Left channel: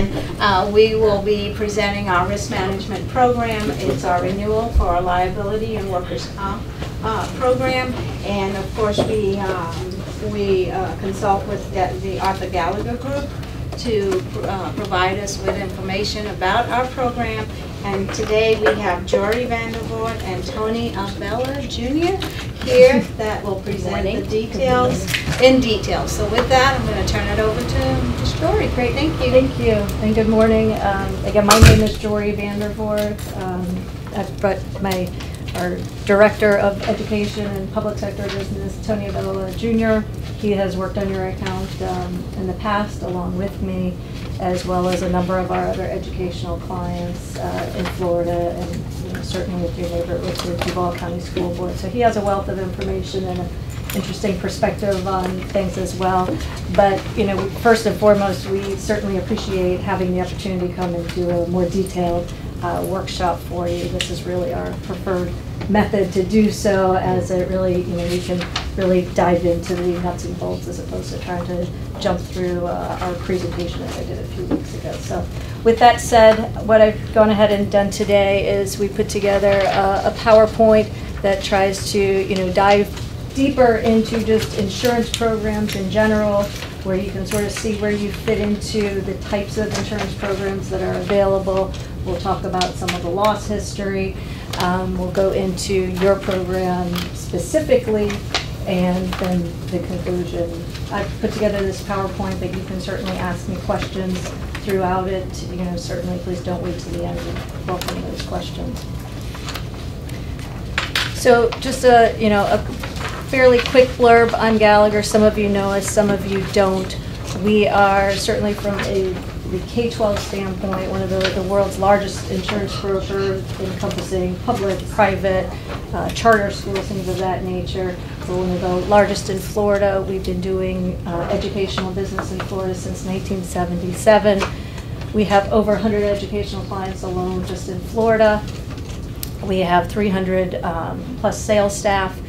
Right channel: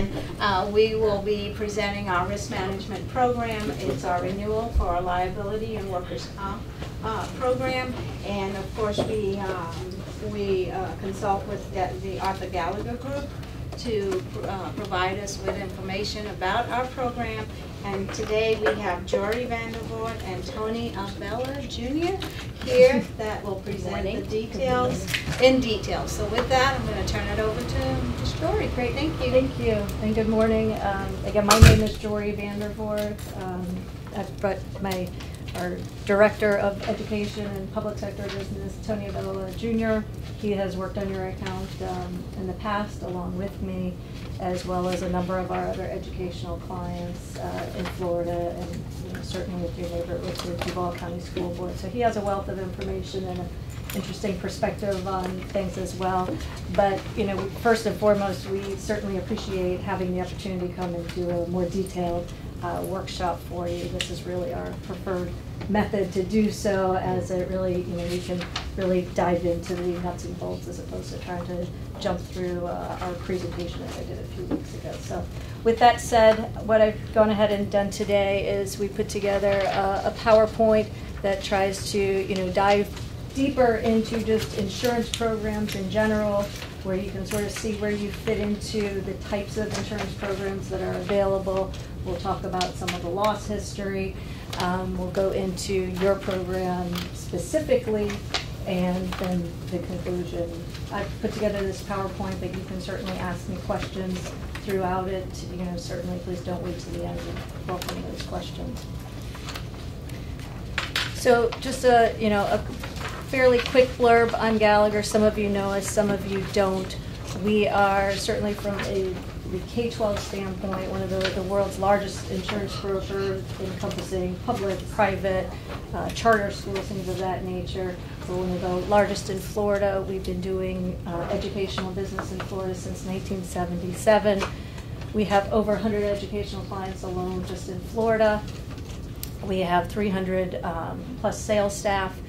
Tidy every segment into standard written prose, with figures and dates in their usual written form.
and we will be presenting our risk management program. It's our renewal for our liability and workers' comp program, and of course we consult with the Arthur Gallagher Group to provide us with information about our program. And today we have Jory Vandervoort and Tony Abella Jr. here that will present the details in detail. So with that, I'm going to turn it over to Ms. Jory. Great, thank you. Thank you, and good morning. Again, my name is Jory Vandervoort. Our Director of Education and Public Sector Business, Tony Abella Jr. He has worked on your account in the past along with me, as well as a number of our other educational clients in Florida, and certainly with your neighbor, with the Duval County School Board. So he has a wealth of information and an interesting perspective on things as well. But first and foremost, we certainly appreciate having the opportunity to come and do a more detailed workshop for you. This is really our preferred method to do so, as it really, we can really dive into the nuts and bolts as opposed to trying to jump through our presentation as I did a few weeks ago. So with that said, what I've gone ahead and done today is we put together a PowerPoint that tries to, dive deeper into just insurance programs in general, where you can sort of see where you fit into the types of insurance programs that are available. We'll talk about some of the loss history. We'll go into your program specifically, and then the conclusion. I've put together this PowerPoint that you can certainly ask me questions throughout it. Certainly please don't wait till the end to welcome those questions. So just a fairly quick blurb on Gallagher. Some of you know us, some of you don't. We are certainly from the K-12 standpoint, one of the world's largest insurance brokers, encompassing public, private, charter schools, things of that nature. We're one of the largest in Florida. We've been doing educational business in Florida since 1977. We have over 100 educational clients alone just in Florida. We have 300 plus sales staff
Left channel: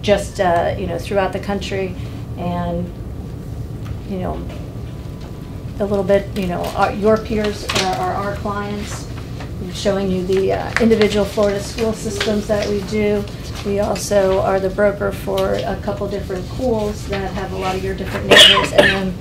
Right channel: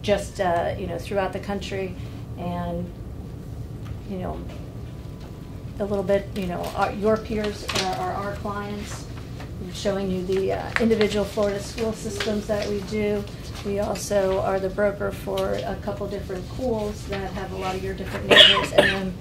just throughout the country, and a little bit, your peers are our clients. I'm showing you the individual Florida school systems that we do. We also are the broker for a couple different pools that have a lot of your different neighbors. And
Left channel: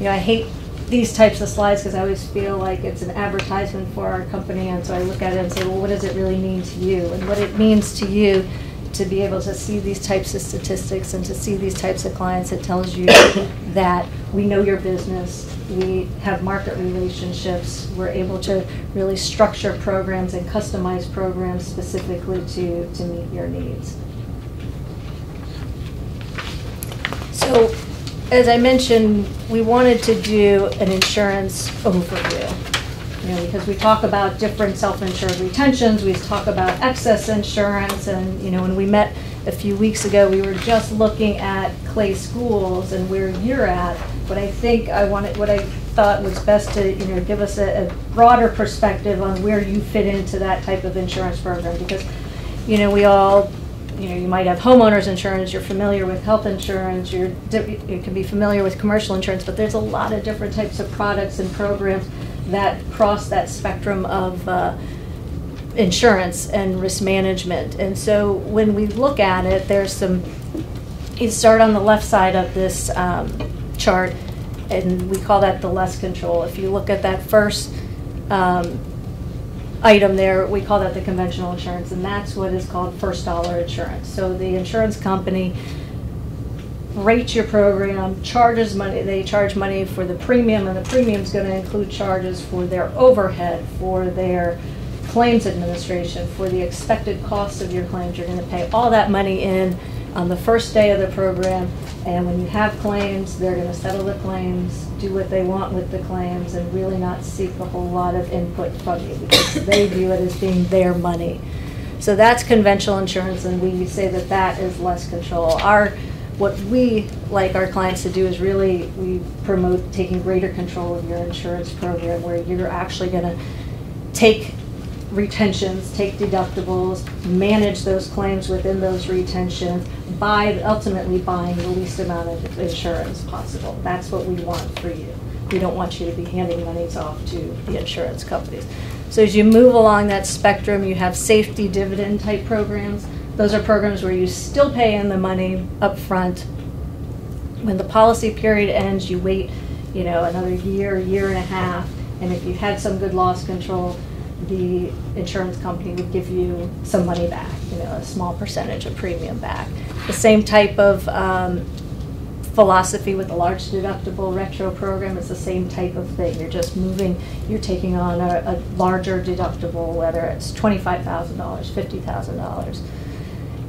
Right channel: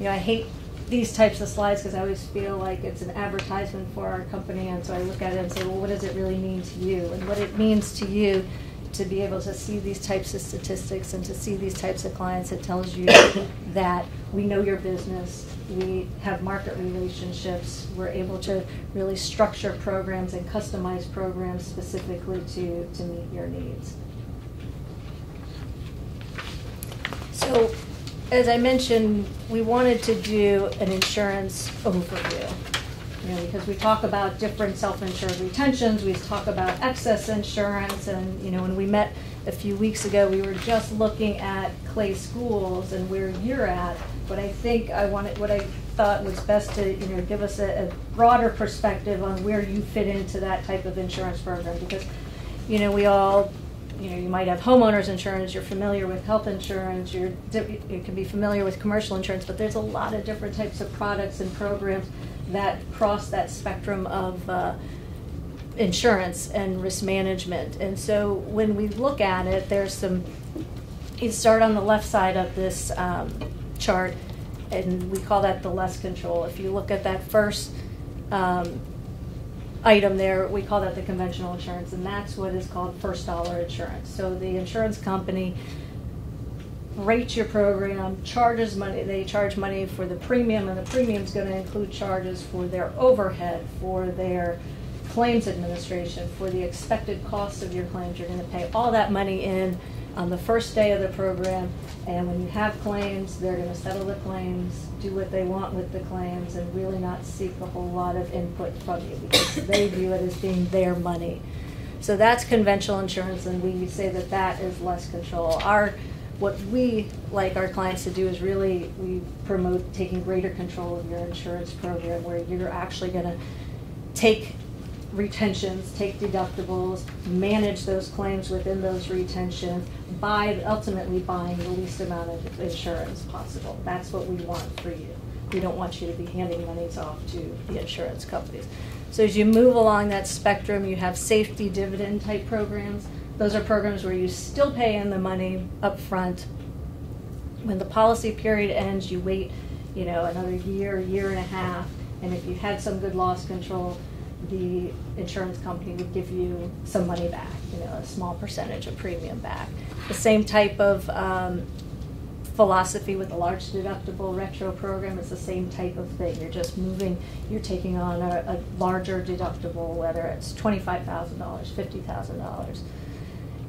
then, I hate these types of slides because I always feel like it's an advertisement for our company, and so I look at it and say, well, what does it really mean to you? And what it means to you to be able to see these types of statistics and to see these types of clients, it tells you that we know your business, we have market relationships, we're able to really structure programs and customize programs specifically to meet your needs. So, as I mentioned, we wanted to do an insurance overview. Because we talk about different self-insured retentions, we talk about excess insurance, and when we met a few weeks ago, we were just looking at Clay Schools and where you're at. But I think what I thought was best to give us a broader perspective on where you fit into that type of insurance program, because we all. You might have homeowners insurance, you're familiar with health insurance, you can be familiar with commercial insurance, but there's a lot of different types of products and programs that cross that spectrum of insurance and risk management. And so when we look at it, you start on the left side of this chart, and we call that the less control. If you look at that first item there, we call that the conventional insurance, and that's what is called first dollar insurance. So the insurance company rates your program, charges money, they charge money for the premium, and the premium is going to include charges for their overhead, for their claims administration, for the expected costs of your claims. You're going to pay all that money in on the first day of the program, and when you have claims, they're going to settle the claims, do what they want with the claims, and really not seek a whole lot of input from you, because they view it as being their money. So that's conventional insurance, and we say that that is less control. What we like our clients to do is really, we promote taking greater control of your insurance program, where you're actually going to take retentions, take deductibles, manage those claims within those retentions, ultimately buying the least amount of insurance possible. That's what we want for you. We don't want you to be handing monies off to the insurance companies. So as you move along that spectrum, you have safety dividend type programs. Those are programs where you still pay in the money up front. When the policy period ends, you wait, another year, year and a half, and if you had some good loss control, the insurance company would give you some money back, a small percentage of premium back. The same type of philosophy with the large deductible retro program is the same type of thing. You're just you're taking on a larger deductible, whether it's $25,000, $50,000.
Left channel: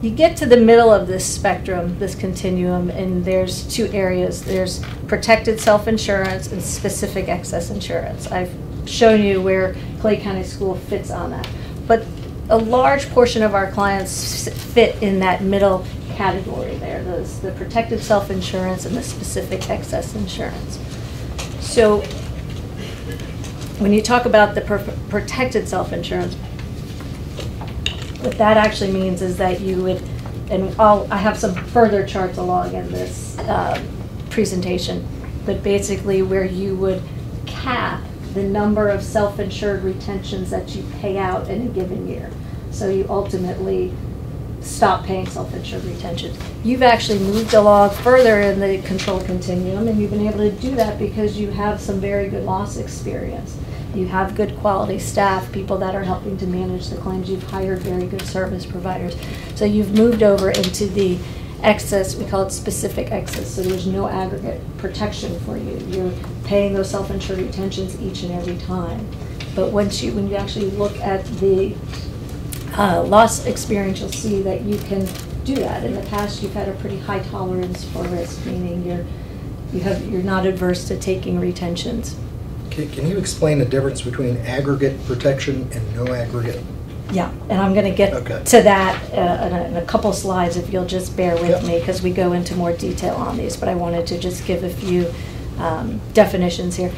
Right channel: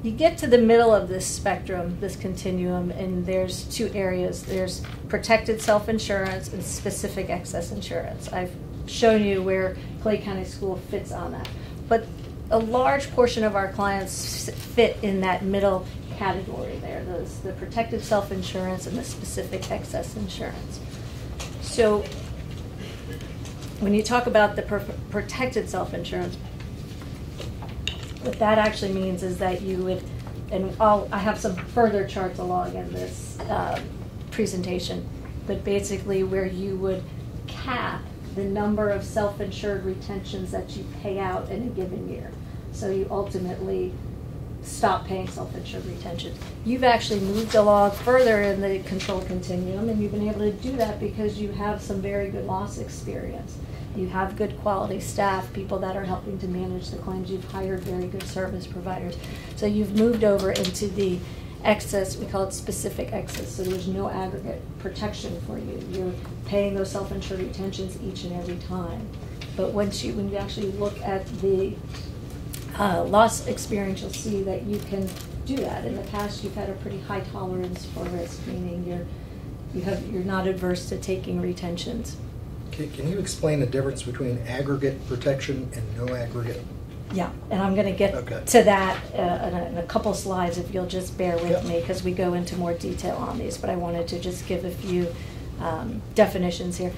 You get to the middle of this spectrum, this continuum, and there's two areas. There's protected self-insurance and specific excess insurance. I've shown you where Clay County School fits on that. But a large portion of our clients fit in that middle category there, the protected self-insurance and the specific excess insurance. So when you talk about the protected self-insurance, what that actually means is that you would, and I have some further charts along in this presentation, but basically where you would cap the number of self-insured retentions that you pay out in a given year. So you ultimately stop paying self-insured retentions. You've actually moved along further in the control continuum, and you've been able to do that because you have some very good loss experience. You have good quality staff, people that are helping to manage the claims. You've hired very good service providers. So you've moved over into the excess, we call it specific excess, so there's no aggregate protection for you. You're paying those self-insured retentions each and every time. But when you actually look at the loss experience, you'll see that you can do that. In the past, you've had a pretty high tolerance for risk, meaning you're not adverse to taking retentions. Can you explain the difference between aggregate protection and no aggregate? Yeah, and I'm going to get to that in a couple slides if you'll just bear with me, because we go into more detail on these, but I wanted to just give a few definitions here.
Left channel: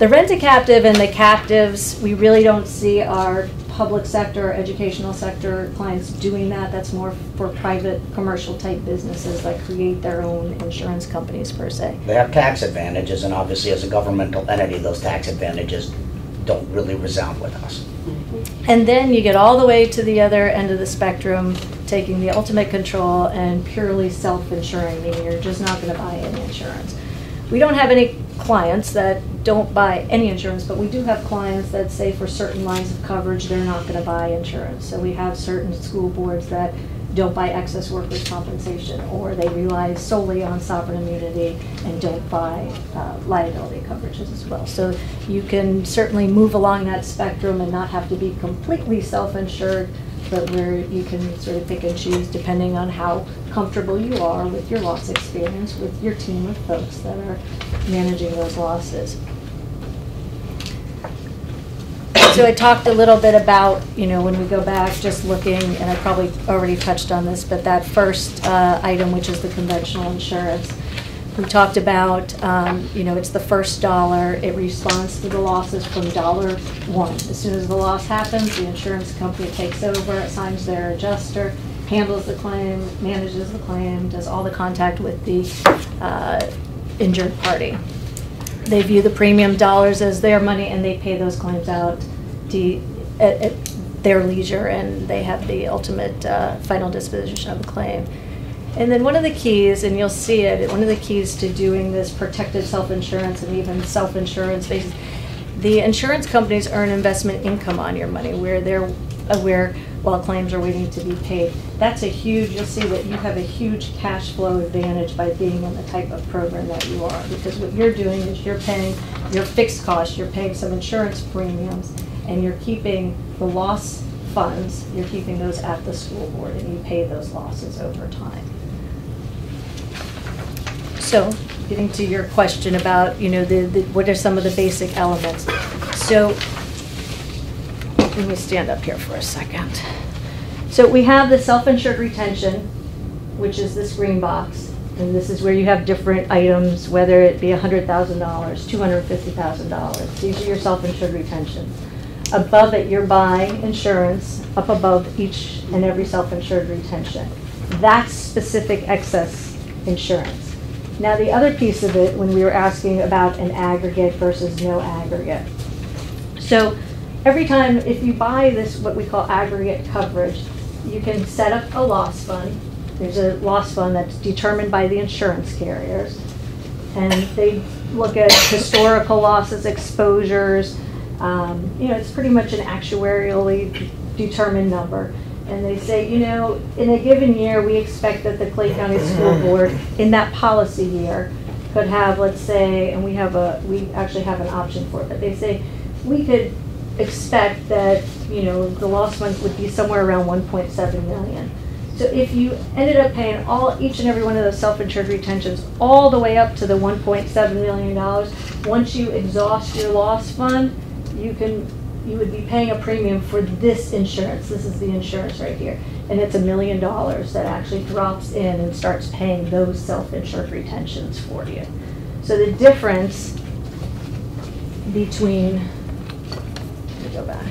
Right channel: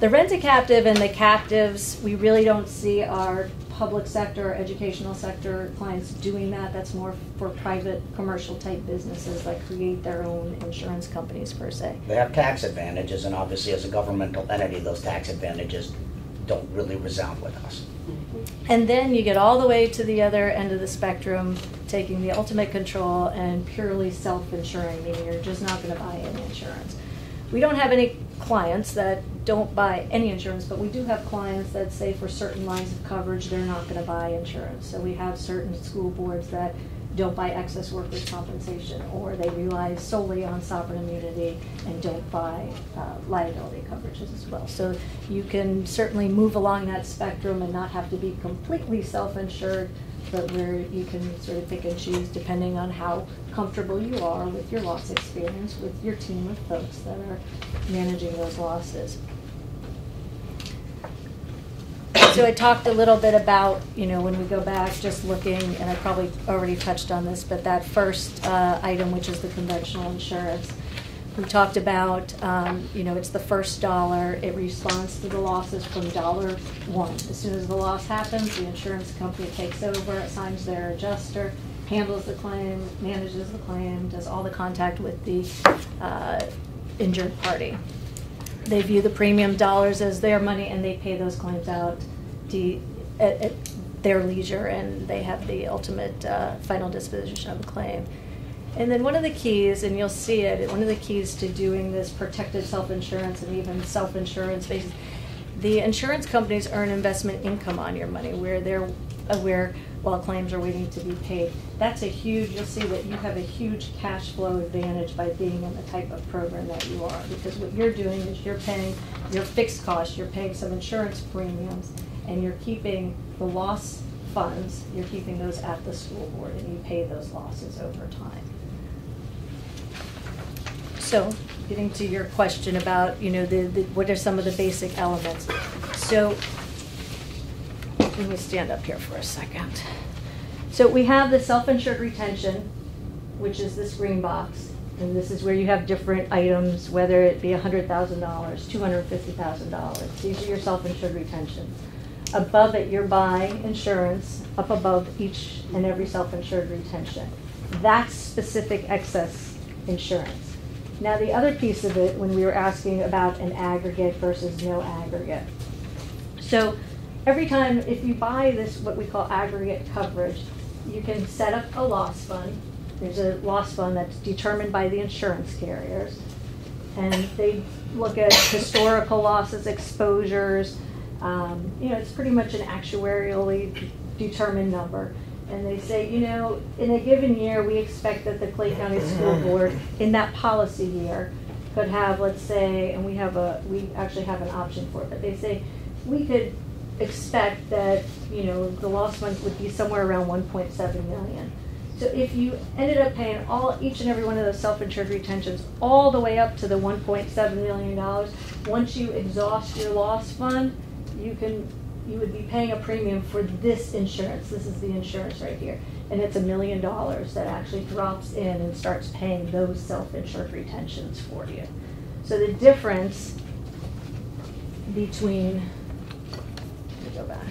The rent-a-captive and the captives, we really don't see our public sector, educational sector clients doing that. That's more for private commercial type businesses that create their own insurance companies per se. They have tax advantages, and obviously as a governmental entity, those tax advantages don't really resound with us. And then you get all the way to the other end of the spectrum, taking the ultimate control and purely self-insuring, meaning you're just not going to buy any insurance. We don't have any clients that don't buy any insurance, but we do have clients that say for certain lines of coverage they're not going to buy insurance. So we have certain school boards that don't buy excess workers' compensation, or they rely solely on sovereign immunity and don't buy liability coverages as well. So you can certainly move along that spectrum and not have to be completely self-insured, but where you can sort of pick and choose depending on how comfortable you are with your loss experience, with your team of folks that are managing those losses. So I talked a little bit about, when we go back, just looking, and I probably already touched on this, but that first item, which is the conventional insurance, we talked about, it's the first dollar. It responds to the losses from dollar one. As soon as the loss happens, the insurance company takes over, assigns their adjuster, handles the claim, manages the claim, does all the contact with the injured party. They view the premium dollars as their money, and they pay those claims out at their leisure, and they have the ultimate final disposition of the claim. And then one of the keys, and you'll see it, one of the keys to doing this protected self-insurance and even self-insurance basis, the insurance companies earn investment income on your money where they're aware while claims are waiting to be paid. That's a huge, you'll see that you have a huge cash flow advantage by being in the type of program that you are, because what you're doing is you're paying your fixed costs, you're paying some insurance premiums, and you're keeping the loss funds, you're keeping those at the school board, and you pay those losses over time. So, getting to your question about, what are some of the basic elements. So, let me stand up here for a second. So we have the self-insured retention, which is this green box, and this is where you have different items, whether it be $100,000, $250,000. These are your self-insured retentions. Above it, you're buying insurance up above each and every self-insured retention. That's specific excess insurance. Now, the other piece of it, when we were asking about an aggregate versus no aggregate. So every time, if you buy this, what we call aggregate coverage, you can set up a loss fund. There's a loss fund that's determined by the insurance carriers. And they look at historical losses, exposures. It's pretty much an actuarially determined number. And they say, in a given year, we expect that the Clay County School Board, in that policy year, could have, let's say, and we actually have an option for it, but they say we could expect that, the loss fund would be somewhere around 1.7 million. So if you ended up paying each and every one of those self-insured retentions all the way up to the $1.7 million, once you exhaust your loss fund, you would be paying a premium for this insurance. This is the insurance right here. And it's $1 million that actually drops in and starts paying those self-insured retentions for you. So the difference between, let me go back.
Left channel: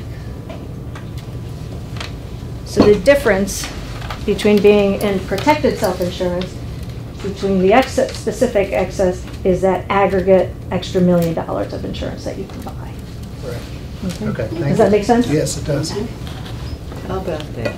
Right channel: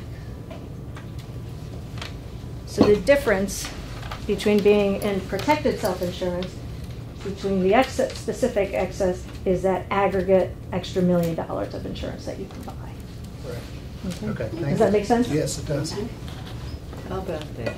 So the difference between being in protected self-insurance, between the specific excess, is that aggregate extra $1 million of insurance that you can buy. Okay, thank you. Does that make sense? Yes, it does. How about that?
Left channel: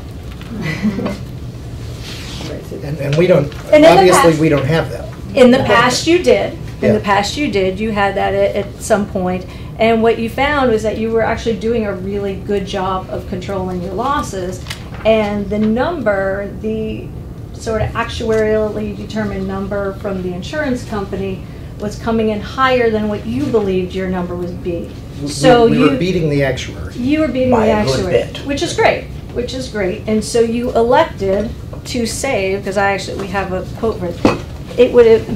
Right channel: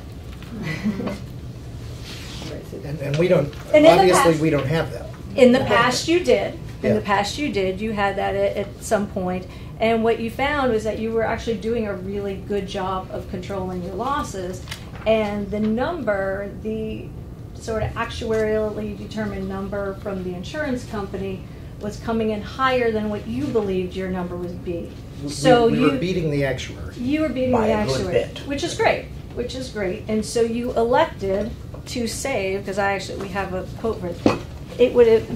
And we don't, And in the obviously, past- we don't have that. In the past, you did. In Yeah. the past, you did. You had that at some point. And what you found was that you were actually doing a really good job of controlling your losses. And the number, the sort of actuarially determined number from the insurance company was coming in higher than what you believed your number would be. So We were beating the actuary. You were beating By the a good actuary, bit. which is great. And so you elected to save, because we have a quote for it.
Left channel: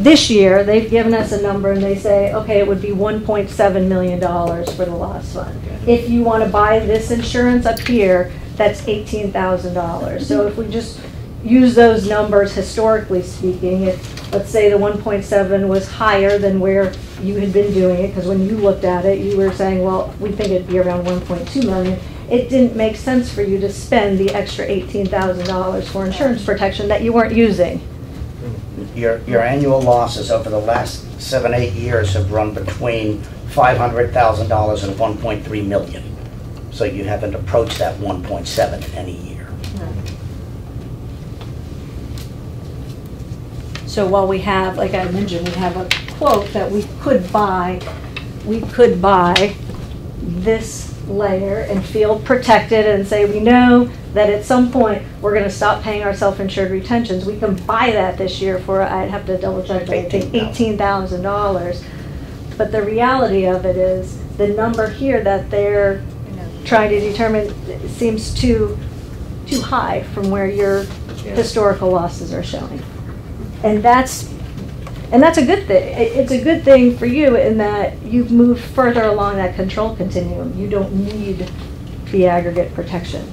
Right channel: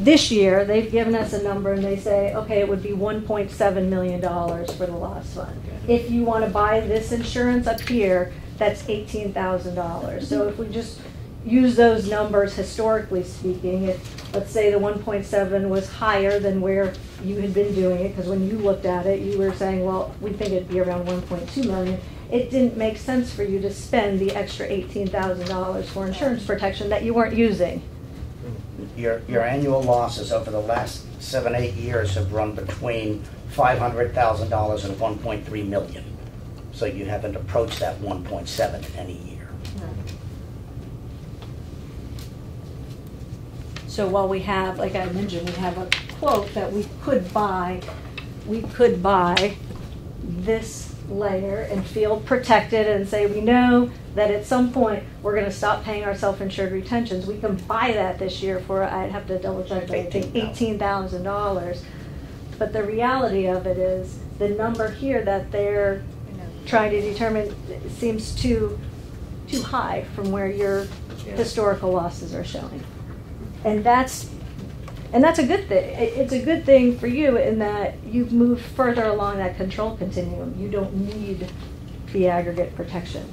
This year, they've given us a number and they say, okay, it would be $1.7 million for the loss fund. If you want to buy this insurance up here, that's $18,000. So if we just use those numbers historically speaking, if, let's say the 1.7 was higher than where you had been doing it, because when you looked at it, you were saying, well, we think it'd be around 1.2 million. It didn't make sense for you to spend the extra $18,000 for insurance protection that you weren't using. Your annual losses over the last 7-8 years have run between $500,000 and 1.3 million. So you haven't approached that 1.7 any year. So while we have, like I mentioned, we have a quote that we could buy this layer and feel protected and say we know that at some point we're going to stop paying our self-insured retentions. We can buy that this year for, I'd have to double check, but I think $18,000. But the reality of it is the number here that they're trying to determine seems too high from where your historical losses are showing. And that's a good thing. It's a good thing for you in that you've moved further along that control continuum. You don't need the aggregate protection.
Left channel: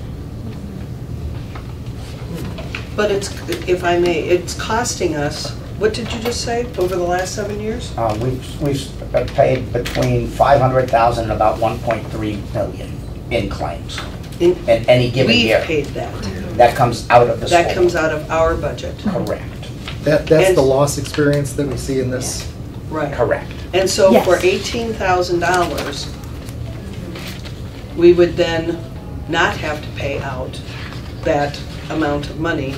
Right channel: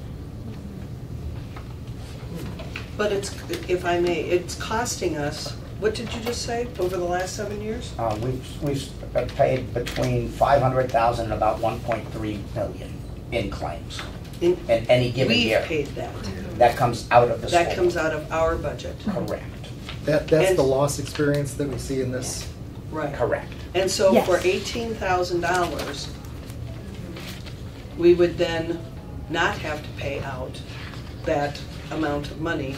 But it's, if I may, it's costing us, what did you just say, over the last 7 years? We've paid between 500,000 and about 1.3 million in claims in any given year. We've paid that. That comes out of the school. That comes out of our budget. Correct. That's And- the loss experience that we see in this. Right. Correct. And so Yes. for $18,000, we would then not have to pay out that amount of money.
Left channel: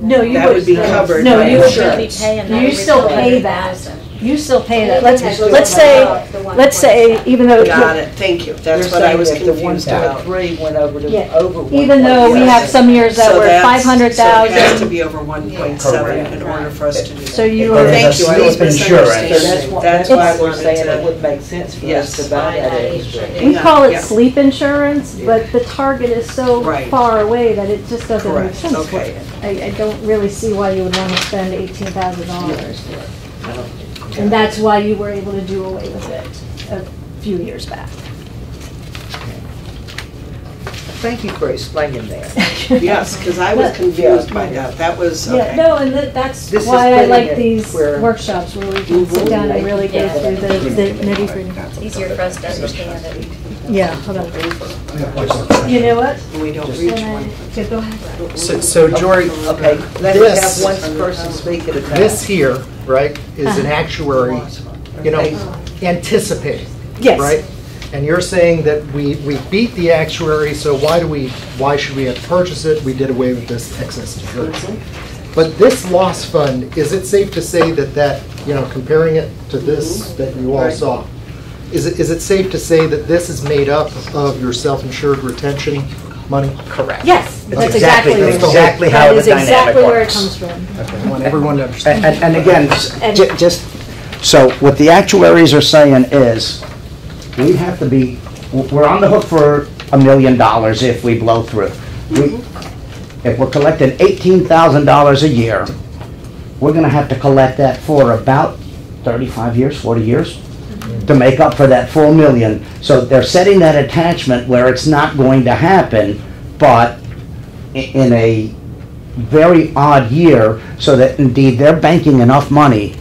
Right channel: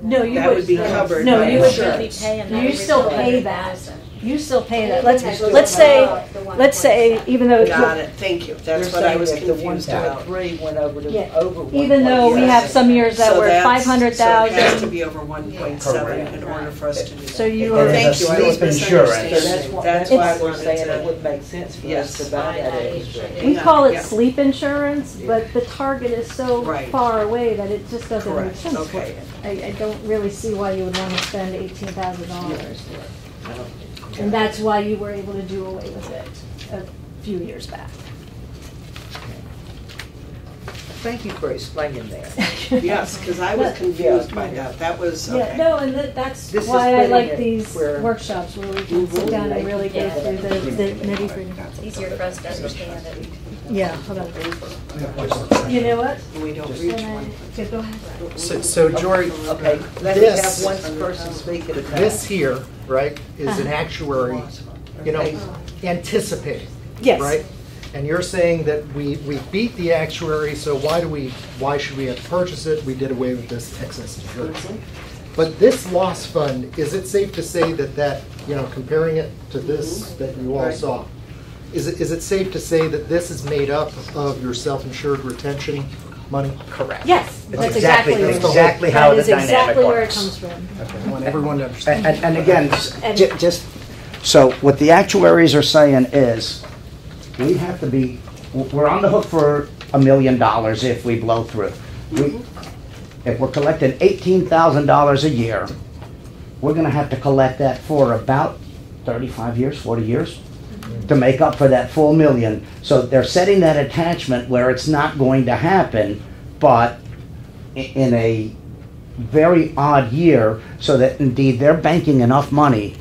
No, you That would be covered no, by you would insurance. You still pay that. You still pay that. Let's say, even though. Got it, thank you. That's what I was confused about. went over the, Yeah. over. Even though we have some years that So were that's- 500,000. So it has to be over 1.7 in order for us to do that. So you Well, are. thank you, I was Insurance. So misunderstanding. that's why I we're wanted saying to- it would make sense for us Yes. to buy that extra. We call it Yeah. sleep insurance, but the target is so Right. far away that it just doesn't make Correct, sense for okay. you. I don't really see why you would want to spend $18,000 for it. And that's why you were able to do away with it a few years back. Thank you for explaining that. Yes, because I was confused by that. That was, Yeah, okay. no, and that's This is why I putting like it these where- workshops where we can sit down and really go through the nitty gritty. It's easier for us to understand it. Yeah, hold on. You know what? We don't reach And one. then- go ahead. So Jory, Okay, let us This- have one person speak at a time. this here, right, is an actuary, anticipating. Yes. Right? And you're saying that we beat the actuary, so why should we have to purchase it? We did away with this excess insurance. But this loss fund, is it safe to say that, comparing it to this that you all Right. saw, is it safe to say that this is made up of your self-insured retention money? Correct. Yes, that's exactly where That's exactly how that the is exactly dynamic where it works. comes from. Okay, I want everyone to understand. And again, just, so what the actuaries are saying is, we have to be, we're on the hook for $1 million if we blow through. If we're collecting $18,000 a year, we're gonna have to collect that for about 35 years, 40 years to make up for that full million. So they're setting that attachment where it's not going to happen, but in a very odd year, so that indeed they're banking enough money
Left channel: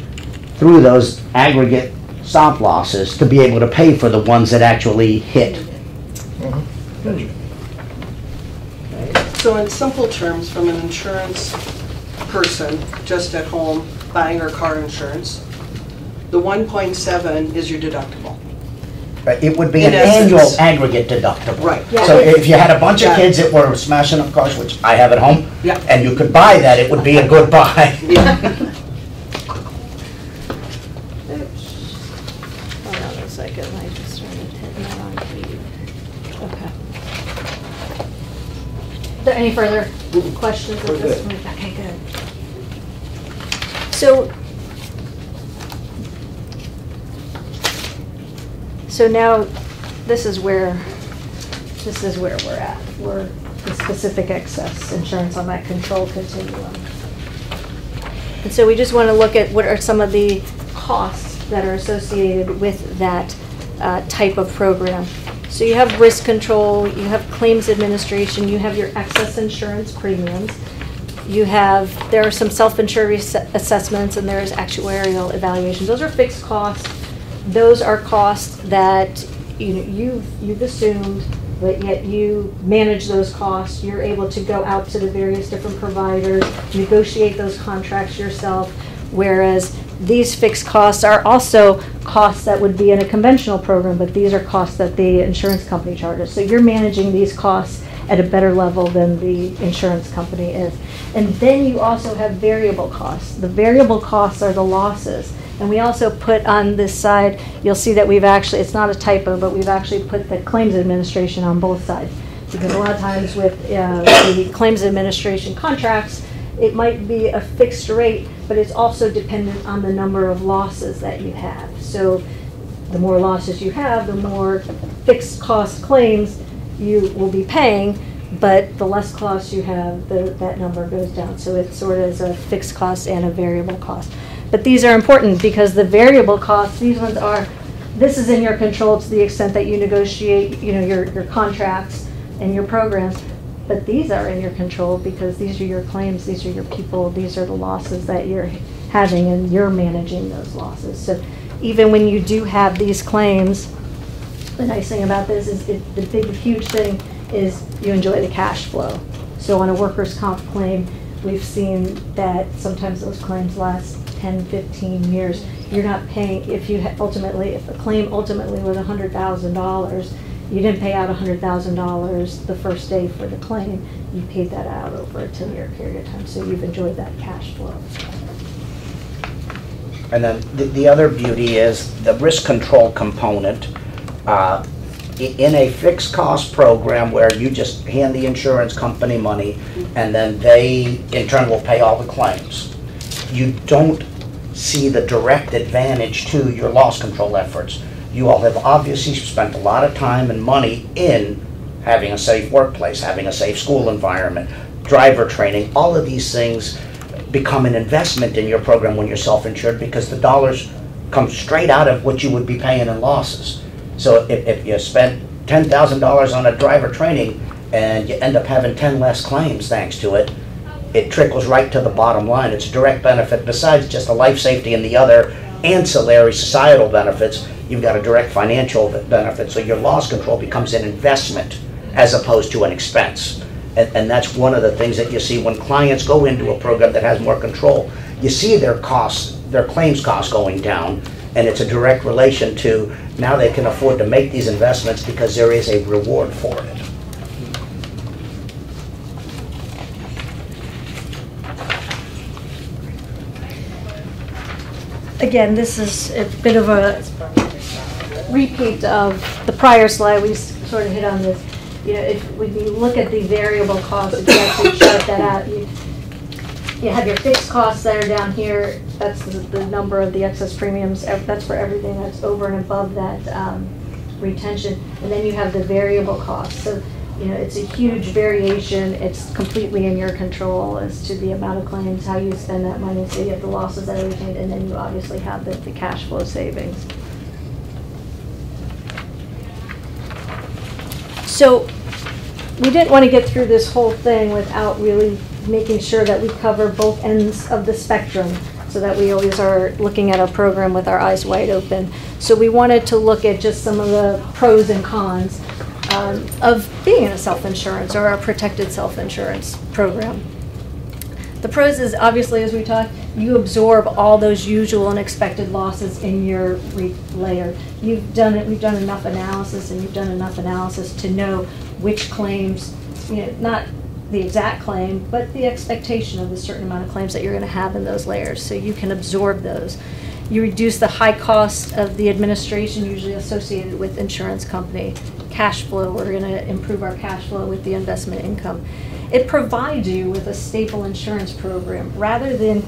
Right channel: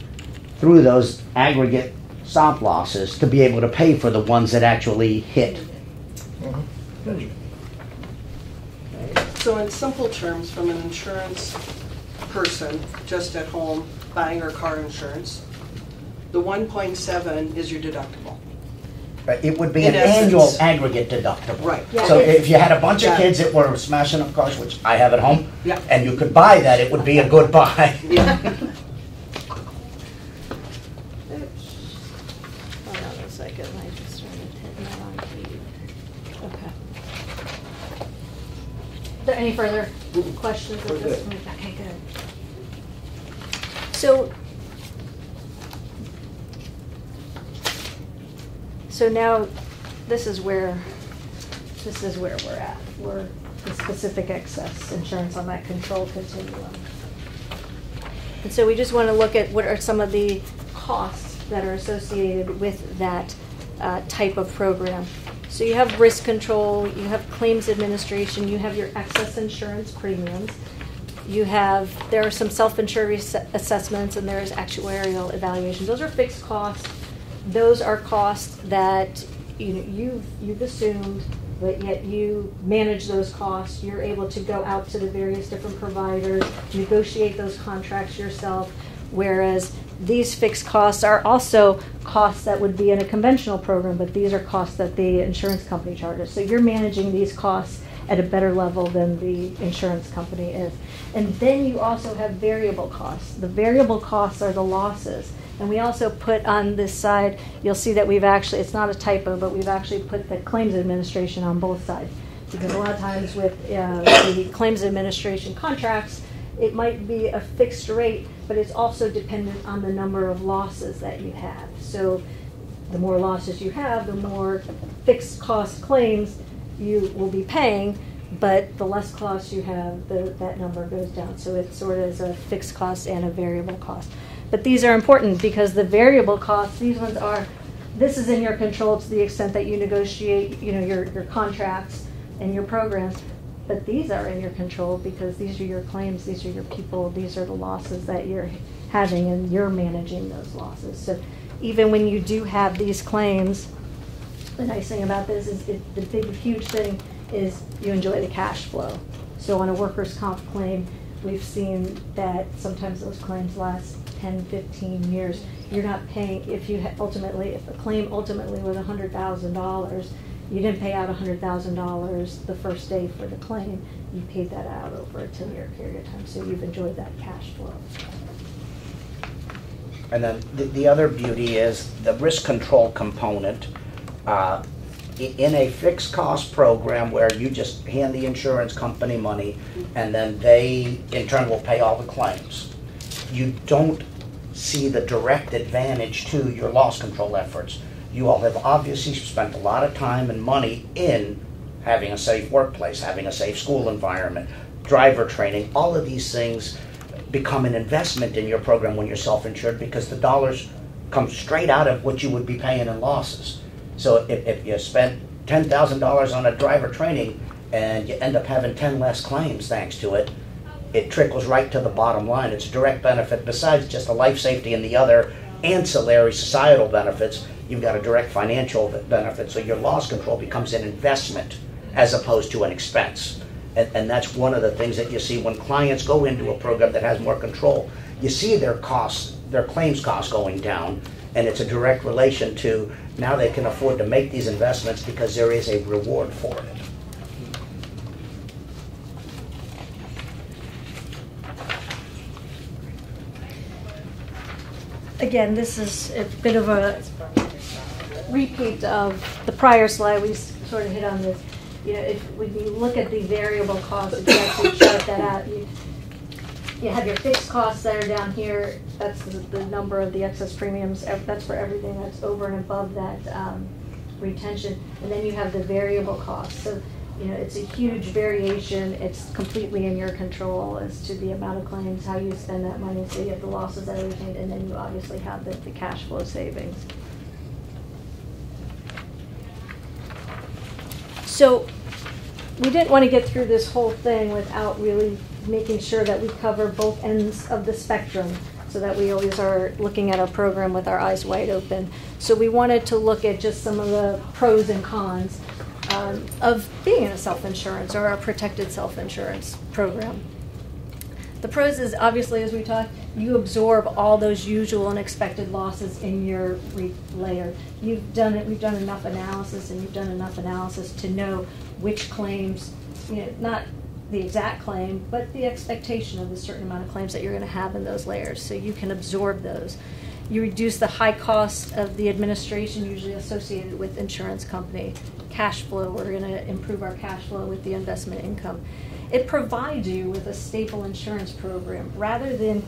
through those aggregate stop losses to be able to pay for the ones that actually hit. So in simple terms, from an insurance person, just at home, buying her car insurance, the 1.7 is your deductible. It would be In an essence. annual aggregate deductible. Right. So if you had a bunch of Got it. kids that were smashing up cars, which I have at home, Yeah. and you could buy that, it would be a good buy. Yeah. Hold on a second, I just started hitting the wrong key. Okay. Are there any further questions at this point? Okay, good. So now, this is where we're at. We're the specific excess insurance on that control continuum. And so we just want to look at what are some of the costs that are associated with that type of program. So you have risk control, you have claims administration, you have your excess insurance premiums. There are some self-insured assessments, and there is actuarial evaluation. Those are fixed costs. Those are costs that you've assumed, but yet you manage those costs. You're able to go out to the various different providers, negotiate those contracts yourself, whereas these fixed costs are also costs that would be in a conventional program, but these are costs that the insurance company charges. So you're managing these costs at a better level than the insurance company is. And then you also have variable costs. The variable costs are the losses. And we also put on this side, you'll see that it's not a typo, but we've actually put the claims administration on both sides. Because a lot of times with the claims administration contracts, it might be a fixed rate, but it's also dependent on the number of losses that you have. So the more losses you have, the more fixed cost claims you will be paying, but the less costs you have, that number goes down. So it sort of is a fixed cost and a variable cost. But these are important because the variable costs, this is in your control to the extent that you negotiate, your contracts and your programs. But these are in your control because these are your claims, these are your people, these are the losses that you're having, and you're managing those losses. So even when you do have these claims, the nice thing about this is the big, huge thing is you enjoy the cash flow. So on a workers' comp claim, we've seen that sometimes those claims last 10, 15 years. You're not paying, if a claim ultimately was $100,000, you didn't pay out $100,000 the first day for the claim. You paid that out over a 10-year period of time. So you've enjoyed that cash flow. And then the other beauty is the risk control component. In a fixed cost program where you just hand the insurance company money and then they in turn will pay all the claims, you don't see the direct advantage to your loss control efforts. You all have obviously spent a lot of time and money in having a safe workplace, having a safe school environment, driver training. All of these things become an investment in your program when you're self-insured because the dollars come straight out of what you would be paying in losses. So if you spent $10,000 on a driver training and you end up having 10 less claims thanks to it, it trickles right to the bottom line. It's a direct benefit. Besides just the life safety and the other ancillary societal benefits, you've got a direct financial benefit. So your loss control becomes an investment as opposed to an expense. And that's one of the things that you see when clients go into a program that has more control. You see their costs, their claims costs going down, and it's a direct relation to now they can afford to make these investments because there is a reward for it. Again, this is a bit of a repeat of the prior slide. We sort of hit on this. You know, when you look at the variable costs, if you actually chart that out, you have your fixed costs that are down here. That's the number of the excess premiums. That's for everything that's over and above that retention. And then you have the variable costs. So, you know, it's a huge variation. It's completely in your control as to the amount of claims, how you spend that money. So you have the losses that are retained, and then you obviously have the cash flow savings. So we didn't want to get through this whole thing without really making sure that we cover both ends of the spectrum, so that we always are looking at our program with our eyes wide open. So we wanted to look at just some of the pros and cons of being in a self-insurance or a protected self-insurance program. The pros is obviously, as we talked, you absorb all those usual and expected losses in your layer. We've done enough analysis, and you've done enough analysis to know which claims, you know, not the exact claim, but the expectation of the certain amount of claims that you're going to have in those layers, so you can absorb those. You reduce the high cost of the administration usually associated with insurance company. Cash flow, we're going to improve our cash flow with the investment income. It provides you with a stable insurance program rather than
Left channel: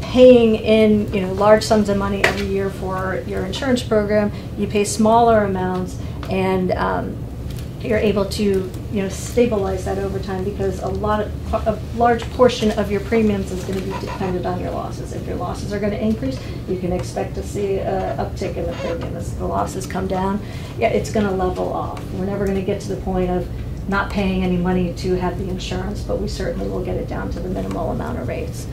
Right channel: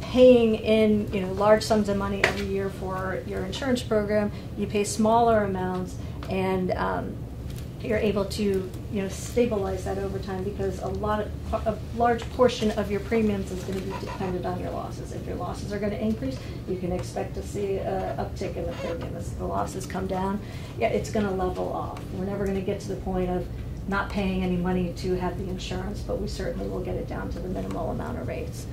paying in, you know, large sums of money every year for your insurance program. You pay smaller amounts, and you're able to, you know, stabilize that over time, because a large portion of your premiums is going to be dependent on your losses. If your losses are going to increase, you can expect to see an uptick in the premium. As the losses come down, yeah, it's going to level off. We're never going to get to the point of not paying any money to have the insurance, but we certainly will get it down to the minimal amount of rates.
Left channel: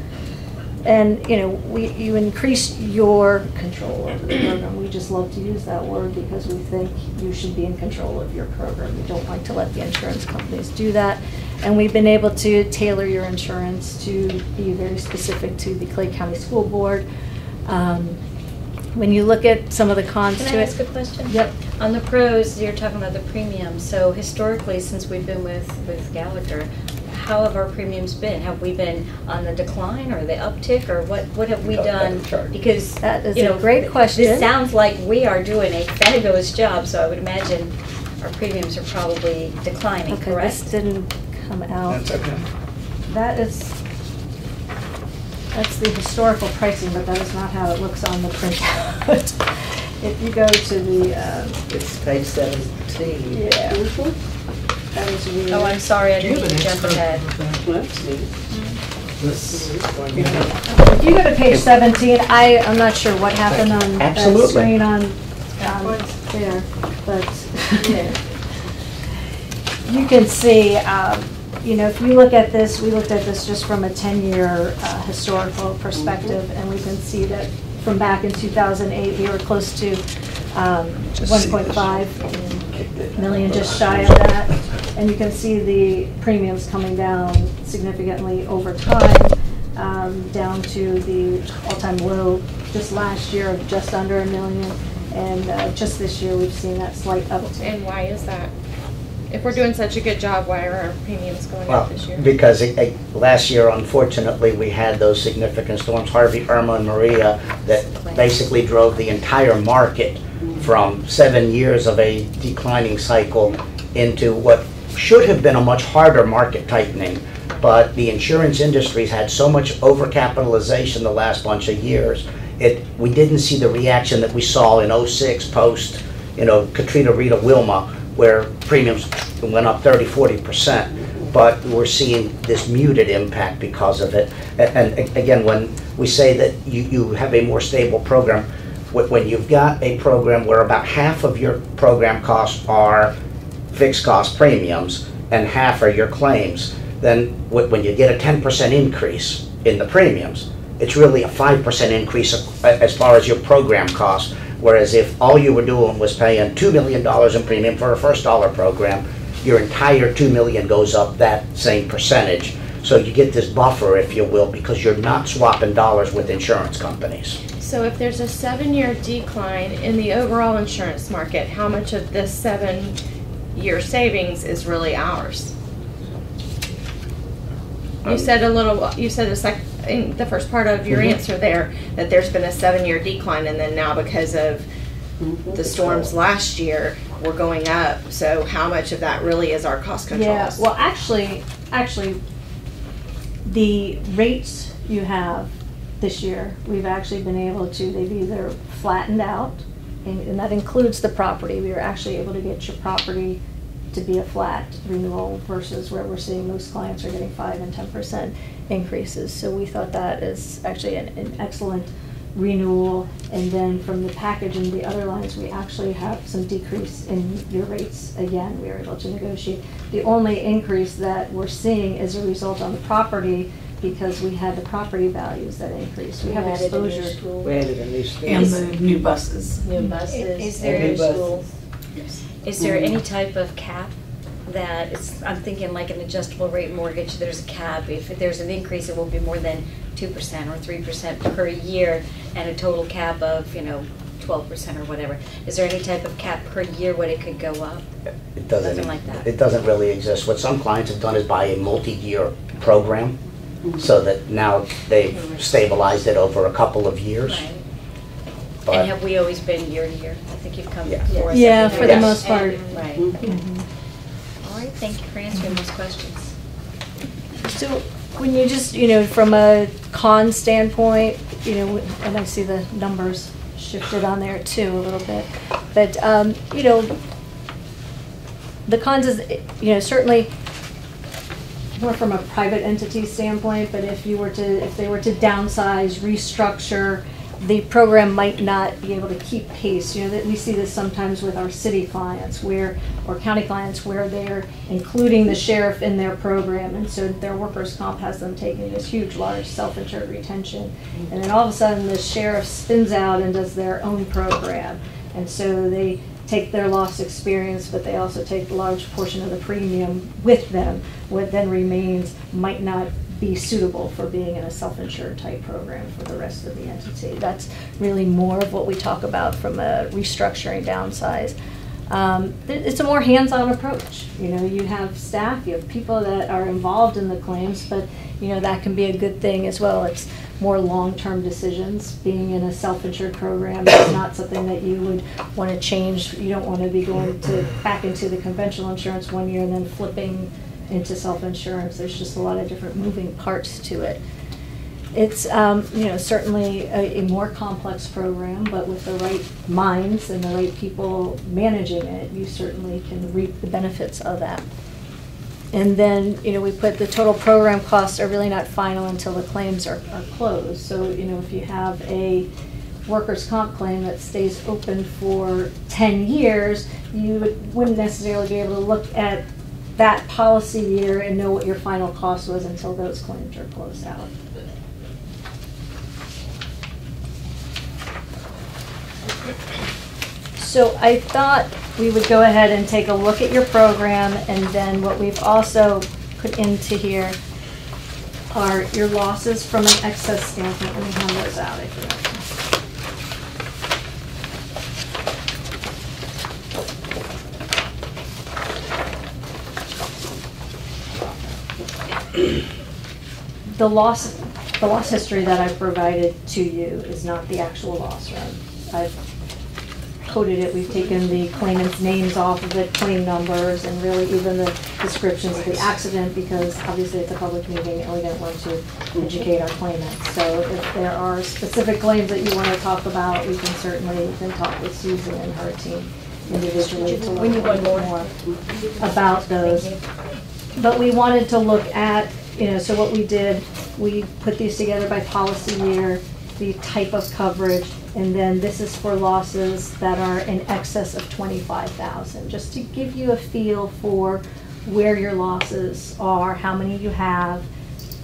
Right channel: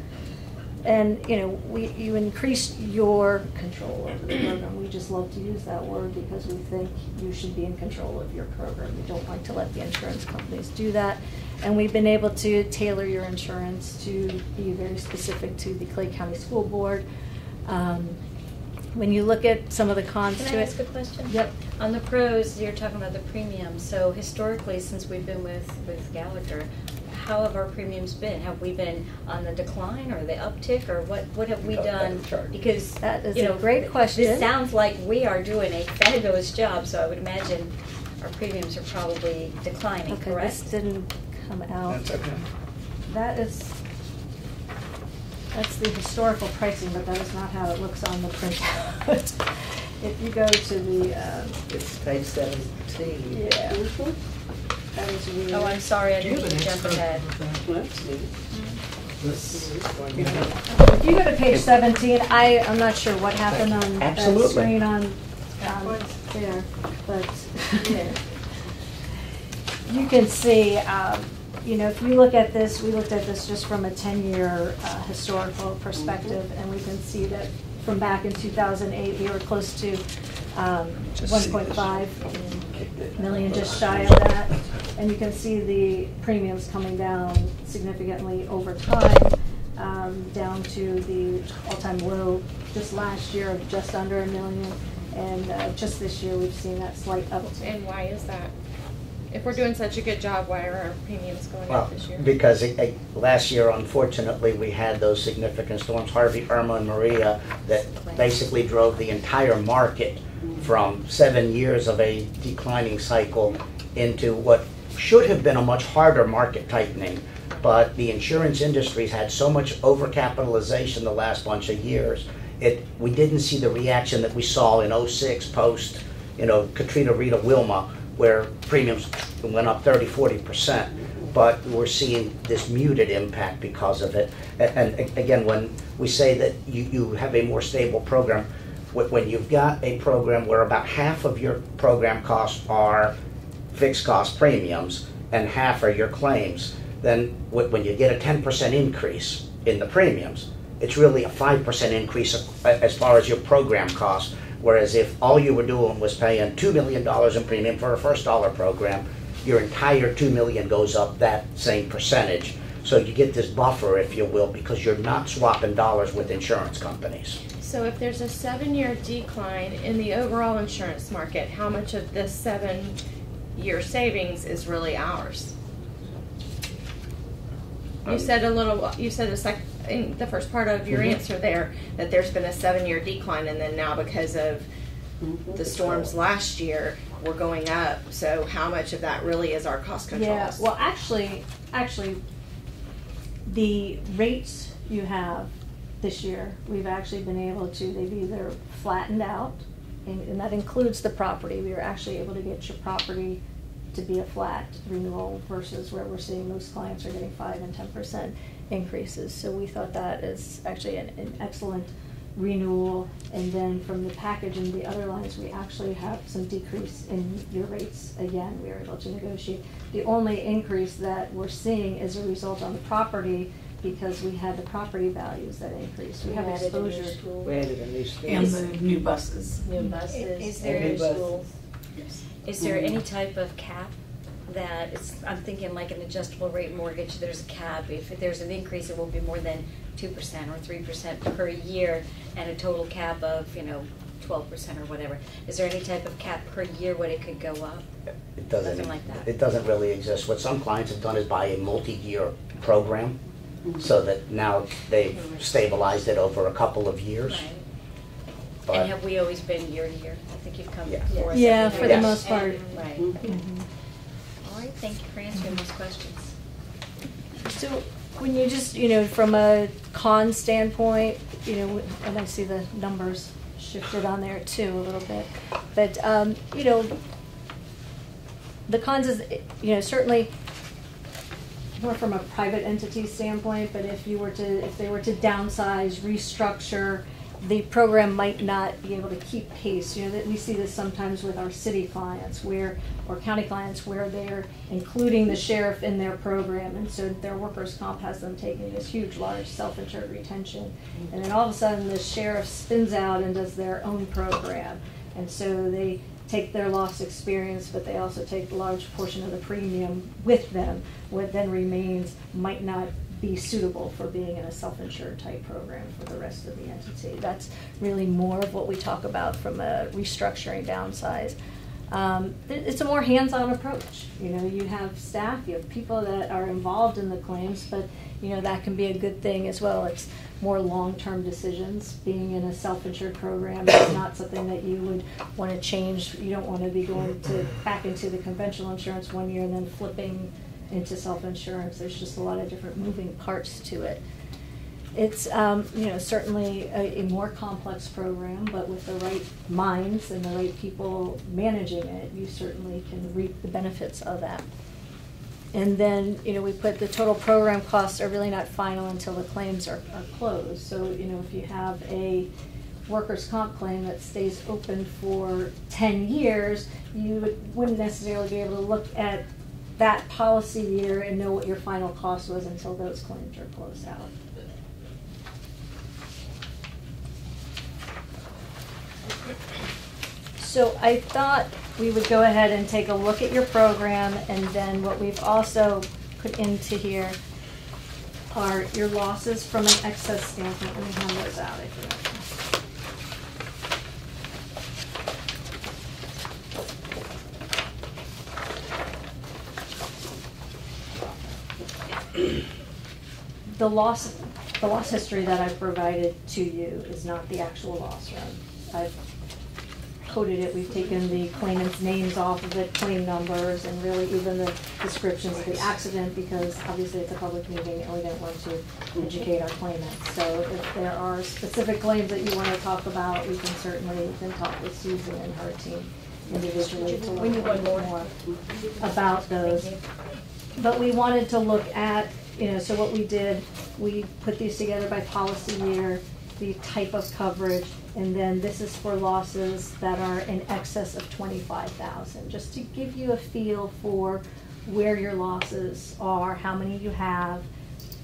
And, you know, you increase your control over the program. We just love to use that word because we think you should be in control of your program. We don't like to let the insurance companies do that. And we've been able to tailor your insurance to be very specific to the Clay County School Board. When you look at some of the cons to it. Can I ask a question? Yep. On the pros, you're talking about the premium. So historically, since we've been with Gallagher, how have our premiums been? Have we been on the decline or the uptick, or what have we done? Because That is you know, a great question. This sounds like we are doing a fabulous job, so I would imagine our premiums are probably declining, Okay, correct? this didn't come out. That's okay. That's the historical pricing, but that is not how it looks on the printout. If you go to the, It's page 17. yeah. That is really. Oh, I'm sorry, I didn't mean to jump ahead. This, If you go to page 17, I'm not sure what happened on that Absolutely. screen on there, but you can see, you know, if you look at this, we looked at this just from a 10-year historical perspective, and we can see that from back in 2008, we were close to 1.5 million, just shy of that. And you can see the premiums coming down significantly over time, down to the all-time low just last year of just under $1 million. And just this year, we've seen that slight uptick. And why is that? If we're doing such a good job, why are our premiums going Well, up this year? because last year, unfortunately, we had those significant storms, Harvey, Irma, and Maria, that basically drove the entire market from 7 years of a declining cycle into what should have been a much harder market tightening. But the insurance industry's had so much overcapitalization the last bunch of years, we didn't see the reaction that we saw in '06 post, you know, Katrina, Rita, Wilma, where premiums went up 30–40%, but we're seeing this muted impact because of it. And again, when we say that you have a more stable program, when you've got a program where about half of your program costs are fixed cost premiums, and half are your claims, then when you get a 10% increase in the premiums, it's really a 5% increase as far as your program costs. Whereas if all you were doing was paying $2 million in premium for a first dollar program, your entire $2 million goes up that same percentage. So you get this buffer, if you will, because you're not swapping dollars with insurance companies. So if there's a 7-year decline in the overall insurance market, how much of this 7-year savings is really ours? You said in the first part of your answer there that there's been a 7-year decline, and then now because of the storms last year, we're going up. So how much of that really is our cost controls? Yeah, well, actually, the rates you have this year, we've actually been able to, they've either flattened out, and that includes the property. We were actually able to get your property to be a flat renewal versus where we're seeing most clients are getting 5 and 10% increases. So we thought that is actually an excellent renewal. And then from the package and the other lines, we actually have some decrease in your rates. Again, we were able to negotiate. The only increase that we're seeing is a result on the property because we had the property values that increased. We have exposure. We added a new school. And the new buses. New buses. Is there any type of cap that it's, I'm thinking like an adjustable rate mortgage, there's a cap. If there's an increase, it won't be more than 2% or 3% per year, and a total cap of, 12% or whatever. Is there any type of cap per year what it could go up? It doesn't. Nothing like that. It doesn't really exist. What some clients have done is buy a multi-year program, so that now they've stabilized it over a couple of years. Right. But And have we always been year to year? I think you've come Yeah. before us. Yeah, every for year. the most part. Right. All right, thank you for answering those questions. So when you just, from a con standpoint, and I see the numbers shifted on there too a little bit, but, the cons is, certainly more from a private entity standpoint, but if they were to downsize, restructure, the program might not be able to keep pace. That we see this sometimes with our city clients or county clients where they're including the sheriff in their program, and so their workers' comp has them taking this huge, large self-insured retention. And then all of a sudden the sheriff spins out and does their own program. And so they take their loss experience, but they also take a large portion of the premium with them. What then remains might not be suitable for being in a self-insured type program for the rest of the entity. That's really more of what we talk about from a restructuring downsize. It's a more hands-on approach. You have staff, you have people that are involved in the claims, but that can be a good thing as well. It's more long-term decisions. Being in a self-insured program is not something that you would want to change. You don't want to be going back into the conventional insurance one year and then flipping into self-insurance. There's just a lot of different moving parts to it. It's certainly a more complex program, but with the right minds and the right people managing it, you certainly can reap the benefits of that. And then, we put the total program costs are really not final until the claims are closed. So, if you have a workers' comp claim that stays open for 10 years, you wouldn't necessarily be able to look at that policy year and know what your final cost was until those claims are closed out. So I thought we would go ahead and take a look at your program, and then what we've also put into here are your losses from an excess standpoint. Let me hand those out if you like. The loss history that I've provided to you is not the actual loss run. I've coded it, we've taken the claimant's names off of it, claim numbers, and really even the descriptions of the accident, because obviously it's a public meeting and we don't want to educate our claimants. So if there are specific claims that you want to talk about, we can certainly talk with Susan and her team individually to learn a little more about those. But we wanted to look at, so what we did, we put these together by policy year, the type of coverage, and then this is for losses that are in excess of $25,000, just to give you a feel for where your losses are, how many you have.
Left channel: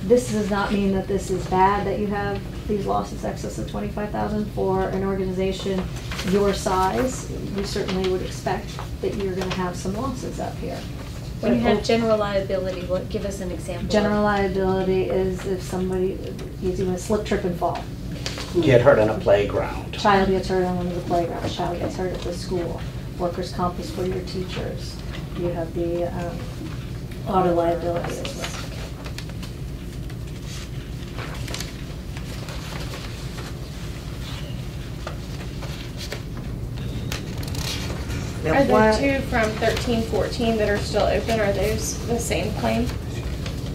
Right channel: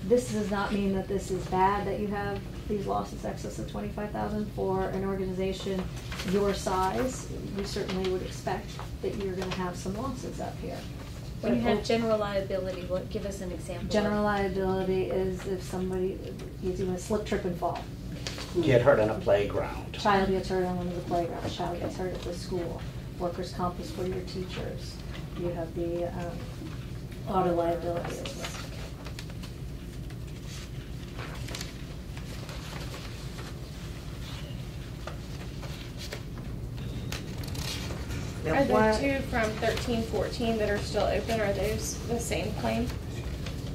This does not mean that this is bad that you have these losses excess of 25,000 for an organization your size. We certainly would expect that you're going to have some losses up here. When you have general liability, what, give us an example. General liability is if somebody, easy one, slip, trip, and fall. Get hurt on a playground. Child gets hurt on one of the playgrounds, child gets hurt at the school. Workers' comp is for your teachers. You have the auto liability as well. Now, Are why- the two from 13-14 that are still open, are those the same claim?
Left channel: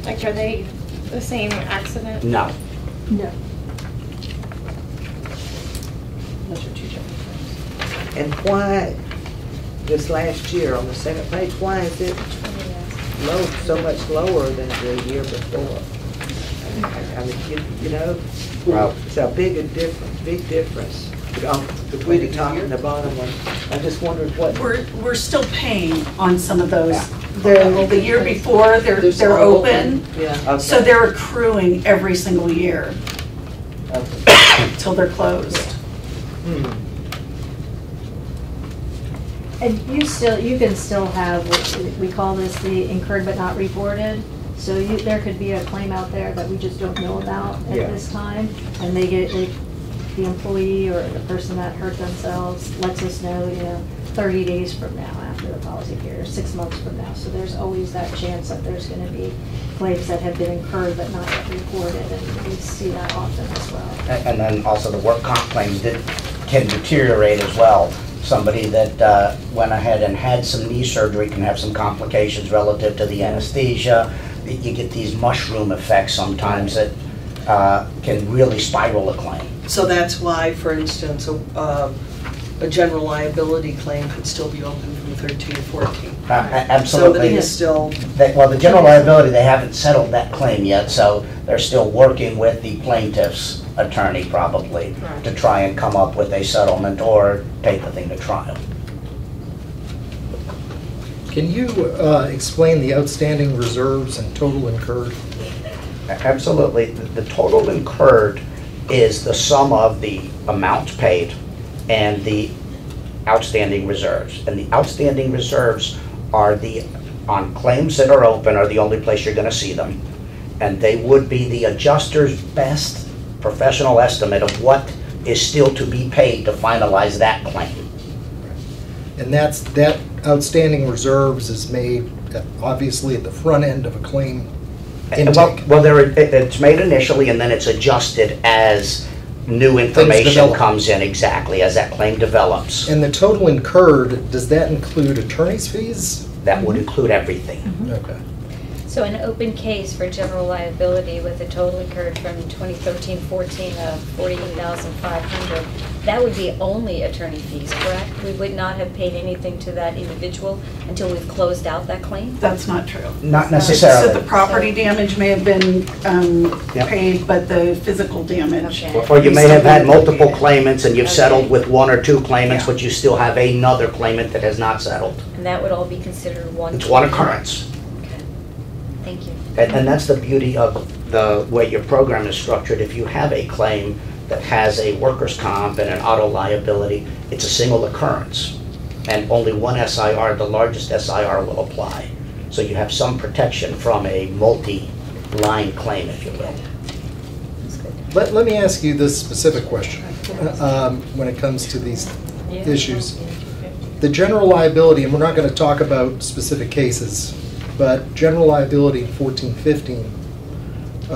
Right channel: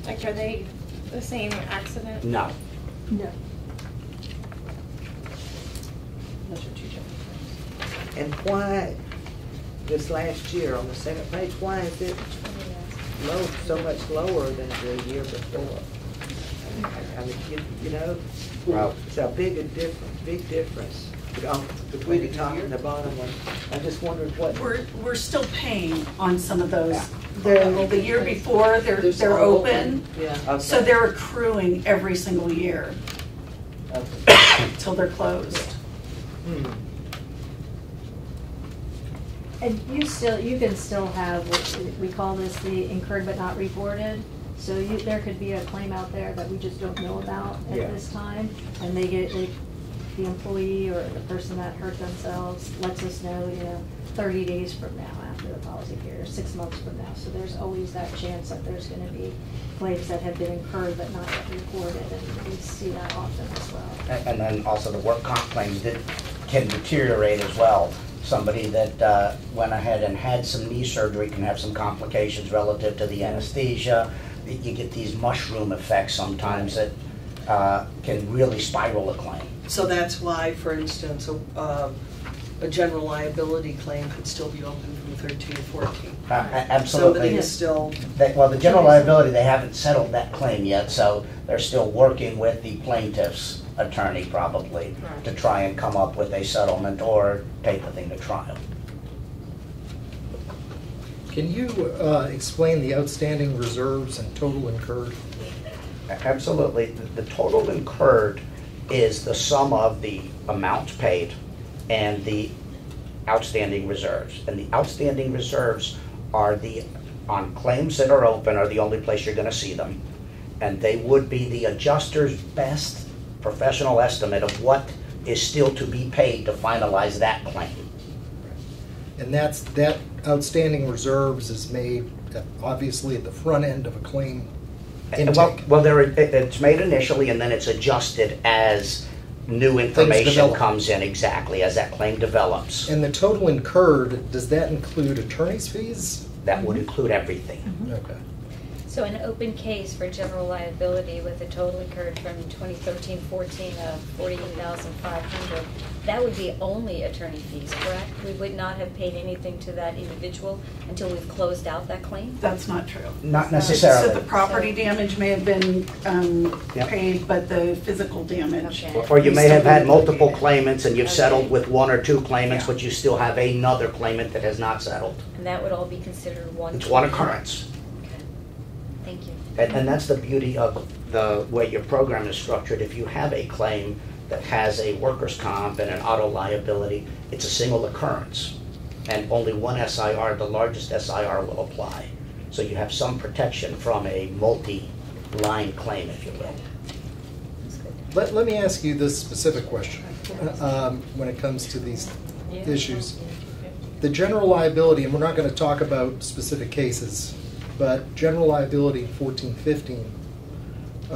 Like, are they the same accident? No. No. Those are two different things. And why, this last year on the second page, why is it low, so much lower than the year before? I mean, you know, Well, it's a big difference between the top and the bottom one. I just wondered what. We're still paying on some of those. Yeah. The year before, they're open, Yeah, okay. so they're accruing every single year Okay. till they're closed. Hmm. And you can still have, we call this the incurred but not reported. So there could be a claim out there that we just don't know about at Yeah. this time. And they get, the employee or the person that hurt themselves lets us know, 30 days from now after the policy period, or 6 months from now. So there's always that chance that there's gonna be claims that have been incurred but not yet reported, and we see that often as well. And then also the work comp claims can deteriorate as well. Somebody that went ahead and had some knee surgery can have some complications relative to the anesthesia. You get these mushroom effects sometimes that can really spiral a claim. So that's why, for instance, a general liability claim could still be open from 13 to 14. So that Absolutely. is still, Well, the general liability, they haven't settled that claim yet, so they're still working with the plaintiff's attorney probably to try and come up with a settlement or take the thing to trial. Can you explain the outstanding reserves and total incurred? Absolutely. The total incurred is the sum of the amounts paid and the outstanding reserves. And the outstanding reserves are on claims that are open are the only place you're going to see them. And they would be the adjuster's best professional estimate of what is still to be paid to finalize that claim. And that outstanding reserves is made obviously at the front end of a claim intake. Well, it's made initially and then it's adjusted as new information develop. comes in, exactly, as that claim develops. And the total incurred, does that include attorney's fees? That would include everything. Okay. So an open case for general liability with a total incurred from 2013-14 of $48,500, that would be only attorney fees, correct? We would not have paid anything to that individual until we've closed out that claim? That's not true. Not So necessarily. the property damage may have been Yep. paid, but the physical damage. Okay. Or you we may still have had haven't multiple paid. claimants and you've Okay. settled with one or two claimants, Yeah. but you still have another claimant that has not settled. And that would all be considered one? It's one occurrence. Okay. Thank you. And that's the beauty of the way your program is structured. If you have a claim that has a workers' comp and an auto liability, it's a single occurrence. And only one SIR, the largest SIR, will apply. So you have some protection from a multi-line claim, if you will. That's good. Let me ask you this specific question when it comes to these issues. The general liability, and we're not going to talk about specific cases, but general liability in 1415,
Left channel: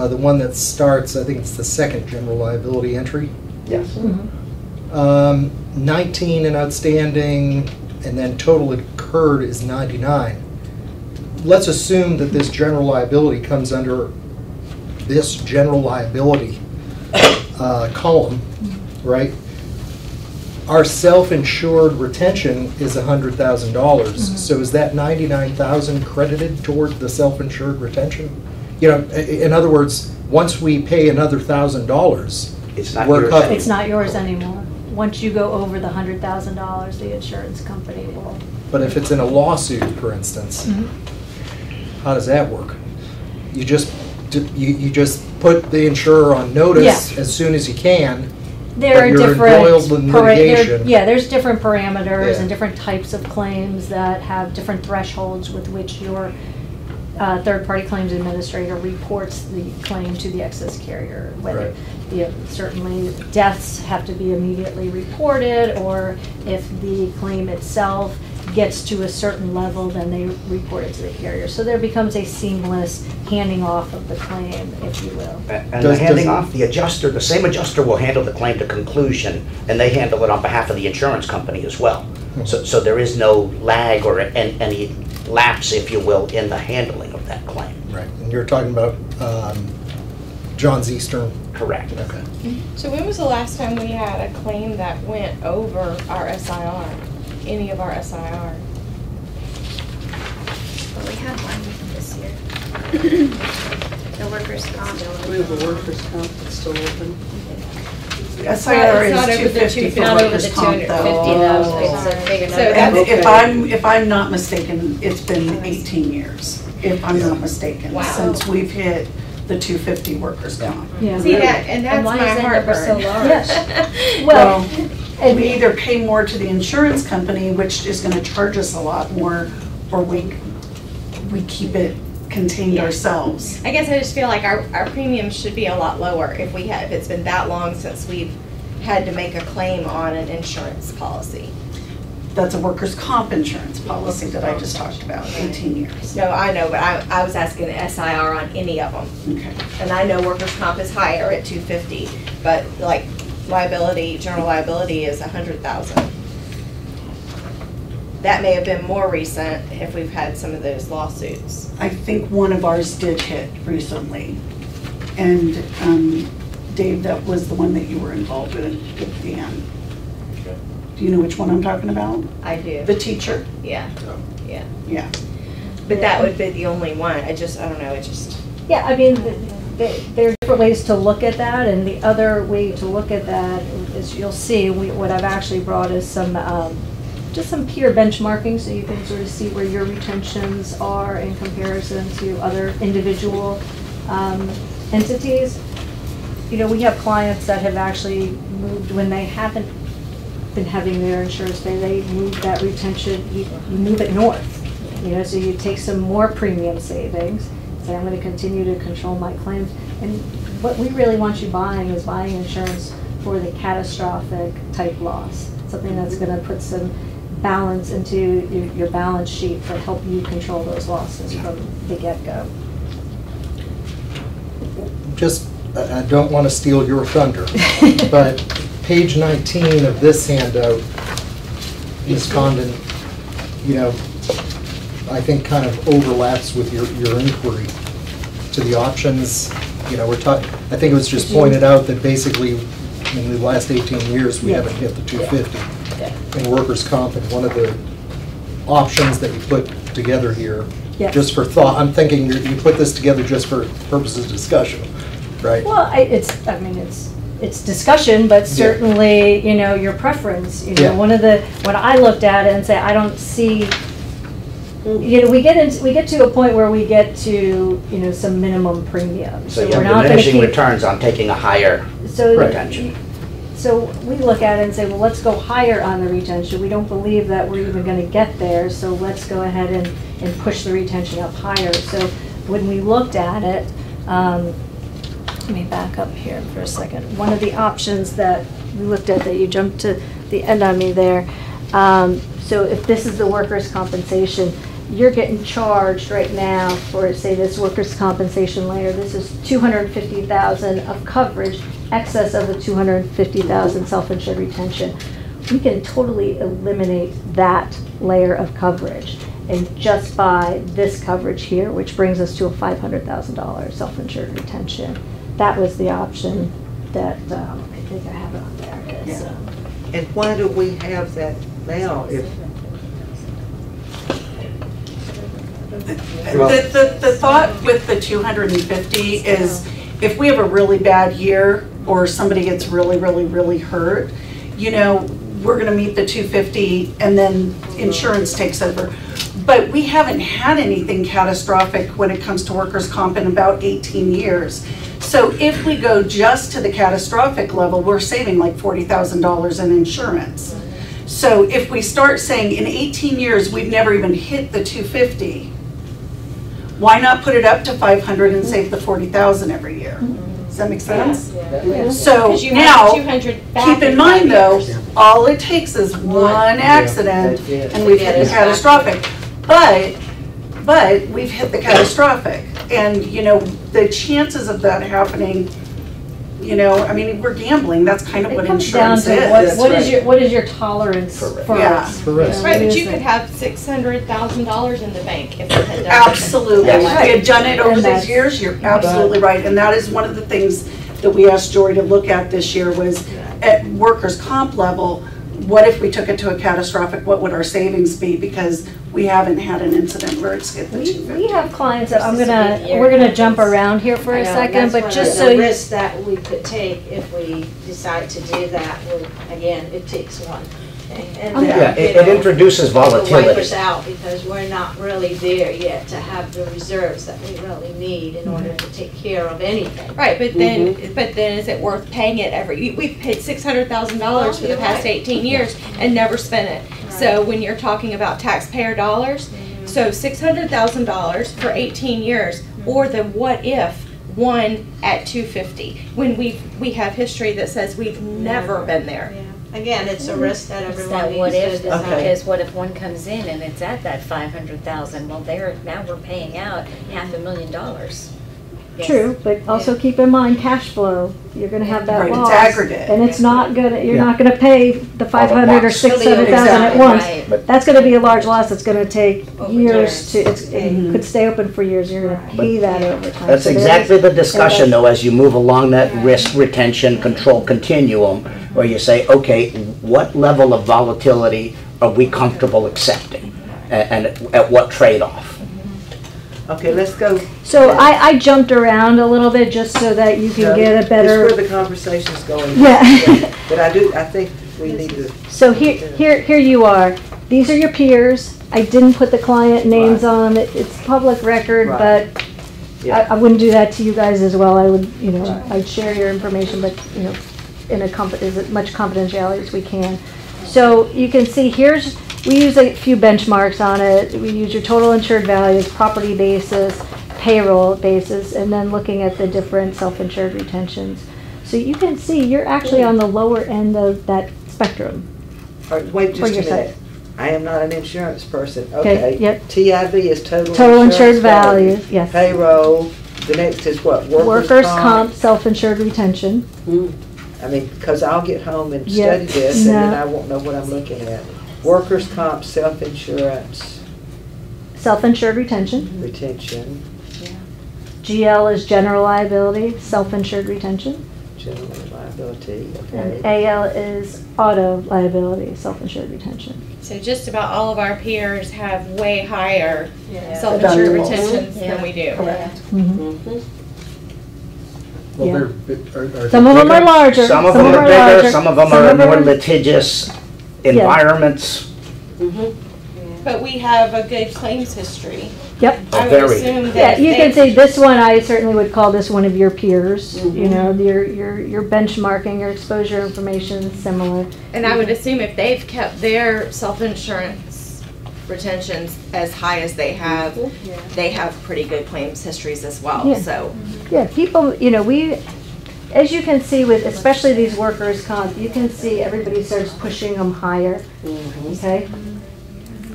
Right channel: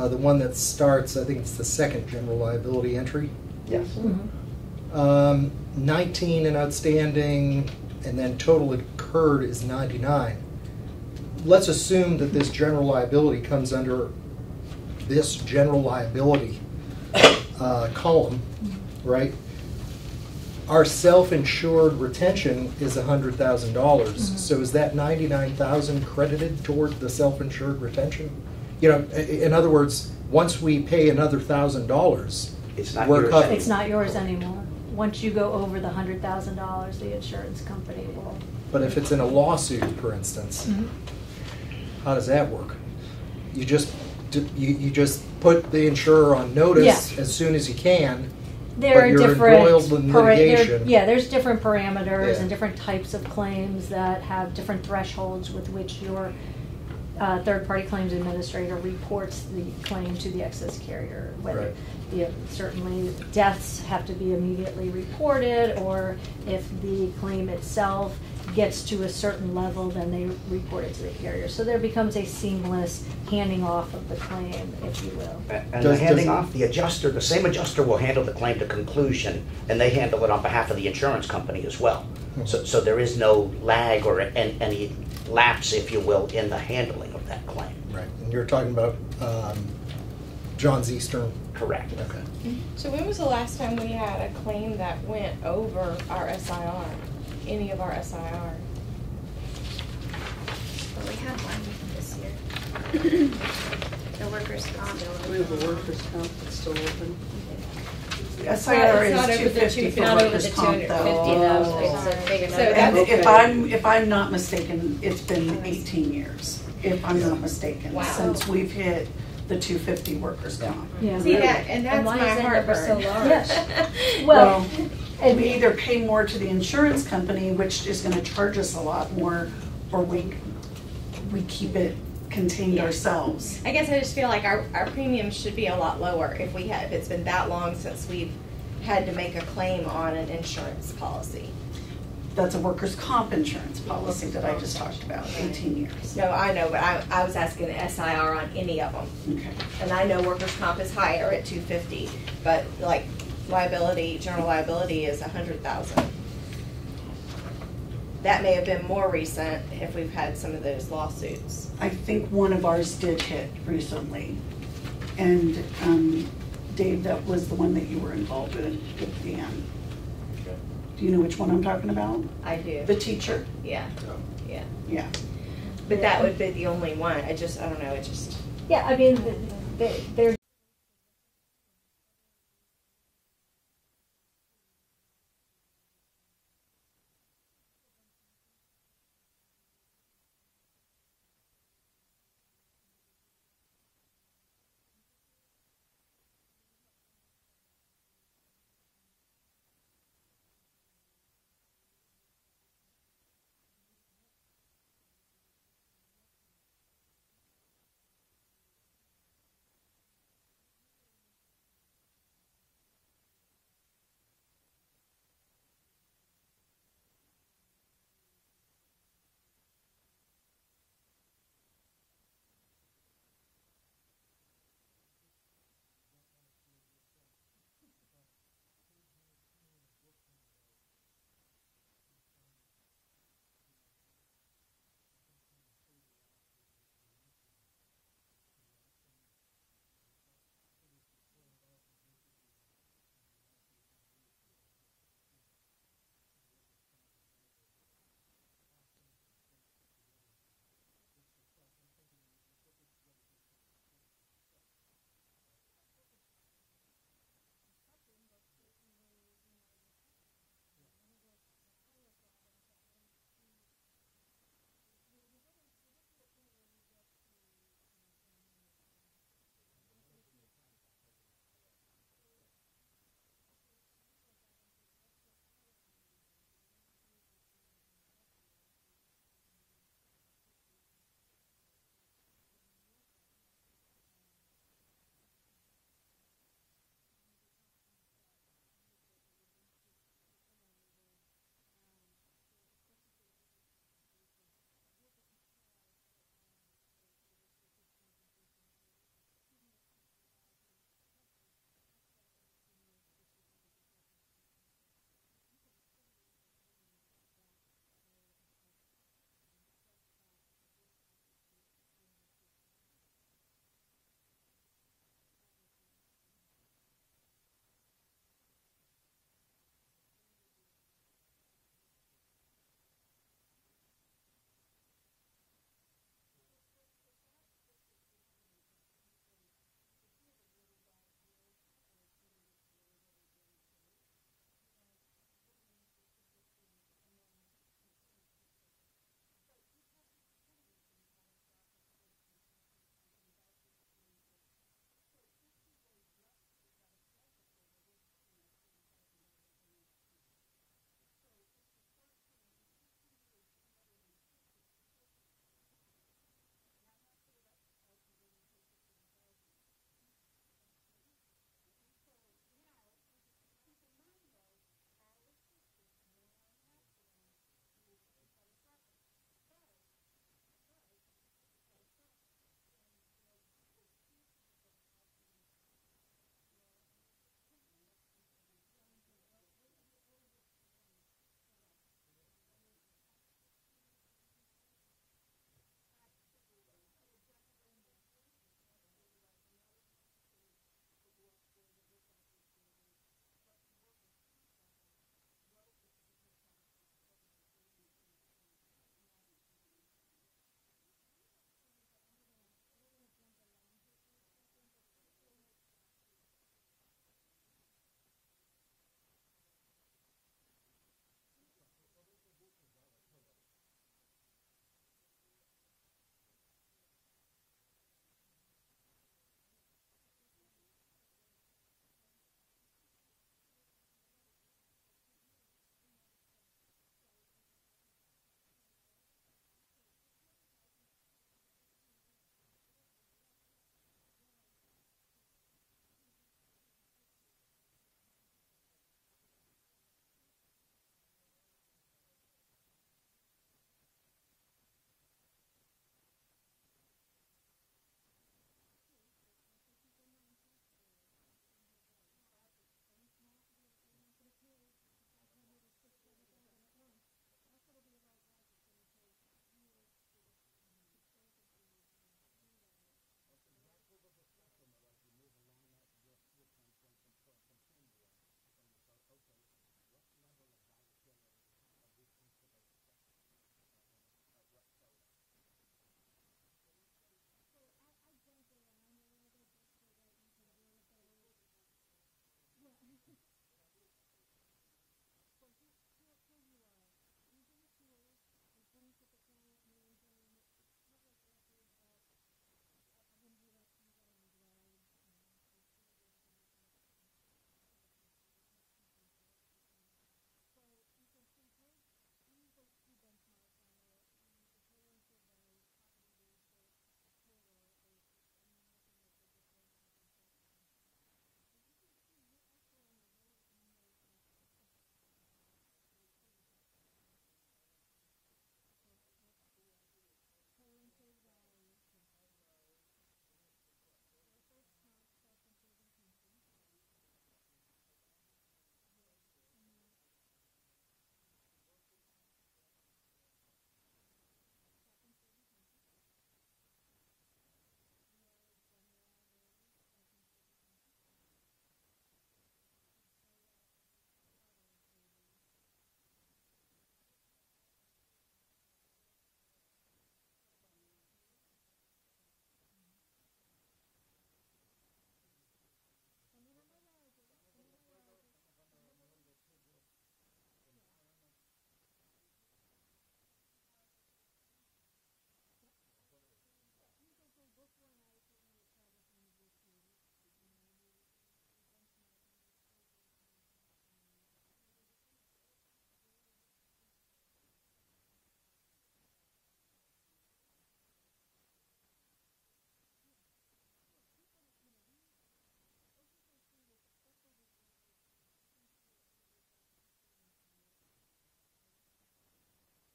the one that starts, I think it's the second general liability entry. Yes. 19 in outstanding, and then total incurred is 99. Let's assume that this general liability comes under this general liability column, right? Our self-insured retention is $100,000. So is that 99,000 credited toward the self-insured retention? In other words, once we pay another $1,000, It's not we're yours covered. anymore. It's not yours anymore. Once you go over the $100,000, the insurance company will. But if it's in a lawsuit, for instance, how does that work? You just put the insurer on notice Yeah. as soon as you can. There But are you're different, embroiled in litigation. there's different parameters Yeah. and different types of claims that have different thresholds with which your third-party claims administrator reports the claim to the excess carrier. Whether, certainly deaths have to be immediately reported, or if the claim itself gets to a certain level, then they report it to the carrier. So there becomes a seamless handing off of the claim, if you will. And the handing off, the adjuster, the same adjuster will handle the claim to conclusion, and they handle it on behalf of the insurance company as well. So there is no lag or any lapse, if you will, in the handling of that claim. Right, and you're talking about John Eastern. Correct. Okay. So when was the last time we had a claim that went over our SIR? Any of our SIR? Well, we had one this year. The workers' comp. We have a workers' comp that's still open. SIR It's is not over the 250 for Not over the workers' comp 250 though. though, it's a bigger So number. that's- And if I'm not mistaken, it's been 18 years, if I'm not mistaken, Wow. since we've hit the 250 workers' comp. Yeah. See that, and that's why my is that number so heartburn. large? Yes. Well, and We either pay more to the insurance company, which is gonna charge us a lot more, or we keep it contained Yeah. ourselves. I guess I just feel like our premiums should be a lot lower if it's been that long since we've had to make a claim on an insurance policy. That's a workers' comp insurance policy that I just talked about, 18 years. No, I know, but I was asking the SIR on any of them. Okay. And I know workers' comp is higher at 250, but like liability, general liability is 100,000. That may have been more recent if we've had some of those lawsuits. I think one of ours did hit recently. And Dave, that was the one that you were involved with Dan. Do you know which one I'm talking about? I do, The teacher? yeah, yeah. Yeah. But that would be the only one. I don't know, it just. yeah, I mean, there are different ways to look at that, and the other way to look at that is, you'll see, what I've actually brought is some, just some peer benchmarking, so you can sort of see where your retentions are in comparison to other individual entities. You know, we have clients that have actually moved when they haven't been having their insurance pay, they move that retention, you move it north. You know, so you take some more premium savings, say, I'm gonna continue to control my claims. And what we really want you buying is buying insurance for the catastrophic type loss. Something that's gonna put some balance into your balance sheet to help you control those losses from the get-go. Just, I don't want to steal your thunder, but page 19 of this handout, Ms. Condon, you know, I think kind of overlaps with your inquiry to the options. You know, I think it was just pointed out that basically in the last 18 years, we haven't hit the 250 in workers' comp, and one of the options that you put together here, Yes. just for thought, I'm thinking you put this together just for purposes of discussion, right? Well, it's discussion, but certainly, you know, your preference, you know, Yeah. when I looked at it and say, I don't see, you know, we get to a point where we get to, you know, some minimum premium. So you we're have not gonna diminishing keep- returns on taking a higher So- retention. So we look at it and say, well, let's go higher on the retention. We don't believe that we're even gonna get there, so let's go ahead and push the retention up higher. So when we looked at it, let me back up here for a second. One of the options that we looked at, that you jumped to the end on me there, so if this is the workers' compensation, you're getting charged right now for, say, this workers' compensation layer, this is $250,000 of coverage, excess of the $250,000 self-insured retention. We can totally eliminate that layer of coverage and just buy this coverage here, which brings us to a $500,000 self-insured retention. That was the option that, I think I have it on there. It's, And why do we have that now if? The thought with the 250 is if we have a really bad year or somebody gets really, really, really hurt, you know, we're gonna meet the 250 and then insurance takes over. But we haven't had anything catastrophic when it comes to workers' comp in about 18 years. So if we go just to the catastrophic level, we're saving like $40,000 in insurance. So if we start saying in 18 years, we've never even hit the 250, why not put it up to 500 and save the 40,000 every year? Does that make sense? So 'Cause you now, have 200 back keep in in mind 5 though, years. all it takes is one accident That's it. and we've hit the catastrophic. But we've hit the catastrophic. And, you know, the chances of that happening, you know, I mean, we're gambling. That's kind of It what comes down insurance to is. what is your tolerance for Yeah. risk? For risk. You know, Right, it but is you could a- have $600,000 in the bank if you had done it. Absolutely. Yes. If we had done it over And these that's- years, you're absolutely right. And that is one of the things that we asked Jory to look at this year was at workers' comp level, what if we took it to a catastrophic, what would our savings be? Because we haven't had an incident where it's hit the We 250. have clients that This is a big year. we're gonna jump around here for I a know, second, that's but one just of so the you, risks that we could take if we decide to do that, well, again, it takes one. And Okay. then, Yeah, it you know, introduces it will wipe volatility. us out because we're not really there yet to have the reserves that we really need in order to take care of anything. Right, but then is it worth paying it we've paid $600,000 for the You're past right. 18 years and never spent it. So when you're talking about taxpayer dollars, so $600,000 for 18 years, or the what if one at 250, when we have history that says we've never been there. Again, it's a risk that It's everyone that what needs to if, decide. because what if one comes in and it's at that 500,000, well, now we're paying out $500,000. Yes. true, but also keep in mind cash flow, you're gonna have that Right, it's loss. aggregate. And it's not gonna, you're Yeah. not gonna pay the 500 or once. 600,000 at Exactly. once. Right. But- That's gonna be a large loss, it's gonna take Over years to, years. it could stay open for years, you're gonna pay that over time. That's So there exactly is- the discussion though, as you move along that risk retention control continuum, where you say, okay, what level of volatility are we comfortable accepting? And at what trade-off? Okay, let's go. So I jumped around a little bit just so that you can get a It's better, where the conversation's going. Yeah. But I think we need to, so here you are. These are your peers. I didn't put the client names Right. on it. It's public record, Right. but yeah. I wouldn't do that to you guys as well. I would, you know, Right. I'd share your information, but, you know, in as much confidentiality as we can. So you can see we use a few benchmarks on it. We use your total insured values, property basis, payroll basis, and then looking at the different self-insured retentions. So you can see you're actually on the lower end of that spectrum. All right, wait For just a your minute. site. I am not an insurance person. Okay, Okay. yep. TIV is total. Total insured insurance value, yes. Payroll, the next is what? Workers' comp, self-insured retention. I mean, because I'll get home and Yeah, study this, and then no. I won't know what I'm looking at. Workers' comp, self-insurance, Self-insured retention. retention, GL is general liability, self-insured retention. general liability, And okay. AL is auto liability, self-insured retention. So just about all of our peers have way higher Yeah. self-insured Deductibles. retentions Yeah. than we do. Correct. Well, Yeah. are Some of them are larger. Some of them are bigger, larger, some of them some are of them more are- litigious environments. But we have a good claims history. Yep. I would Very. assume that. Yeah, you they- can say this one, I certainly would call this one of your peers. You know, your benchmarking, your exposure information is similar. And I would assume if they've kept their self-insurance retentions as high as they have pretty good claims histories as well, Yeah. so. Yeah, people, you know, as you can see with, especially these workers' comp, you can see everybody starts pushing them higher, okay?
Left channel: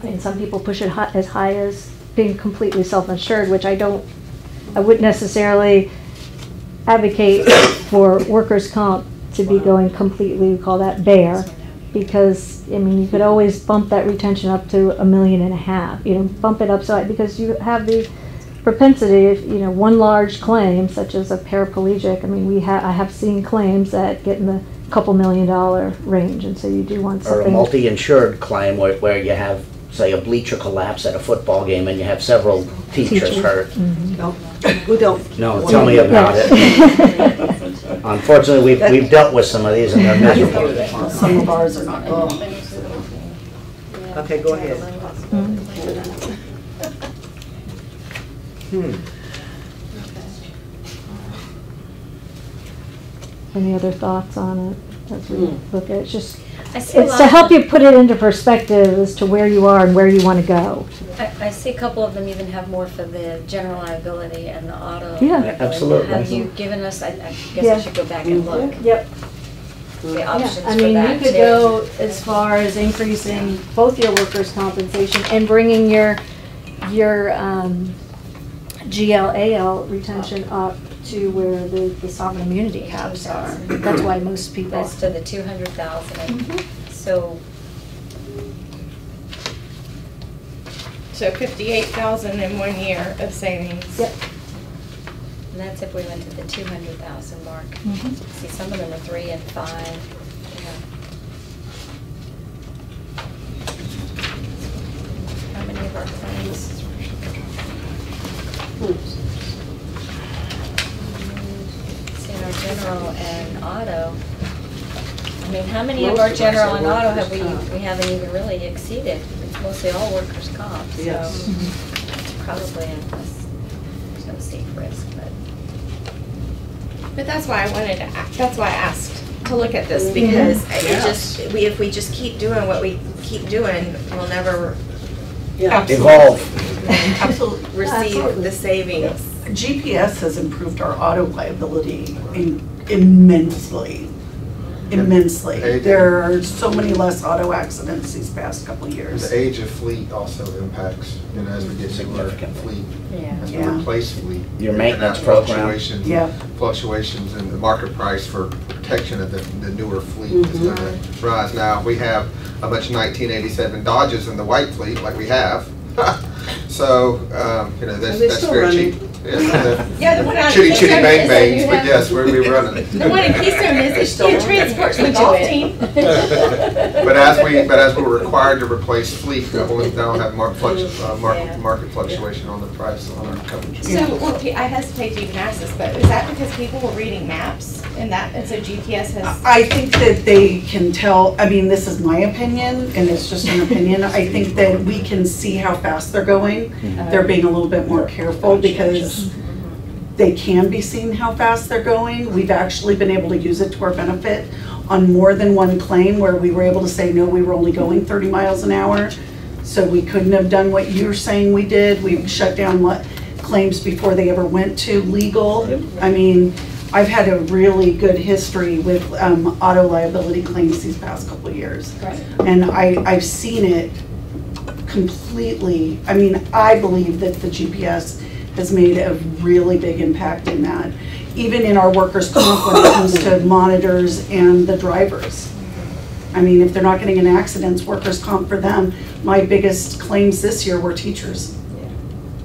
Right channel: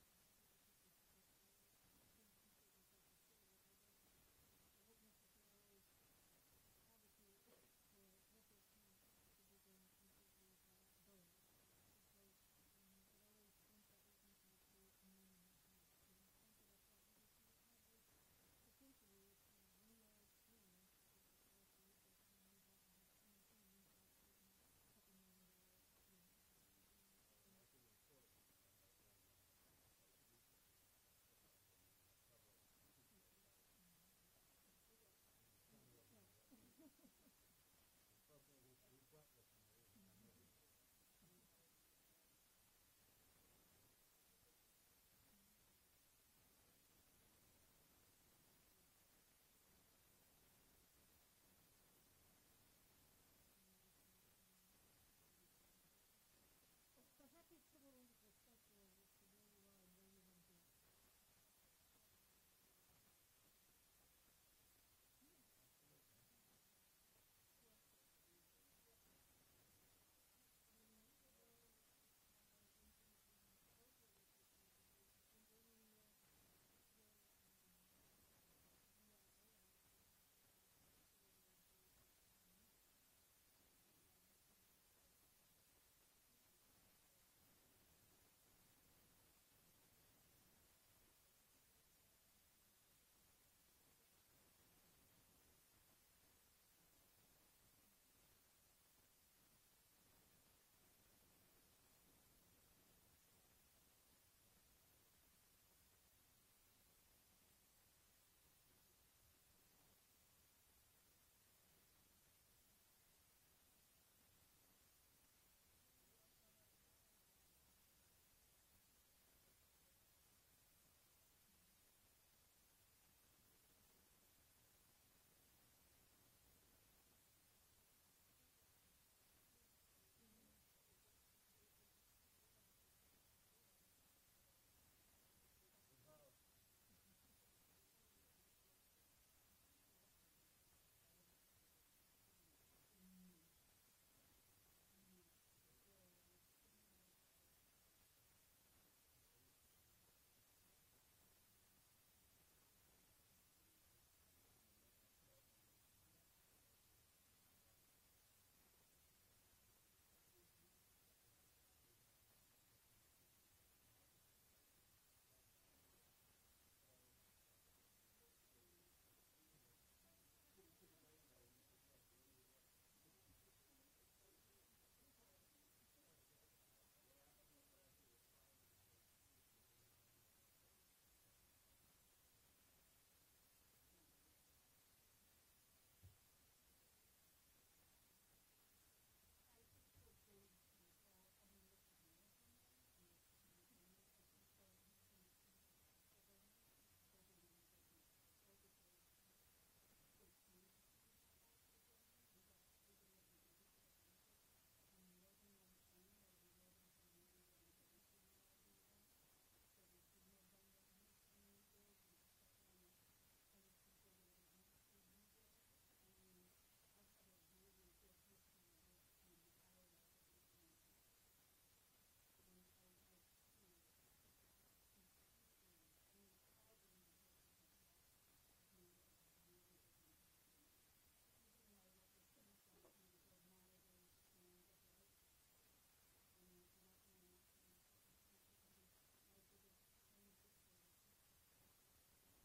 And some people push it as high as being completely self-insured, which I wouldn't necessarily advocate for workers' comp to be going completely, we call that bare, because, I mean, you could always bump that retention up to $1.5 million, you know, bump it up so, because you have the propensity, if, you know, one large claim, such as a paraplegic, I mean, I have seen claims that get in the couple $1 million range, and so you do want Or a something. multi-insured claim where you have, say, a bleacher collapse at a football game and you have several teachers hurt. We don't. No, tell me about it. Unfortunately, we've dealt with some of these and they're miserable. Some of ours are not. Okay, go ahead. Any other thoughts on it as we look at it? It's just, I see a it's lot to of- help you put it into perspective as to where you are and where you want to go. I see a couple of them even have more for the general liability and the auto. Yeah. liability. Absolutely. Have you given us, I guess Yeah. I should go back and look, Yep. the Yeah, options I for mean, you that could too. go as far as increasing both your workers' compensation and bringing your GLAL retention up to where the sovereign immunity caps are. That's why most people. That's to the 200,000. So, So 58,000 in 1 year of savings. Yep. and that's if we went to the 200,000 mark. Mhm. See, some of them are 3 and 5. How many of our claims? See, in our general and auto, I mean, how many of Most our of us general are and auto have workers' comp. we haven't even really exceeded? It's mostly all workers' comp, so Yes. it's probably there's no safe risk, but. But that's why I wanted to, that's why I asked to look at this, because it Yes. just, if we just keep doing what we keep doing, we'll never Yeah. Evolve. Absolutely. receive the savings. GPS has improved our auto liability immensely. Immensely. Age- There are so many less auto accidents these past couple of years. The age of fleet also impacts, as we get newer Significantly. fleet, as we Yeah. replace fleet. Your you're gonna maintenance have program. Yeah. Fluctuations in the market price for protection of the newer fleet is Mhm. gonna rise. Now, we have a bunch of 1987 Dodges in the white fleet, like we have. So, Are they that's still very running? cheap. Yeah, Yeah, the one on Chitty Keystone chitty bang is, bangs, you but have- yes, we're running it. The one in Keystone is, it transports the golf team. But as we're required to replace fleet, that'll have market fluctuation on the price on our coverage. So, I hesitate to even ask this, but is that because people were reading maps and so GPS has? I think that they can tell, I mean, this is my opinion, and it's just an opinion. I think that we can see how fast they're going. They're being a little bit more careful because they can be seen how fast they're going. We've actually been able to use it to our benefit on more than one claim where we were able to say, no, we were only going 30 miles an hour. So we couldn't have done what you're saying we did. We shut down claims before they ever went to legal. I mean, I've had a really good history with auto liability claims these past couple of years. Right. And I've seen it completely, I mean, I believe that the GPS has made a really big impact in that. Even in our workers' comp when it comes to monitors and the drivers. I mean, if they're not getting in accidents, workers' comp for them, my biggest claims this year were teachers.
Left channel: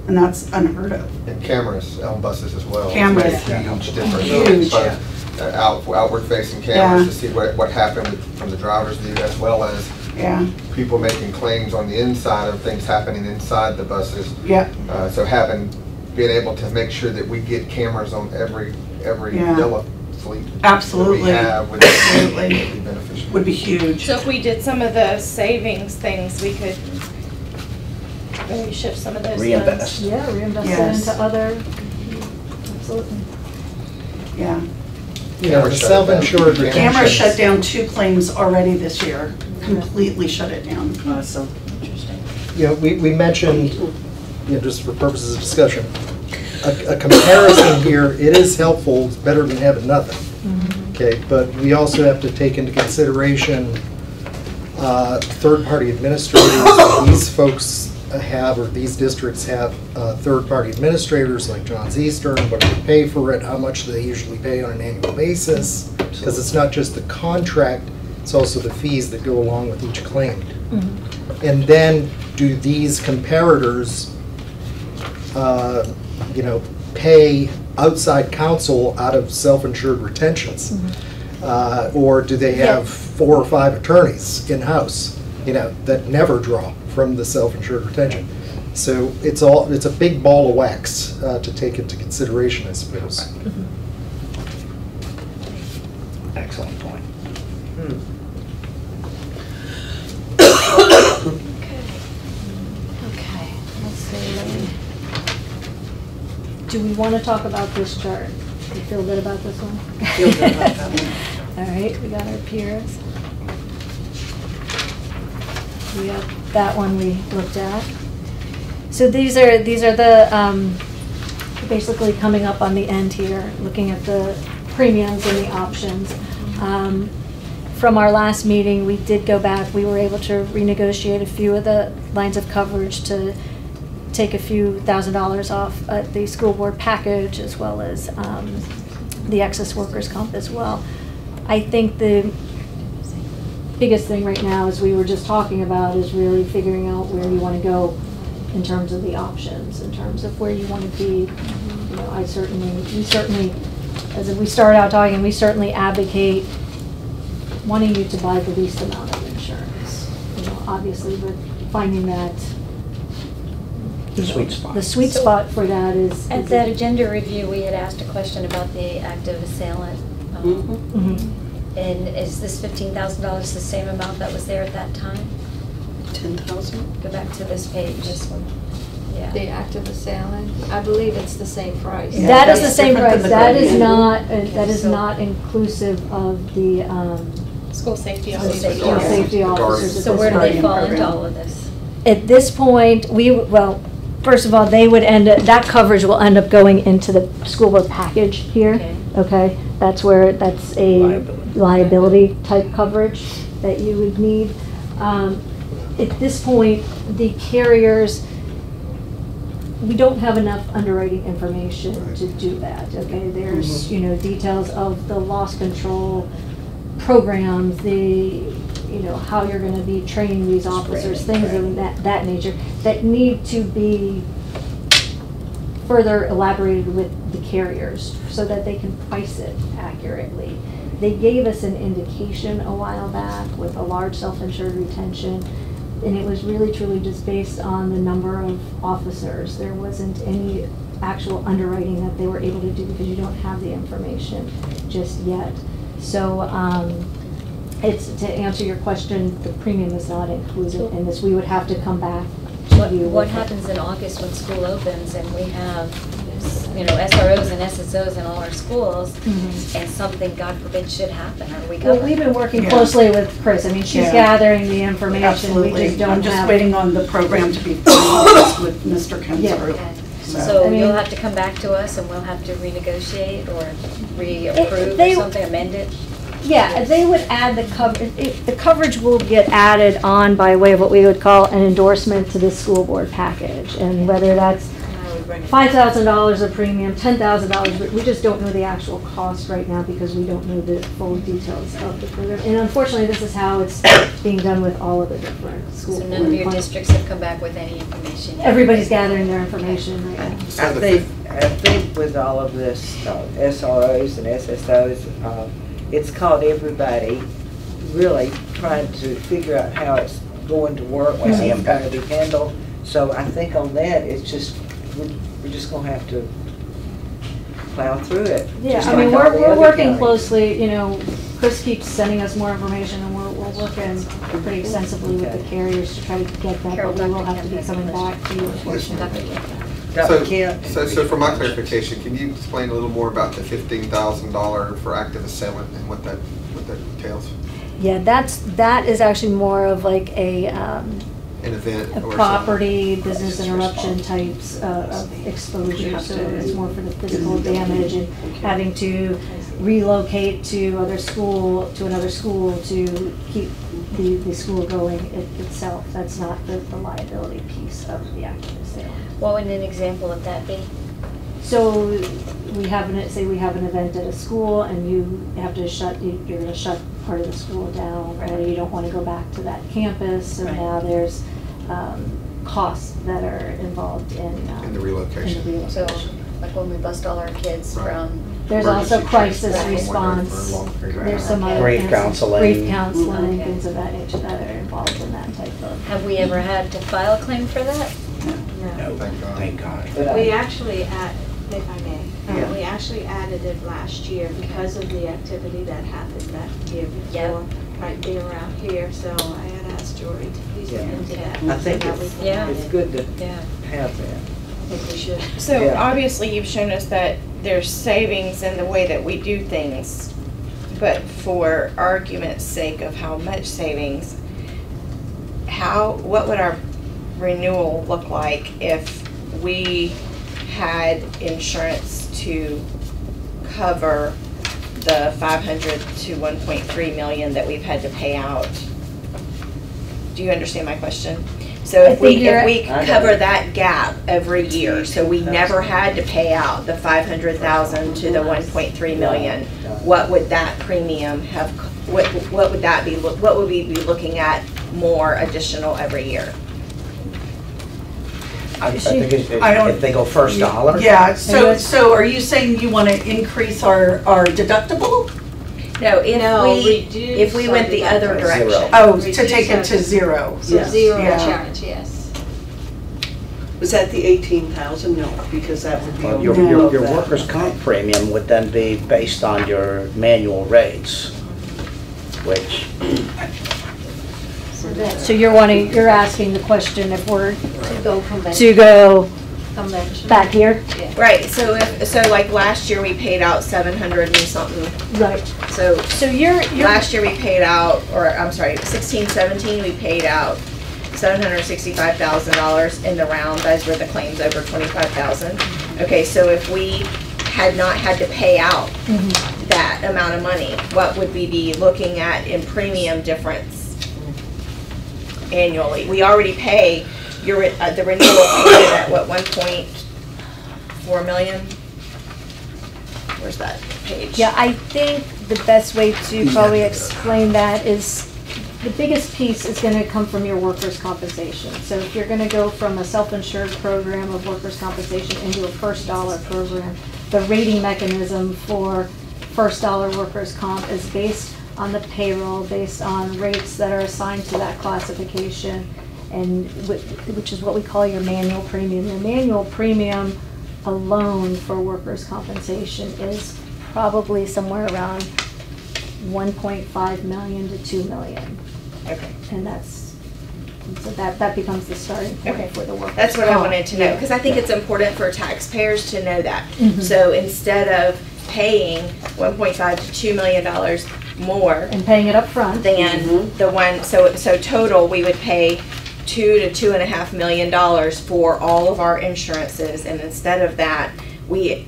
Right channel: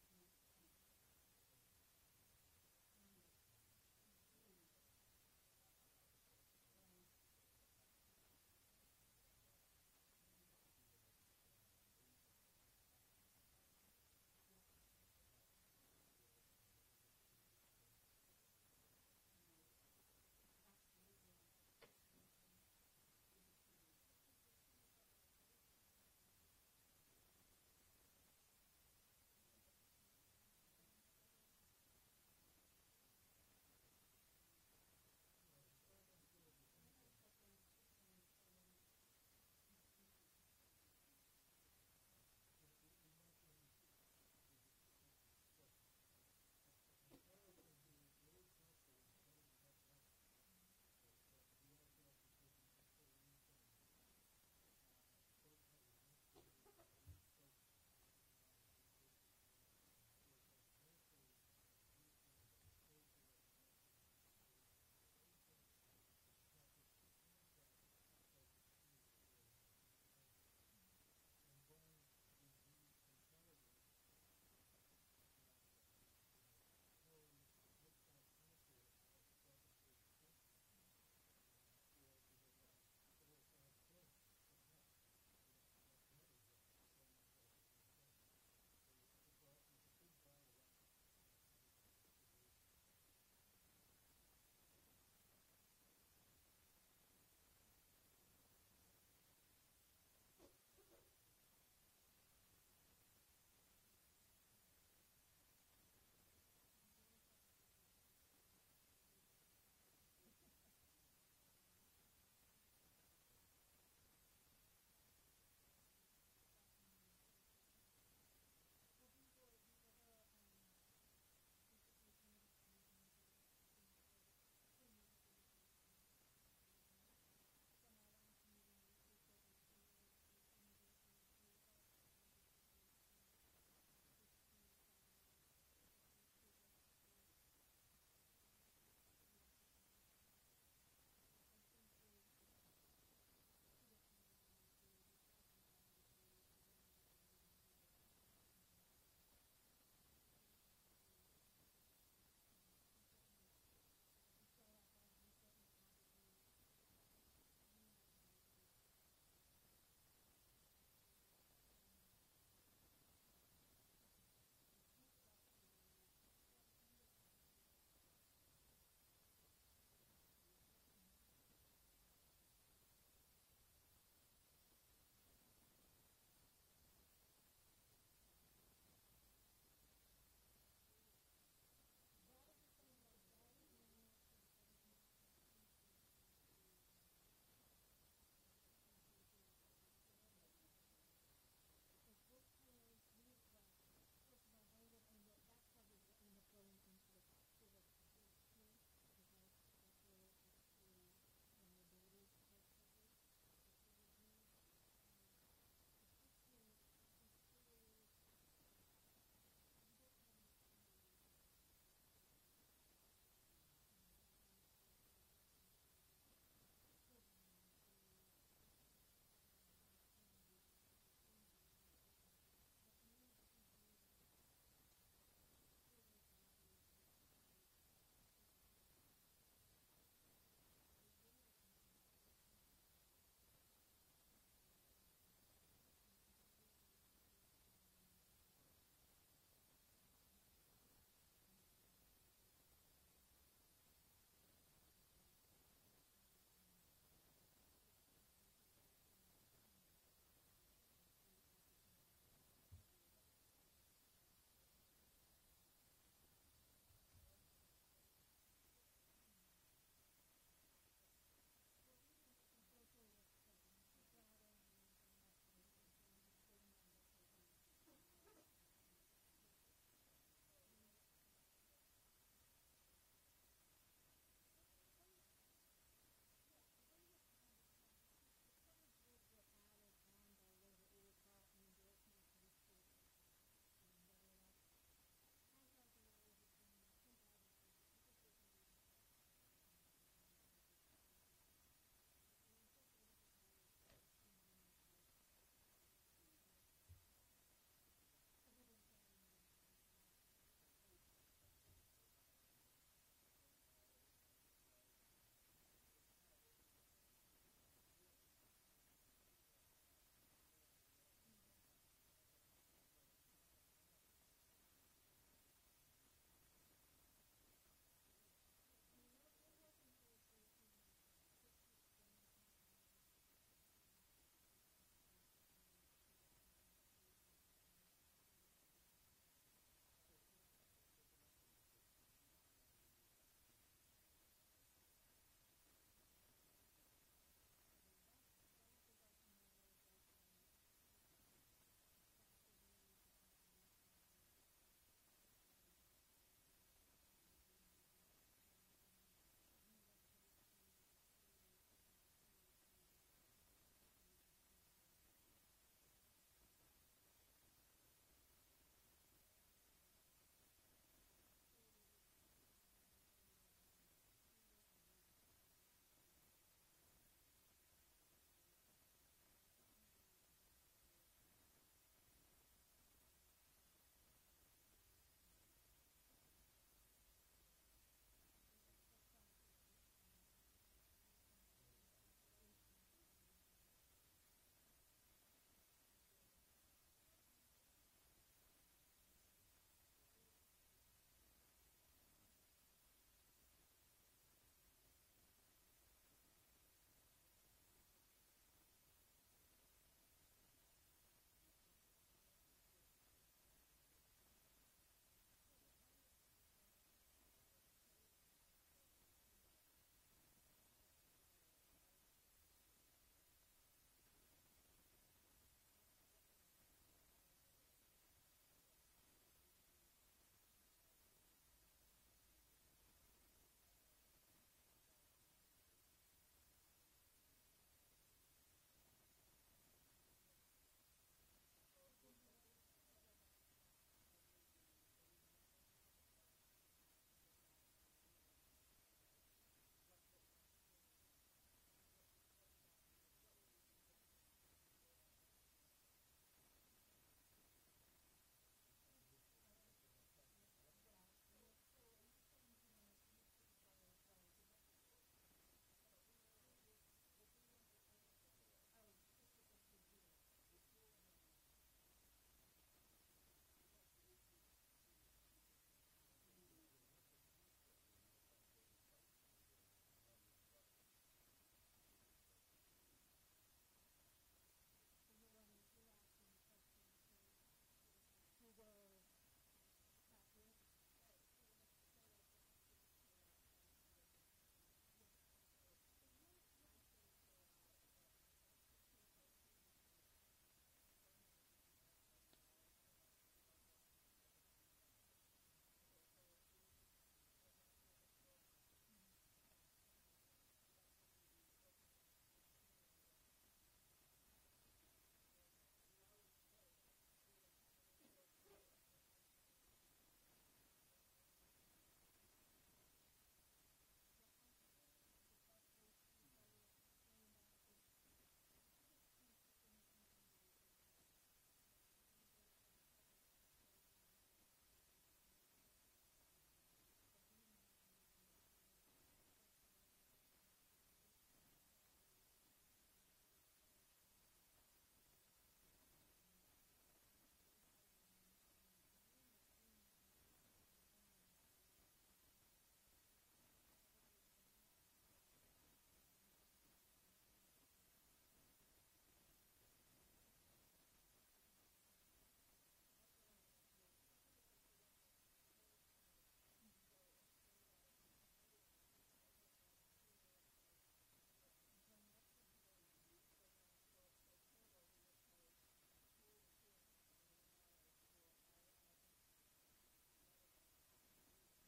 And that's unheard of. And cameras on buses as well. Cameras. It's made a huge difference. Huge. As far as, outward facing cameras to see what happened from the driver's view, as well as Yeah, people making claims on the inside of things happening inside the buses. yeah, So being able to make sure that we get cameras on every Yeah. Della fleet Absolutely. that we have would Absolutely. be beneficial. would be huge. So if we did some of the savings things, we could maybe shift some of those funds. Reinvest. Yeah, reinvest it Yes. into other, absolutely. Yeah. The self-insured retention. Camera shut down 2 claims already this year, completely shut it down. Awesome. We mentioned, just for purposes of discussion, a comparison here, it is helpful, it's better than having nothing. Okay, but we also have to take into consideration third-party administrators. These folks have, or these districts have third-party administrators like John's Eastern, what do they pay for it, how much do they usually pay on an annual basis? Because it's not just the contract, it's also the fees that go along with each claim. And then do these comparators, pay outside counsel out of self-insured retentions? Or do they have 4 or 5 attorneys in-house, that never draw from the self-insured retention? So it's a big ball of wax to take into consideration, I suppose. do we want to talk about this chart? You feel good about this one? Feel good about that one. All right, we got our peers. We have that one we looked at. So these are the, basically coming up on the end here, looking at the premiums and the options. From our last meeting, we did go back, we were able to renegotiate a few of the lines of coverage to take a few $1,000s off the school board package, as well as the excess workers' comp as well. I think the biggest thing right now, as we were just talking about, is really figuring out where you want to go in terms of the options, in terms of where you want to be. You know, we certainly, as we start out talking, we certainly advocate wanting you to buy the least amount of insurance. You know, obviously, but finding that Sweet spot. the sweet spot for that is. At that agenda review, we had asked a question about the active assailant. Mhm. And is this $15,000 the same amount that was there at that time? 10,000? Go back to this page, this one. The Yeah. active assailant, I believe it's the same price. Yeah, That is the that's same different price, than the that is Guardian. not, that is so- not inclusive of the, School safety School officers. safety school officers. safety The Guardian. officers. at So this where do they point. fall into program. all of this? At this point, well, first of all, they would that coverage will end up going into the school board package here. Okay. Okay, that's where, that's a Liability. liability type coverage that you would need. At this point, the carriers, we don't have enough underwriting information to do that, okay? There's, you know, details of the loss control programs, how you're gonna be training these officers, things of that nature, that need to be further elaborated with the carriers so that they can price it accurately. They gave us an indication a while back with a large self-insured retention, and it was really truly just based on the number of officers. There wasn't any actual underwriting that they were able to do because you don't have the information just yet. So, it's, to answer your question, the premium is not included in this. We would have to come back to you. What with it. happens in August when school opens and we have, SROs and SSOs in all our schools, Mhm. and something, God forbid, should happen? Are we Well, covered? we've been working Yeah. closely with Chris. I mean, she's Yeah. gathering the information. We Absolutely. just don't I'm just have. waiting on the program to be finalized with Mr. Yeah. Kinsler. Okay. So- So I mean- you'll have to come back to us and we'll have to renegotiate or reapprove they- or something, amend it? Yeah, they would add the coverage, the coverage will get added on by way of what we would call an endorsement to the school board package. And whether that's $5,000 of premium, $10,000, we just don't know the actual cost right now because we don't know the full details of the program. And unfortunately, this is how it's being done with all of the different school So board. none of your plans. districts have come back with any information yet? Everybody's gathering their information right now. So I the think with all of this, SROs and SSOs, it's called everybody really trying to figure out how it's going to work, how What's the it's going to impact? be handled. So I think on that, it's just, we're just gonna have to plow through it. Yeah, just I mean, like all the we're other working counties. closely, Chris keeps sending us more information, and we're working pretty extensively with the carriers to try to get that, Carol, but we will Dr. have to be Kemp has a coming question. back to you, unfortunately. Dr. So, Kemp? so for my clarification, can you explain a little more about the $15,000 for active assailant and what that entails? Yeah, that is actually more of like An event or something? property, business interruption types of exposure, so it's more for the physical damage and having to relocate to another school to keep the school going itself. That's not the liability piece of the active assailant. What would an example of that be? So we have an event at a school and you have to you're gonna shut part of the school down, or you don't wanna go back to that campus, so Right. now there's, costs that are involved in In the relocation. in the So, relocation. like when we bust all our kids Right. from, There's also Emergency crisis transport, wondering for a response, long period of there's time. some other. Grief things, counseling. Grief counseling, Okay. things of that nature that are involved in that type of. have we ever had to file a claim for that? No, Thank God. thank God. But We I- actually if I may, Yeah. we actually added it last year because of the activity that happened that year Yeah. before, right there around here, so I had asked Jory to please look Yeah. into that. I think so that we it's, can Yeah. add it's it. good to Yeah. have that. think we should. So Yeah. obviously you've shown us that there's savings in the way that we do things, but for argument's sake of how much savings, what would our renewal look like if we had insurance to cover the 500 to 1.3 million that we've had to pay out? Do you understand my question? So I if we, think you're- if we cover that gap every year, so we never had to pay out the 500,000 to the 1.3 million, what would that premium have, what would that be, what would we be looking at more additional every year? I think I don't- if they go first dollar. Yeah, so are you saying you want to increase our deductible? No, No, if we went the other reduce our direction. Zero. Oh, Reduce to take it to our- zero. So zero Yeah. insurance, yes. Was that the 18,000? No, because that would be Well, over your that. workers' comp premium would then be based on your manual rates, which, So you're asking the question if we're To go convention. to go Convention. back here? Right, so like last year we paid out 700 and something, Right. so So you're, last year we paid out, or I'm sorry, 16, 17, we paid out $765,000 in the round. Those were the claims over 25,000. Okay, so if we had not had to pay out that amount of money, what would we be looking at in premium difference annually? We already pay the renewal payment at what, 1.4 million? Where's that page? yeah, I think the best way to probably explain that is the biggest piece is gonna come from your workers' compensation. So if you're gonna go from a self-insured program of workers' compensation into a first dollar program, the rating mechanism for first dollar workers' comp is based on the payroll, based on rates that are assigned to that classification, and which is what we call your manual premium. Your manual premium alone for workers' compensation is probably somewhere around 1.5 million to 2 million. Okay. And so that becomes the starting Okay. point for the workers' That's what I comp. wanted to know, because I think it's important for taxpayers to know that. Mhm. So instead of paying $1.5 to $2 million more And paying it up front. than the one, so total, we would pay $2 to $2.5 million for all of our insurances, and instead of that, we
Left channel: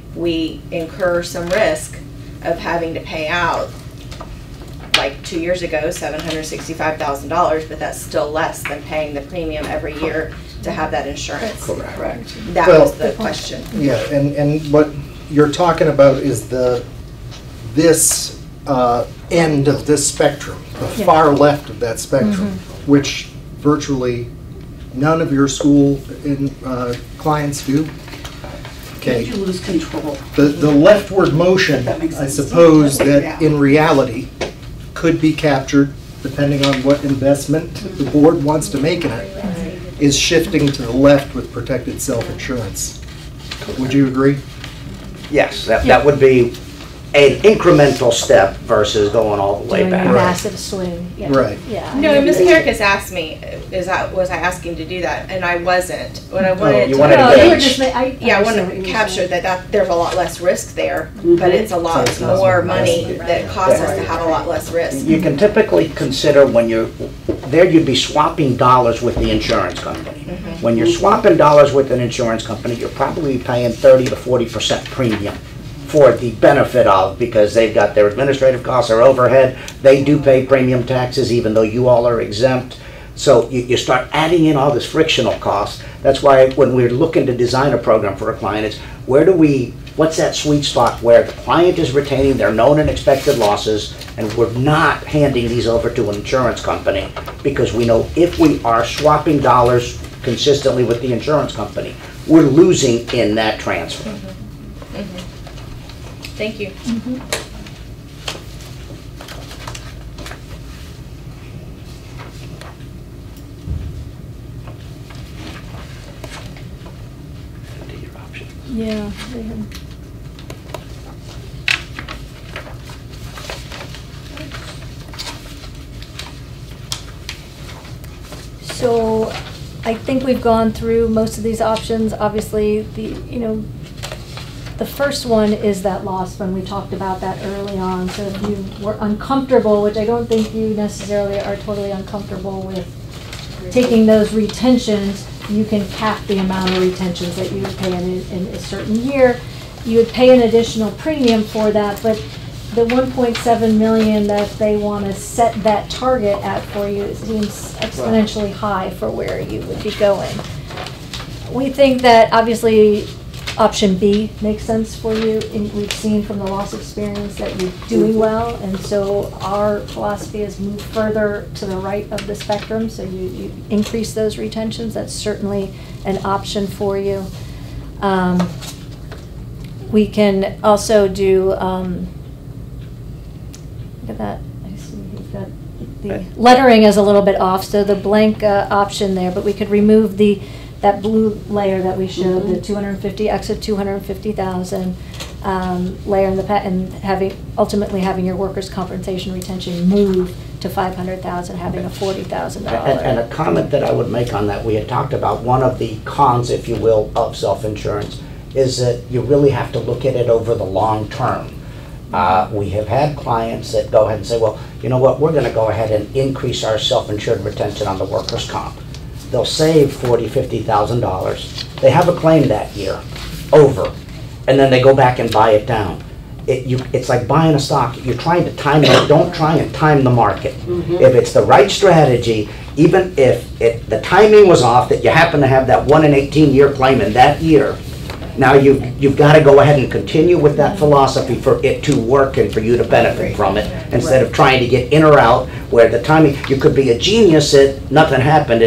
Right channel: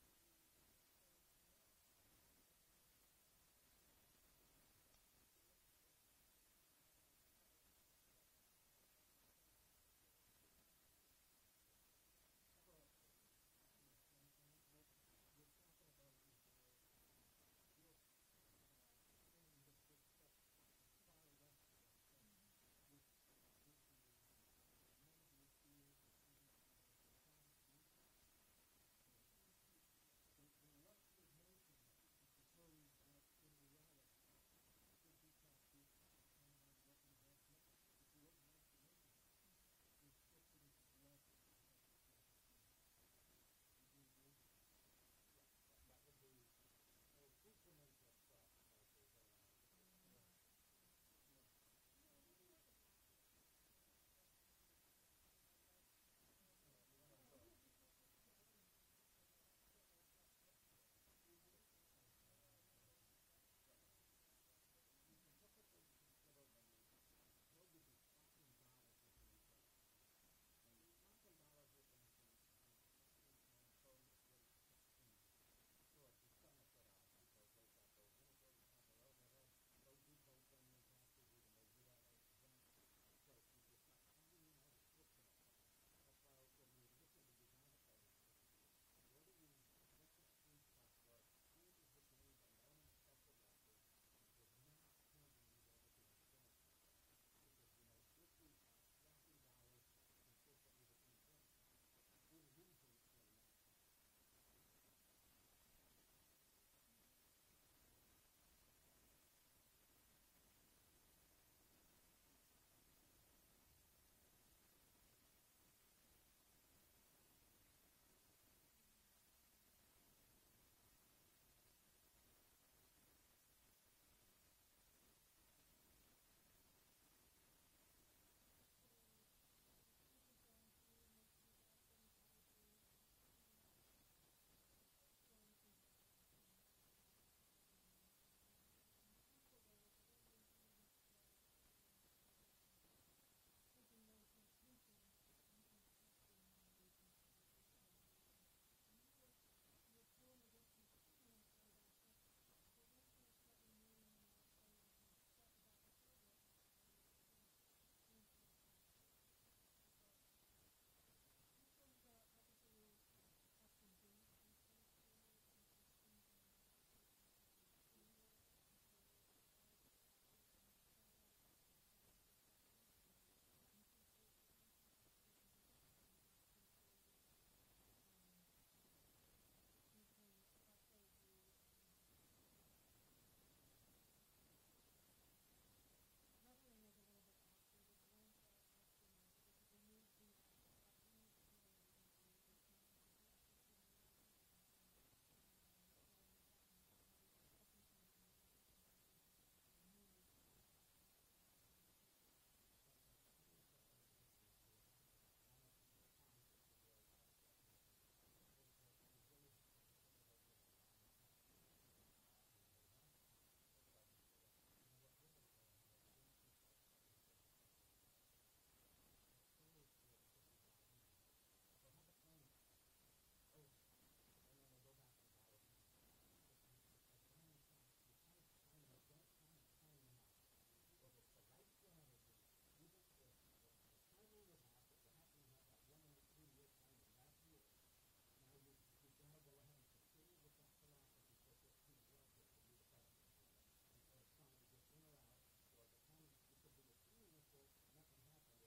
incur some risk of having to pay out, like 2 years ago, $765,000, but that's still less than paying the premium every year to have that insurance. correct. That Well- was the question. Yeah, and what you're talking about is this end of this spectrum, the Yeah. far left of that spectrum, which virtually none of your school clients do. Okay. You lose control. The leftward motion, That makes I sense. suppose, Yeah. that in reality could be captured, depending on what investment the board wants to make in it, is shifting to the left with protected self-insurance. Would you agree? Yes, that would be an incremental step versus going all the way Doing a back. massive swing, yeah. Right. Yeah. No, Ms. Carrickus asked me, was I asking to do that? And I wasn't. What I wanted you to. wanted to No, you were gauge. just, Yeah, I want understand what to you were capture saying. that there's a lot less risk there, but it's a lot it's not more so money much. that costs us to have a lot less risk. You can typically consider when you'd be swapping dollars with the insurance company. When you're swapping dollars with an insurance company, you're probably paying 30 to 40% premium for the benefit of, because they've got their administrative costs, their overhead, they do pay premium taxes even though you all are exempt. So you start adding in all this frictional cost. That's why when we're looking to design a program for a client, it's what's that sweet spot where the client is retaining their known and expected losses, and we're not handing these over to an insurance company, because we know if we are swapping dollars consistently with the insurance company, we're losing in that transfer. Thank you. Yeah. they had- So I think we've gone through most of these options. Obviously, the first one is that loss fund. We talked about that early on. So if you were uncomfortable, which I don't think you necessarily are totally uncomfortable with taking those retentions, you can cap the amount of retentions that you would pay in a certain year. You would pay an additional premium for that, but the 1.7 million that they want to set that target at for you seems exponentially high for where you would be going. We think that obviously option B makes sense for you. And we've seen from the loss experience that you're doing well, and so our philosophy is move further to the right of the spectrum, so you increase those retentions. That's certainly an option for you. We can also do, look at that, I see you've got the lettering is a little bit off, so the blank option there, but we could remove that blue layer that we showed, the 250, exit 250,000 layer in the and ultimately having your workers' compensation retention move to 500,000, having a $40,000. And a comment that I would make on that, we had talked about one of the cons, if you will, of self-insurance is that you really have to look at it over the long term. We have had clients that go ahead and say, well, you know what, we're going to go ahead and increase our self-insured retention on the workers' comp. They'll save $40,000, $50,000. They have a claim that year, over, and then they go back and buy it down. It's like buying a stock. You're trying to time it. Don't try and time the market. If it's the right strategy, even if the timing was off, that you happen to have that 1 in 18-year claim in that year, now you've got to go ahead and continue with that philosophy for it to work and for you to benefit from it, instead of trying to get in or out where the timing, you could be a genius that nothing happened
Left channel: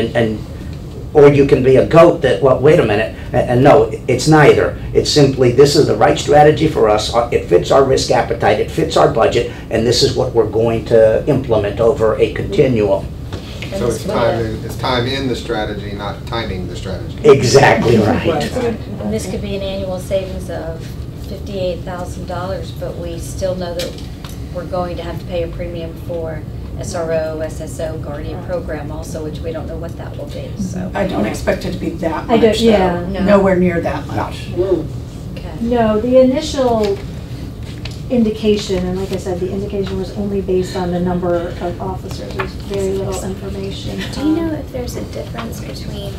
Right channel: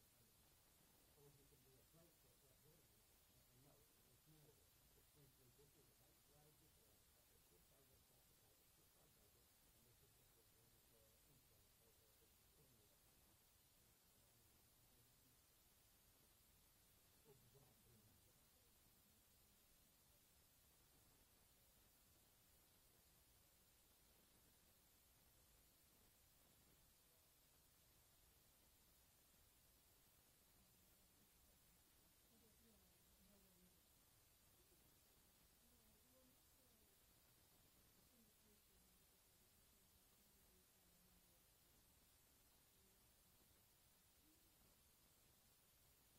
or you can be a goat that, well, wait a minute, and no, it's neither. It's simply, this is the right strategy for us, it fits our risk appetite, it fits our budget, and this is what we're going to implement over a continuum. So it's time in the strategy, not timing the strategy. Exactly right. And this could be an annual savings of $58,000, but we still know that we're going to have to pay a premium for SRO, SSO, Guardian program also, which we don't know what that will be, so. I don't expect it to be that I much, don't- yeah. though. No. Nowhere near that much. Okay. No, the initial indication, and like I said, the indication was only based on the number of officers. There's very little information. Do you know if there's a difference between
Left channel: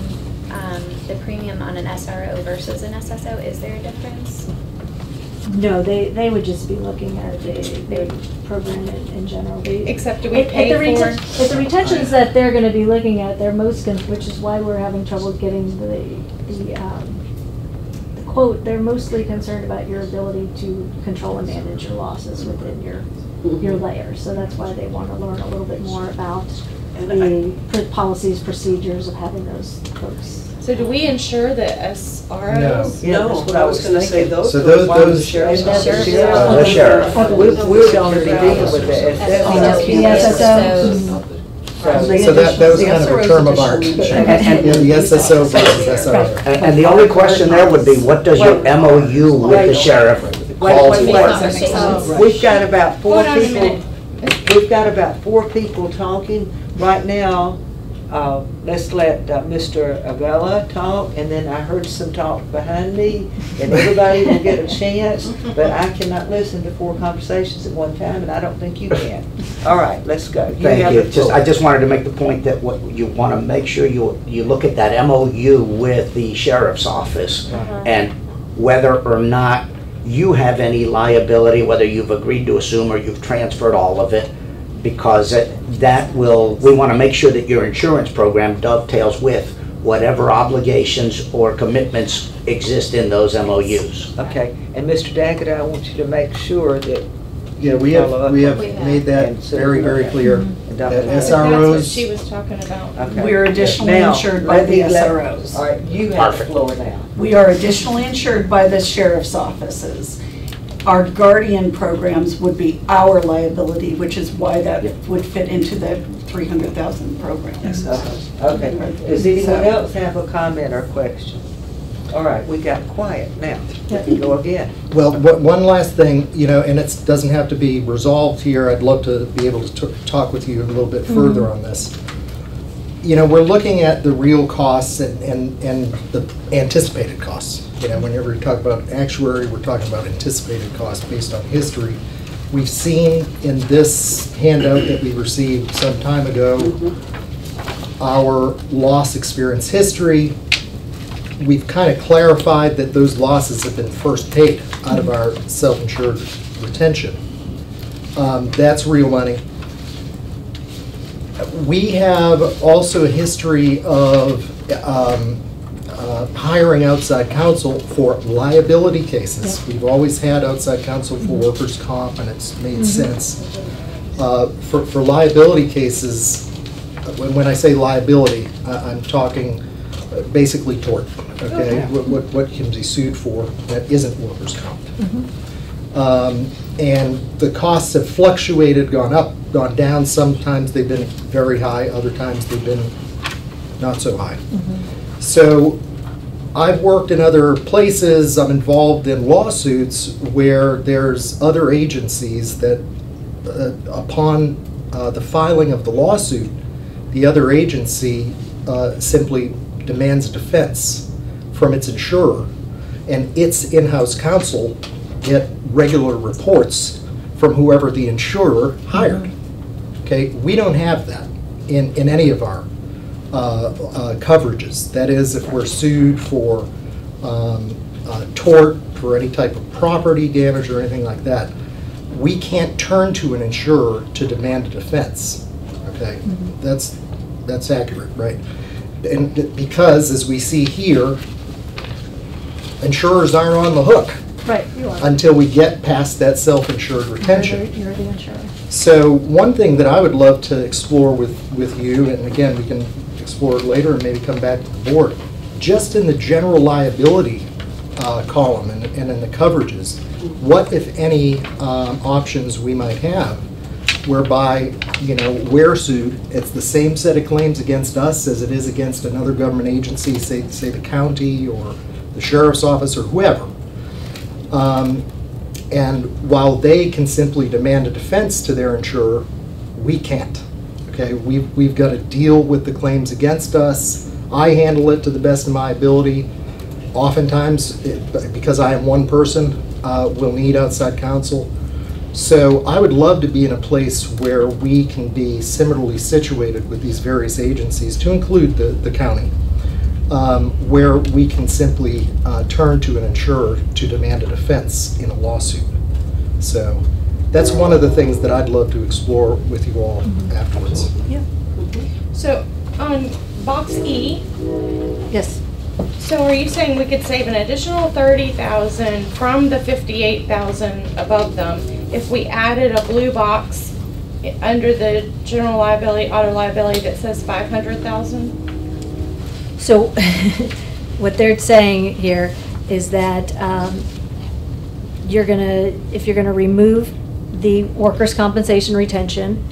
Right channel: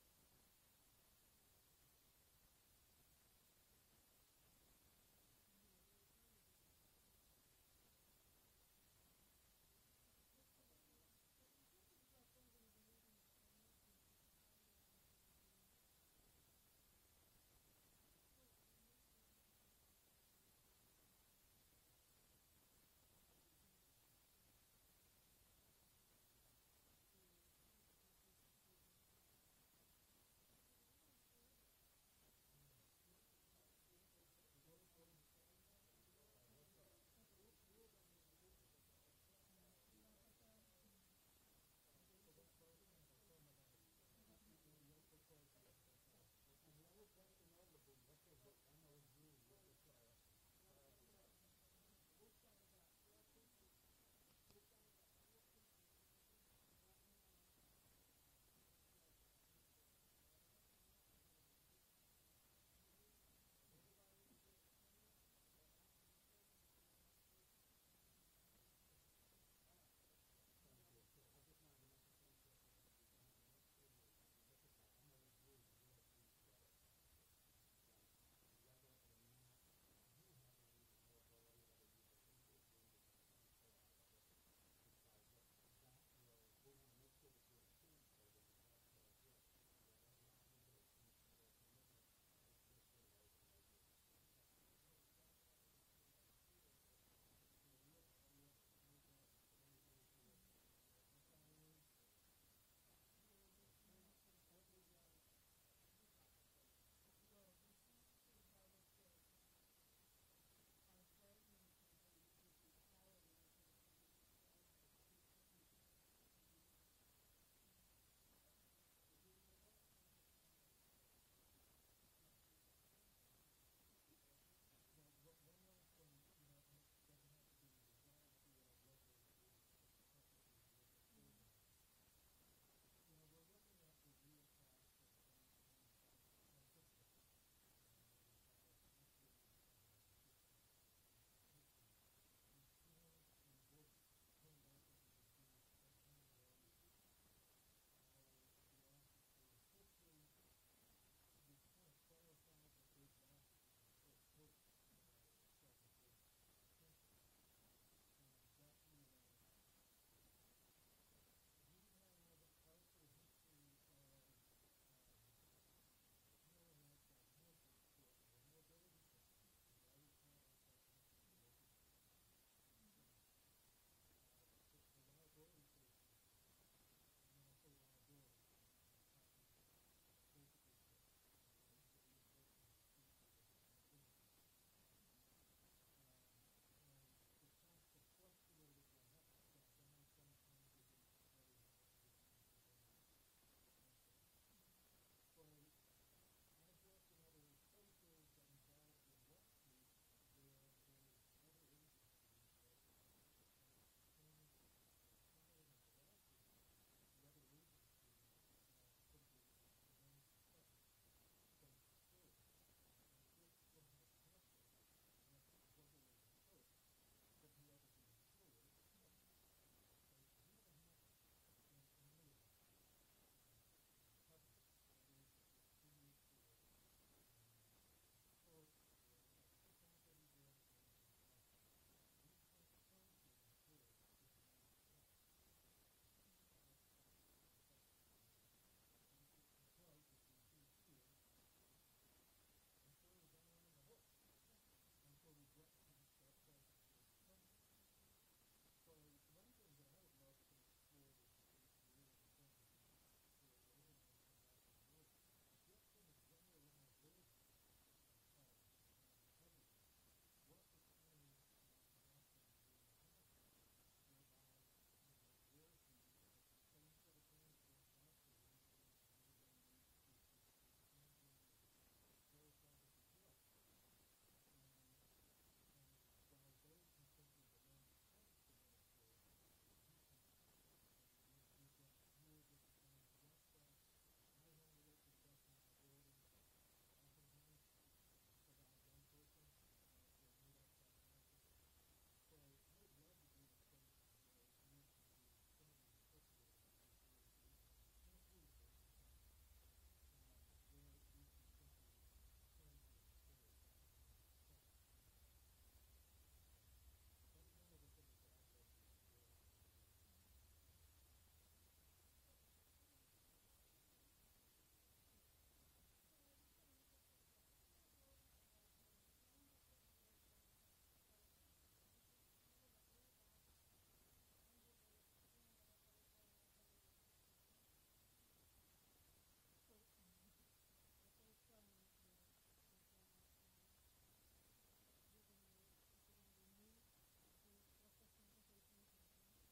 the premium on an SRO versus an SSO? Is there a difference? No, they would just be looking at the program in general. Except do we pay for? At the retentions that they're gonna be looking at, they're which is why we're having trouble getting the quote, they're mostly concerned about your ability to control and manage your losses within your layer. So that's why they want to learn a little bit more about the policies, procedures of having those folks. So do we insure the SROs? Yeah, that's what I was gonna say, thinking. those So are the those- ones those- the sheriff's And that's office. the The sheriff. We're going to be dealing with the The SSO. So that was kind of a term of art. The SSO versus SRO. And the only question there would be, what does your MOU with the sheriff call Wait, for? We've got about four Hold on a people, minute. we've got about 4 people talking right now. Let's let Mr. Avella talk, and then I heard some talk behind me, and everybody will get a chance, but I cannot listen to 4 conversations at one time, and I don't think you can. All right, let's go. Thank have you. the floor. I just wanted to make the point that what you want to make sure you look at that MOU with the sheriff's office, and whether or not you have any liability, whether you've agreed to assume or you've transferred all of it, because we want to make sure that your insurance program dovetails with whatever obligations or commitments exist in those MOUs. Okay, and Mr. Daggett, I want you to make sure that. Yeah, we have made that very, very clear. That That's what SROs, she was talking about. Okay. We're additionally Now, insured by let the me let- SROs. All right, you have the Perfect. floor now. We are additionally insured by the sheriff's offices. Our Guardian programs would be our liability, which is why that would fit into the 300,000 program. Okay, does anyone else have a comment or question? All right, we got quiet now. We can go again. well, one last thing, and it doesn't have to be resolved here. I'd love to be able to talk with you a little bit further on this. we're looking at the real costs and the anticipated costs. Whenever we talk about actuary, we're talking about anticipated costs based on history. We've seen in this handout that we received some time ago, our loss experience history. We've kind of clarified that those losses have been first paid out of our self-insured retention. That's real money. We have also a history of hiring outside counsel for liability cases. We've always had outside counsel for workers' comp, and it's made sense. For liability cases, when I say liability, I'm talking basically tort, okay? What can be sued for that isn't workers' comp. And the costs have fluctuated, gone up, gone down. Sometimes they've been very high, other times they've been not so high. So I've worked in other places, I'm involved in lawsuits where there's other agencies that upon the filing of the lawsuit, the other agency simply demands a defense from its insurer, and its in-house counsel get regular reports from whoever the insurer hired. Okay, we don't have that in any of our coverages. That is, if we're sued for tort, for any type of property damage or anything like that, we can't turn to an insurer to demand a defense. Okay, that's accurate, right? And because, as we see here, insurers aren't on the hook. Right, you are. Until we get past that self-insured retention. You're the insurer. So one thing that I would love to explore with you, and again, we can explore it later and maybe come back to the board, just in the general liability column and in the coverages, what, if any, options we might have whereby, we're sued, it's the same set of claims against us as it is against another government agency, say the county or the sheriff's office or whoever. And while they can simply demand a defense to their insurer, we can't. Okay, we've got to deal with the claims against us. I handle it to the best of my ability. Oftentimes, because I am one person, we'll need outside counsel. So I would love to be in a place where we can be similarly situated with these various agencies, to include the county. Where we can simply turn to an insurer to demand a defense in a lawsuit. So that's one of the things that I'd love to explore with you all afterwards. Yeah. So on box E, Yes. so are you saying we could save an additional 30,000 from the 58,000 above them if we added a blue box under the general liability, auto liability that says 500,000? So what they're saying here is that if you're gonna remove the workers' compensation retention,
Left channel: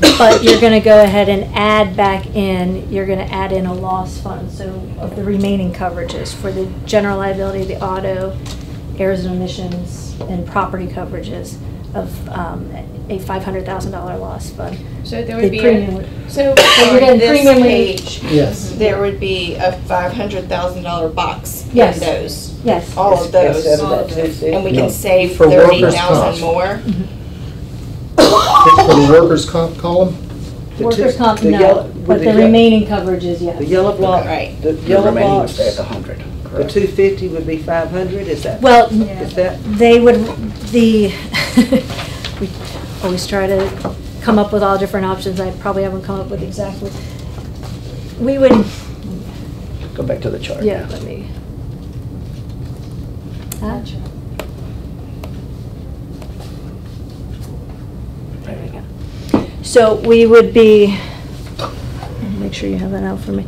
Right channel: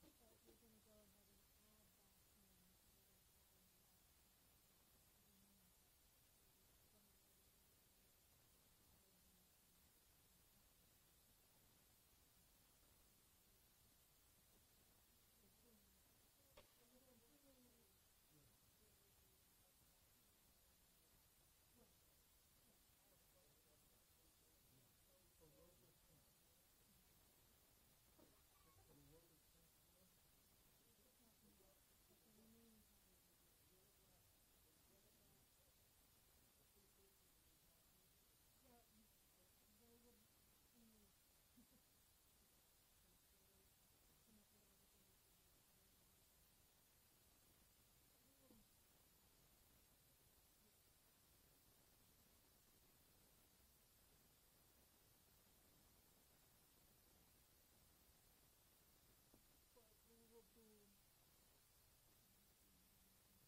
but you're gonna go ahead and add back in, you're gonna add in a loss fund, so of the remaining coverages for the general liability, the auto, errors and omissions, and property coverages of a $500,000 loss fund. So there The would be premium so you're on getting this premium page, Yes. there would be a $500,000 box Yes. in those, Yes. all of those, Instead of that 250. and we No, can save for workers' 30,000 comp. more. For the workers' comp column, The Workers' two- comp, the no, yellow- but the the ye- remaining coverages, yes. The yellow block, Right. the The yellow remaining would box, stay at the 100, the correct? 250 would be 500, is that? Well, Is that? they would, we always try to come up with all different options. I probably haven't come up with exactly. We would, Go back to the chart. yeah, let me. There we go. So we would be, make sure you have that out for me.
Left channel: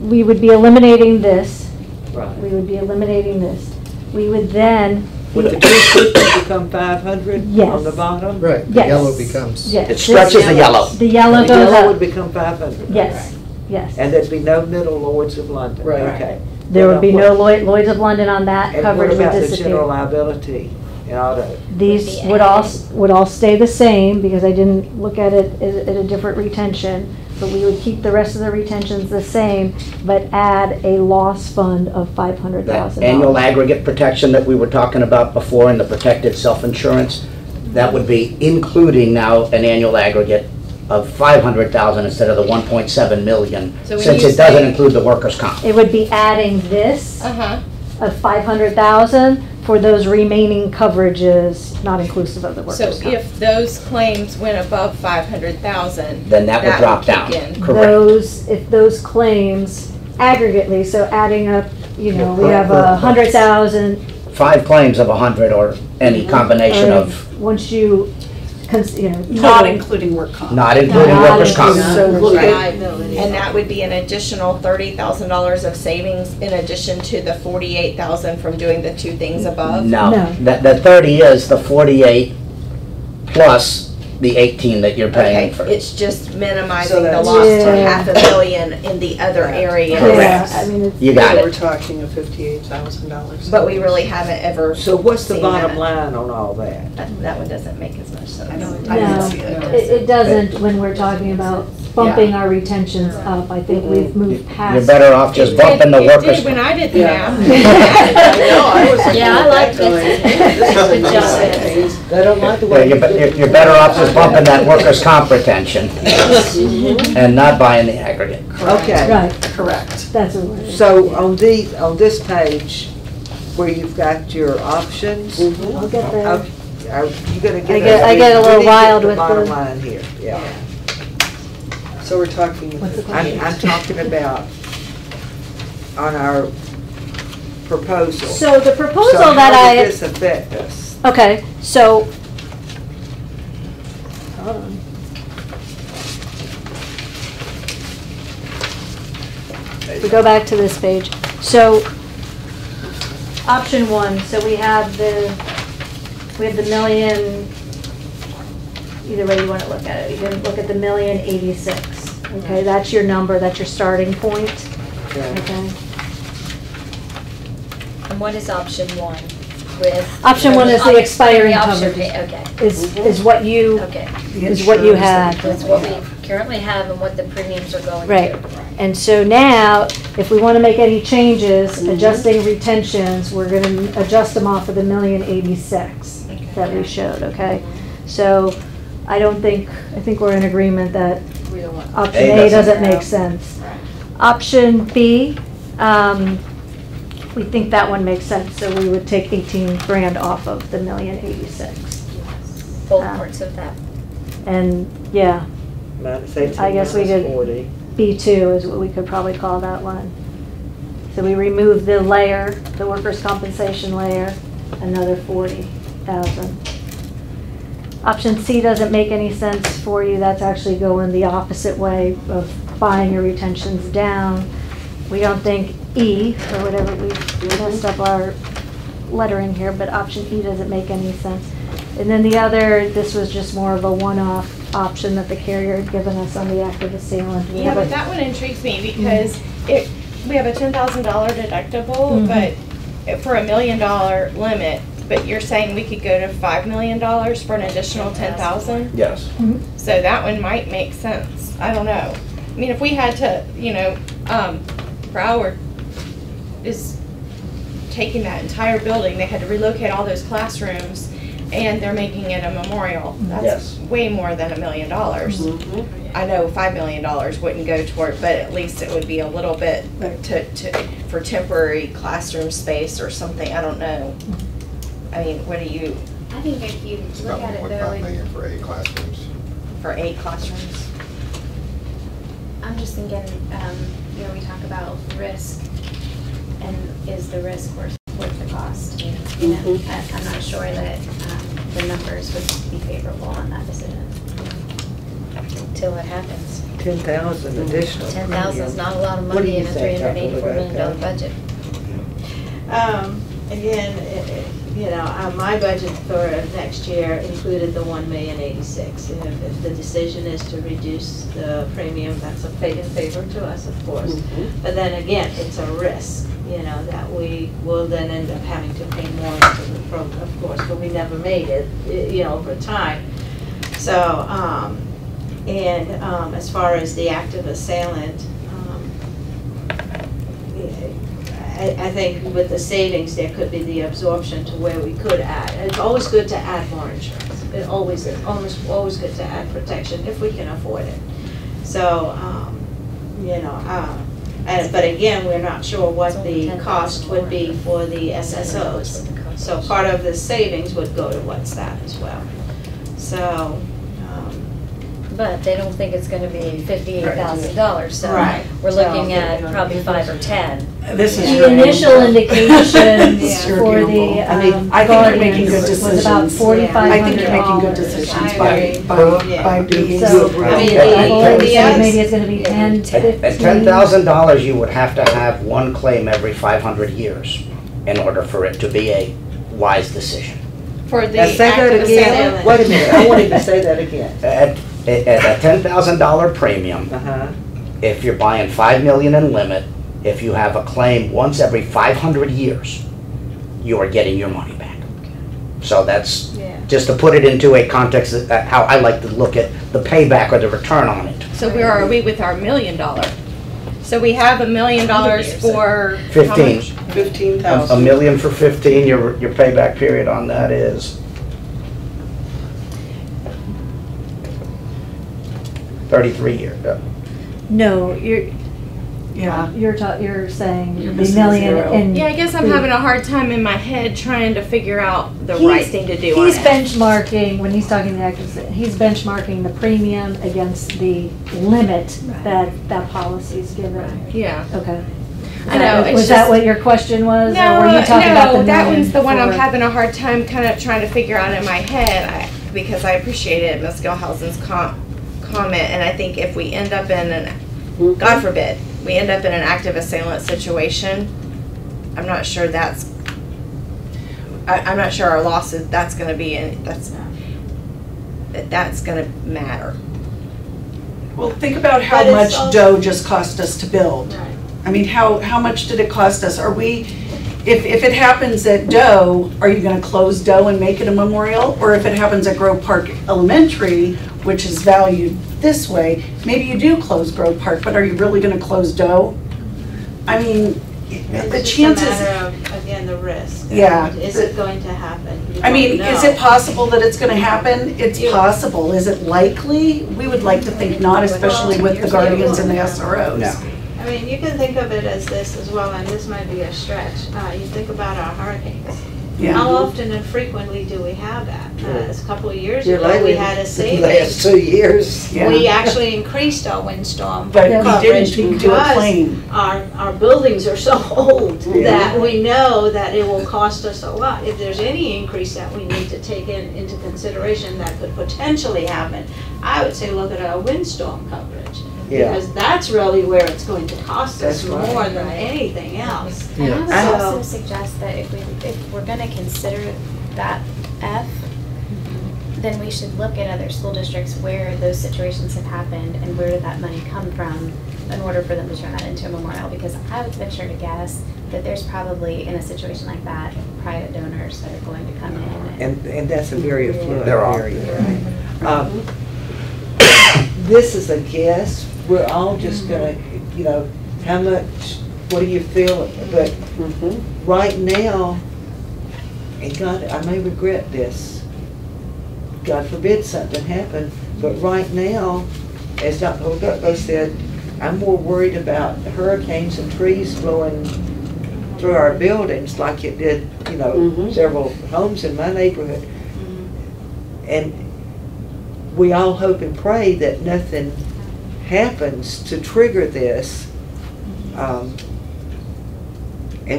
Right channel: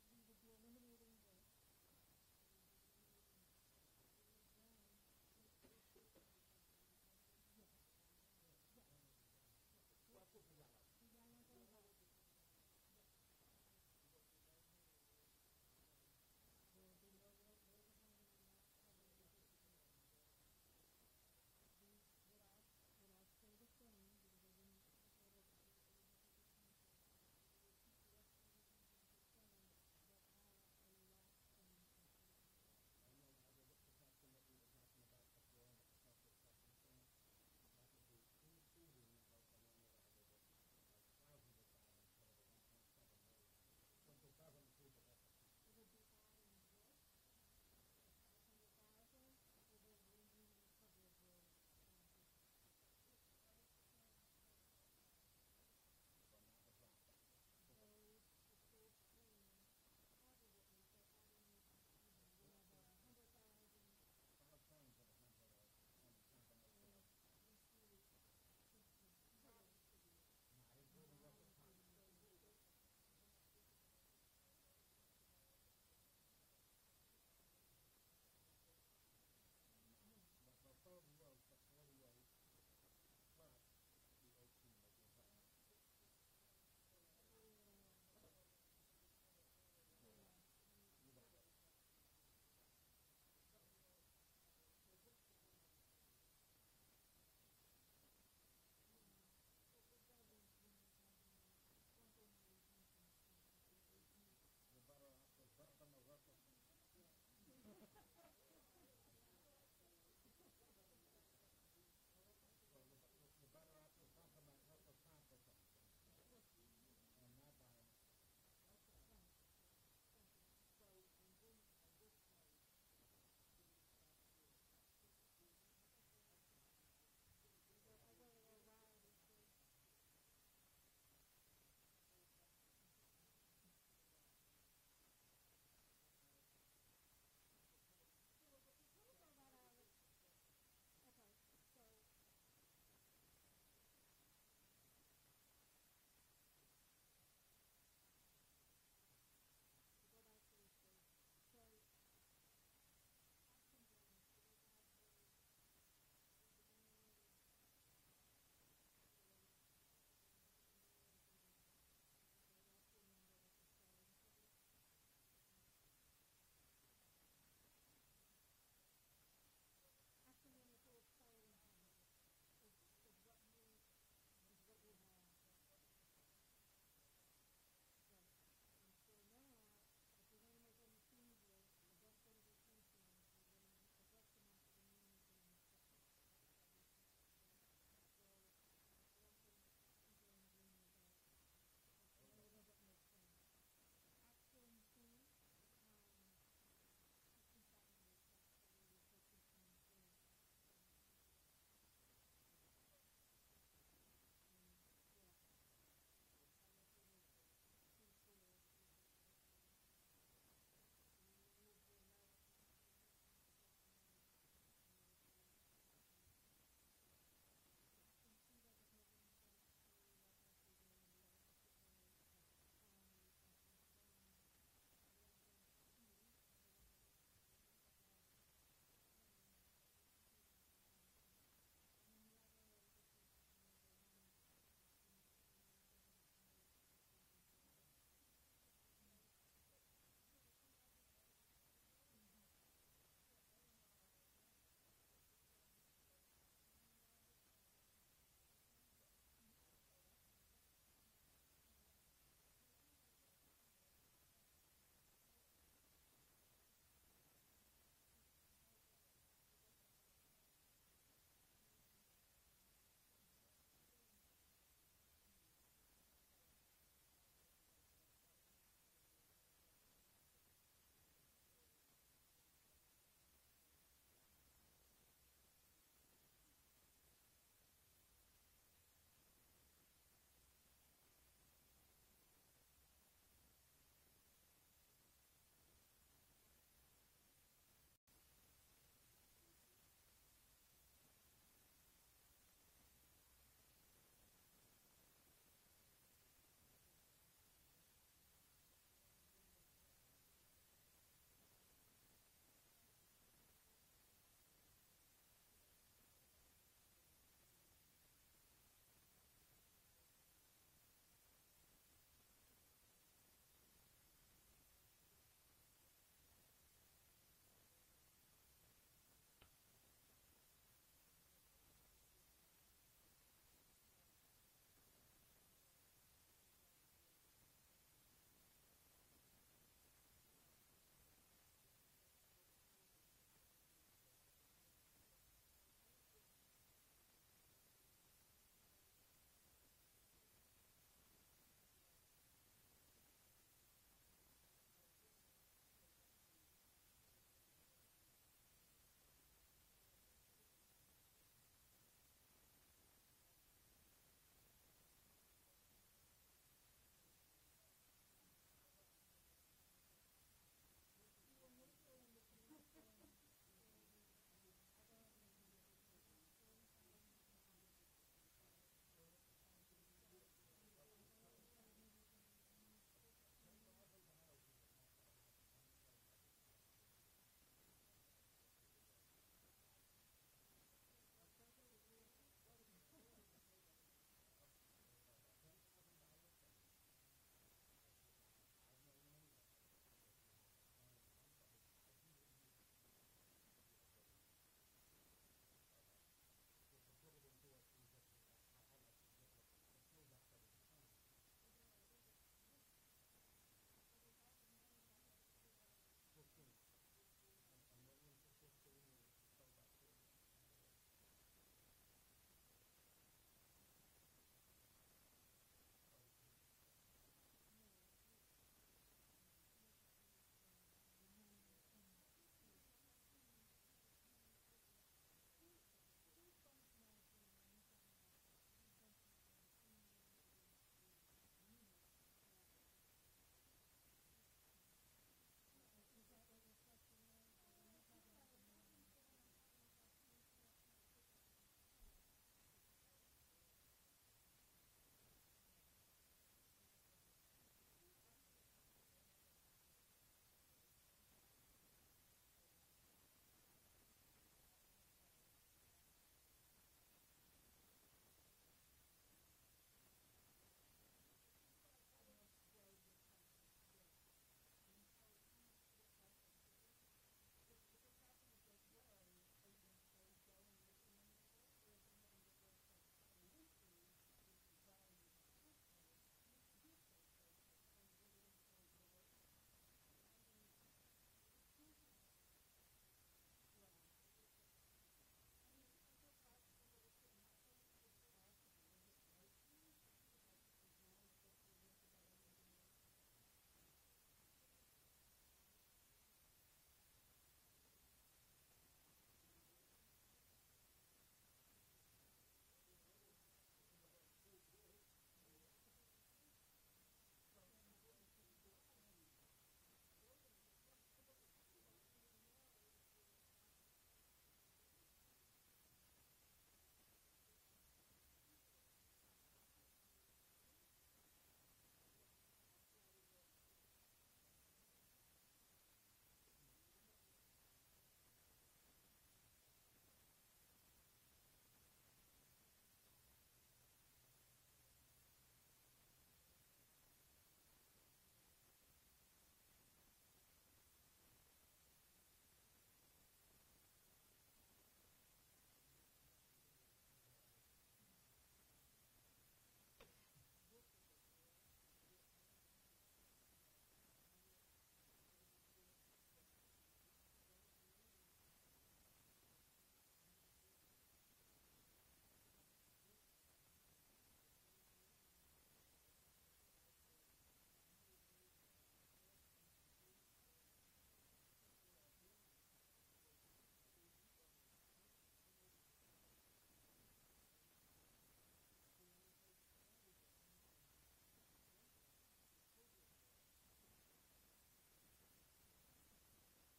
We would be eliminating this. Right. We would be eliminating this. We would then. Would the 250 become 500 Yes. on the bottom? right, the Yes. yellow becomes. Yes. It stretches the yellow. The yellow The goes yellow would up. become 500. Yes, yes. And there'd be no middle Lloyd's of London? Right. Okay. There would be no What- Lloyd's of London on that, And what coverage would about the general disappear. liability and auto? These Would be would all, added. would all stay the same, because I didn't look at it at a different retention. but we would keep the rest of the retentions the same, but add a loss fund of $500,000. That annual aggregate protection that we were talking about before in the protected self-insurance, that would be including now an annual aggregate of 500,000 instead of the 1.7 million, So when since you it doesn't say- include the workers' comp. It would be adding this Uh-huh. of 500,000 for those remaining coverages, not inclusive of the So workers' comp. if those claims went above 500,000, Then that would drop kick down. in. Correct. If those claims aggregately, so adding up, we have Per- 100,000. 5 claims of 100 or any combination or of, Once you, Not including work comp. not including Not workers' comp. including- So look at, Liability. And that would be an additional $30,000 of savings in addition to the 48,000 from doing the two things above? No. No, the 30 is the 48 plus the 18 that you're paying Okay, for. it's just minimizing So the that's- loss to Yeah. $500,000 in the other areas. yeah, I mean, it's. You got So we're it. talking of $58,000. But we really haven't ever. so what's the seen bottom that. line on all that? That one doesn't make as much sense. I know. I didn't No, see it. it doesn't when we're talking about bumping our retentions up. I think we've moved past. You're better off just It bumping the did- workers' It did when I did the Yeah. math. I know, I was looking Yeah, I at like that going, this. Good job. this is They don't like the Yeah, way. you're better off just bumping that workers' comp retention and not buying the aggregate. Okay, Right, Correct. that's what we're. so on this page, where you've got your options, I'll get there. are you gonna get? I get a little we need to get wild the with bottom the- line here, yeah. So we're talking. What's the question? I'm talking about on our proposal. So the proposal So that how I. would this affect us? Okay, so. Hold on. We go back to this page. So, option one, so we have the million, either way you want to look at it. You can look at the 1,086,000. Okay, that's your number, that's your starting point. Okay. Okay. And what is option one with? Option one is the expiring option coverage. pay, okay, Is what you, okay. is what you had. That's what we currently have and what the premiums are going to. Right. And so now, if we want to make any changes, adjusting retentions, we're going to adjust them off of the 1,086,000 that we showed, okay? So I think we're in agreement that We don't want. option A A doesn't doesn't make sense. Option B, we think that one makes sense, so we would take 18 grand off of the 1,086,000. Both parts of that. And, yeah, Minus 18, I guess we minus could- 40. B2 is what we could probably call that one. So we remove the layer, the workers' compensation layer, another 40,000. Option C doesn't make any sense for you, that's actually going the opposite way of buying your retentions down. We don't think E, or whatever, we messed up our lettering here, but option E doesn't make any sense. And then the other, this was just more of a one-off option that the carrier had given us on the active assailant. We Yeah, have a- but that one intrigues me because we have a $10,000 deductible, Mhm. but for $1 million limit, but you're saying we could go to $5 million for an additional 10,000? Yes. So that one might make sense. I don't know. I mean, if we had to, Broward is taking that entire building, they had to relocate all those classrooms, and they're making it a memorial. That's Yes. way more than $1 million. I know $5 million wouldn't go toward, but at least it would be a little bit for temporary classroom space or something. I don't know. I mean, what do you, I think if you It's look about at it 1.5 though, million for 8 classrooms. for 8 classrooms? I'm just thinking, we talk about risk, and is the risk worth the cost? I'm not sure that the numbers would be favorable on that decision. Till it happens. 10,000 additional. 10,000 is not a lot of What do money you in a think, $384 million Dr. budget. Again, my budget for next year included the 1,086,000. If the decision is to reduce the premium, that's in favor to us, of course. But then again, it's a risk, that we will then end up having to pay more into the program, of course, but we never made it, over time. So, And as far as the active assailant, I think with the savings, there could be the absorption to where we could add. It's always good to add more insurance. It always is, always good to add protection if we can afford it. So, you know, but again, we're not sure what the cost would be for the SSOs. So part of the savings would go towards that as well. So, But they don't think it's gonna be $58,000, so Right. we're looking at probably 5 or 10. This is The your initial indications Your for gamble. the I mean, I think you're making good Guardians was about decisions. $4,500. I think you're making good decisions by being. So, I mean, I've already said the- maybe it's gonna be 10, At 15. $10,000, you would have to have one claim every 500 years in order for it to be a wise decision. For the Now say that active again. assailant. Wait a minute, I want him to say that again. At a $10,000 premium, Uh-huh. if you're buying 5 million in limit, if you have a claim once every 500 years, you are getting your money back. So that's, just to put it into a context, of how I like to look at the payback or the return on it. So where are we with our $1 million? So we have $1 million for how 15. much? A 15,000. million for 15, your payback period on that is 33 years. No, Yeah. you're saying You're the missing a million zero. and. Yeah, I guess I'm having a hard time in my head trying to figure out the He's- right thing to do on He's it. benchmarking, when he's talking to the actors, he's benchmarking the premium against the limit that policy's given. Yeah. Okay. I know, it's Was that just- what your question was? No, or were you talking about the that million one's the one I'm for- having a hard time kind of trying to figure out in my head because I appreciated Ms. Gilhousen's comment, and I think if we end up in an, God forbid, we end up in an active assailant situation, I'm not sure I'm not sure our losses, that's gonna be, that's gonna matter. Well, think about how But it's much also- dough just cost us to build. Right. I mean, how much did it cost us? Are we, if it happens at Doe, are you gonna close Doe and make it a memorial? Or if it happens at Grove Park Elementary, which is valued this way, maybe you do close Grove Park, but are you really gonna close Doe? I mean, the It's just a chances, matter of, again, the risk. Yeah. Is it going to happen? You I mean, don't is know. it possible that it's gonna happen? It's You- possible. Is it likely? We would like to think not, especially with the Guardians and the SROs. No. I mean, you can think of it as this as well, and this might be a stretch. You think about our hurricanes. Yeah. How often and frequently do we have that? A couple of years Here ago, we lately, had a the savings. last 2 years. Yeah. We actually increased our windstorm But we coverage didn't do a because claim. our buildings are so old Yeah. that we know that it will cost us a lot. If there's any increase that we need to take into consideration that could potentially happen, I would say look at our windstorm coverage. Yeah. Because that's really where it's going to cost us That's right. more than anything else. And I Yeah. would So- also suggest that if we're gonna consider that F, then we should look at other school districts where those situations have happened and where did that money come from in order for them to turn that into a memorial, because I would venture to guess that there's probably, in a situation like that, private donors that are going to come in. And that's a very affluent There are. area. This is a guess, we're all just gonna, how much, what do you feel, but right now, and God, I may regret this, God forbid something happen, but right now, as Dr. Holgutbo said, I'm more worried about hurricanes and trees blowing through our buildings like it did, several homes in my neighborhood. And we all hope and pray that nothing happens to trigger this. And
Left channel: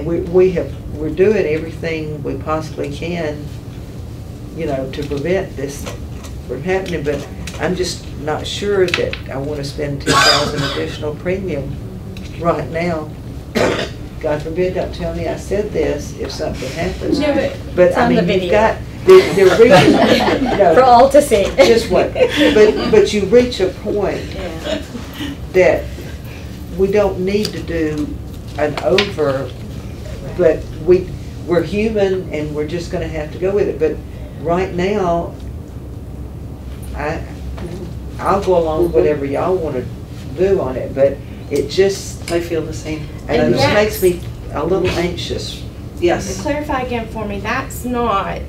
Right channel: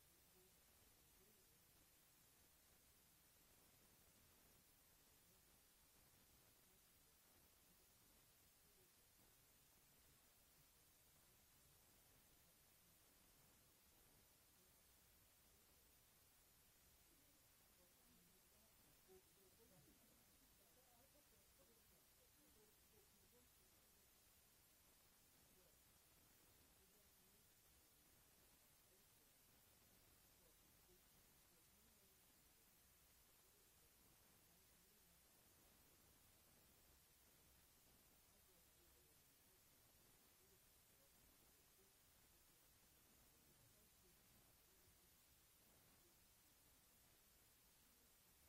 we're doing everything we possibly can, to prevent this from happening, but I'm just not sure that I want to spend $2,000 additional premium right now. God forbid, don't tell me I said this if something happens. No, but But it's I on the mean, you've video. got, they're reaching, For all to see. just what, but you reach a point Yeah. that we don't need to do an over, but we're human and we're just gonna have to go with it. But right now, I'll go along with whatever y'all wanna do on it, but it just, I feel the same. and it just yes. makes me a little anxious. Yes. Clarify again for me, that's not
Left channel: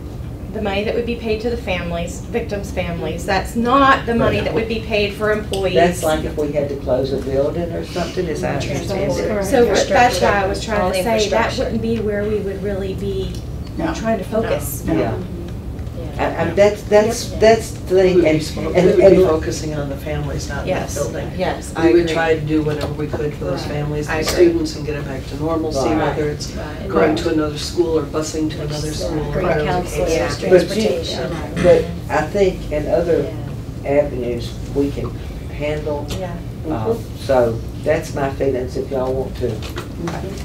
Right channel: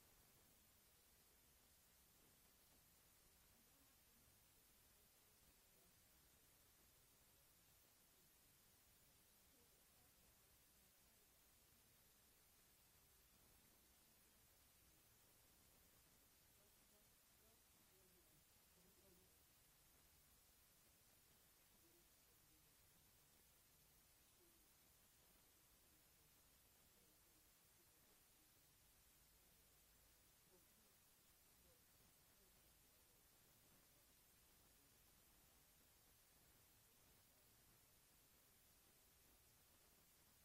the money that would be paid to the families, victims' families. That's not the money that would be paid for employees. That's like if we had to close a building or something, as I understand it. So that's why I was All trying the to say, that infrastructure. wouldn't be where we would really be trying to focus. Yeah. That's the thing, We and would be focusing on the families, not that Yes, building. yes, I We would agree. try to do whatever we could for those Right. families I and agree. students and get it back to normalcy, Right. whether it's Right. going to another school or busing to another school. or Bring whatever the counselors, case is. transportation. But I think in other avenues, we can handle, Yeah. so that's my feelings if y'all want to.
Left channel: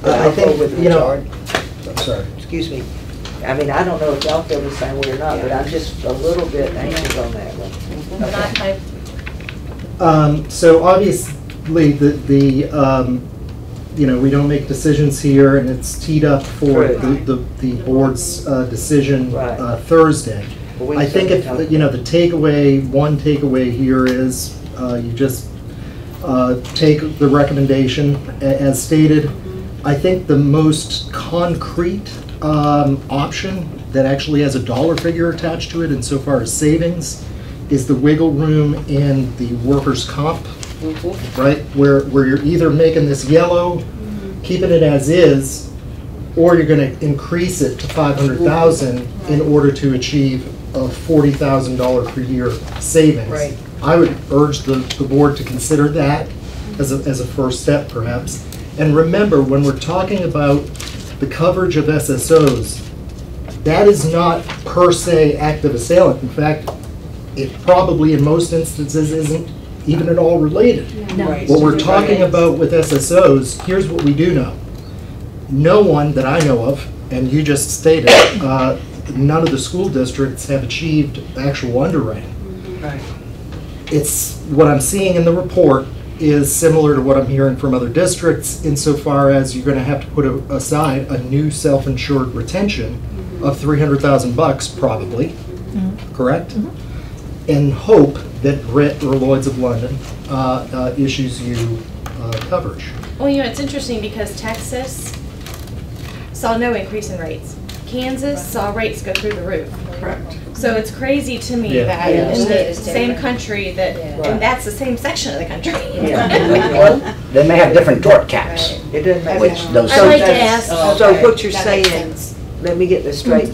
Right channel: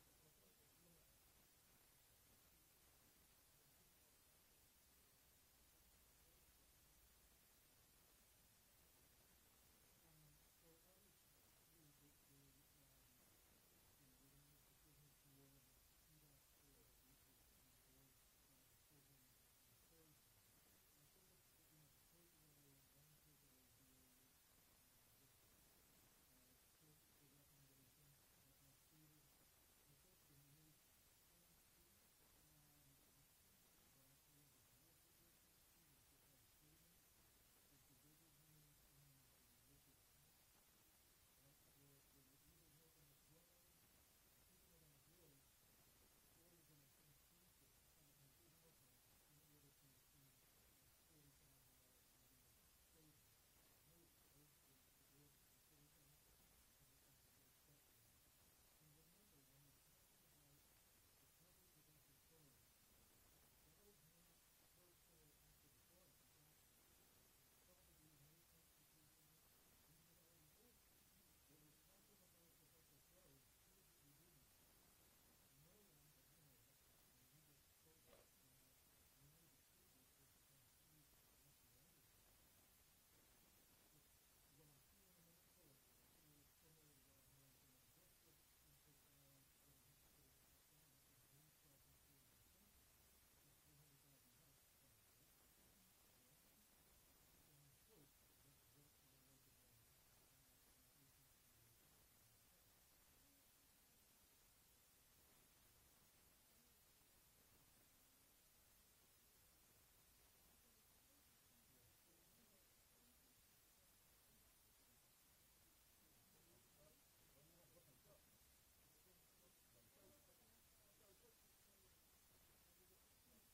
I think, with the you know, chart. I'm sorry. Excuse me. I mean, I don't know if y'all feel the same way or not, but I'm just a little bit anxious on that one. But I So obviously, you know, we don't make decisions here, and it's teed up for Right. the board's decision Right. Thursday. But we I think can if, talk- you know, one takeaway here is, you just take the recommendation as stated. I think the most concrete option that actually has a dollar figure attached to it insofar as savings is the wiggle room in the workers' comp, right? Where you're either making this yellow, keeping it as is, or you're gonna increase it to 500,000 in order to achieve a $40,000 per year savings. Right. I would urge the board to consider that as a first step perhaps. And remember, when we're talking about the coverage of SSOs, that is not per se active assailant. In fact, it probably in most instances isn't even at all related. Right. What we're talking about with SSOs, here's what we do know. No one that I know of, and you just stated, none of the school districts have achieved actual underwriting. Right. It's, what I'm seeing in the report is similar to what I'm hearing from other districts insofar as you're gonna have to put aside a new self-insured retention of $300,000 probably, correct? And hope that Britt or Lloyd's of London issues you coverage. Well, you know, it's interesting because Texas saw no increase in rates. Kansas saw rates go through the roof. Correct. So it's crazy to me Yeah. that Yeah. in State the is same different. country that, Yeah. and that's the same section of the country. Yeah. They may have different tort caps, It doesn't make. which those. I'd like to that's- ask. So what you're That makes saying, sense. let me get this straight.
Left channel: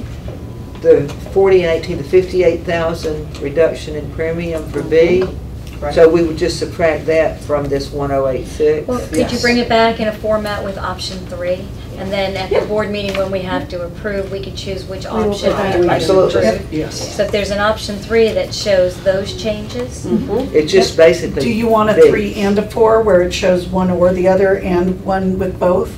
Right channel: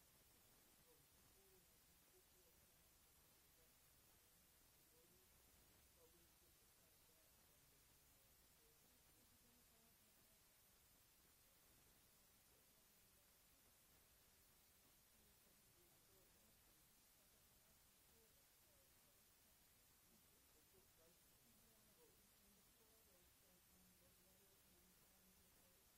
The 40 and 18, the 58,000 reduction in premium for B, Right. so we would just subtract that from this 1086? Well, could you bring it back in a format with option 3? And then at the board meeting, when we have to approve, we could choose which We will option put that we in. would Absolutely. approve. Yes. So if there's an option 3 that shows those changes, It's just basically. Do you want a B. 3 and a 4 where it shows one or the other and one with both?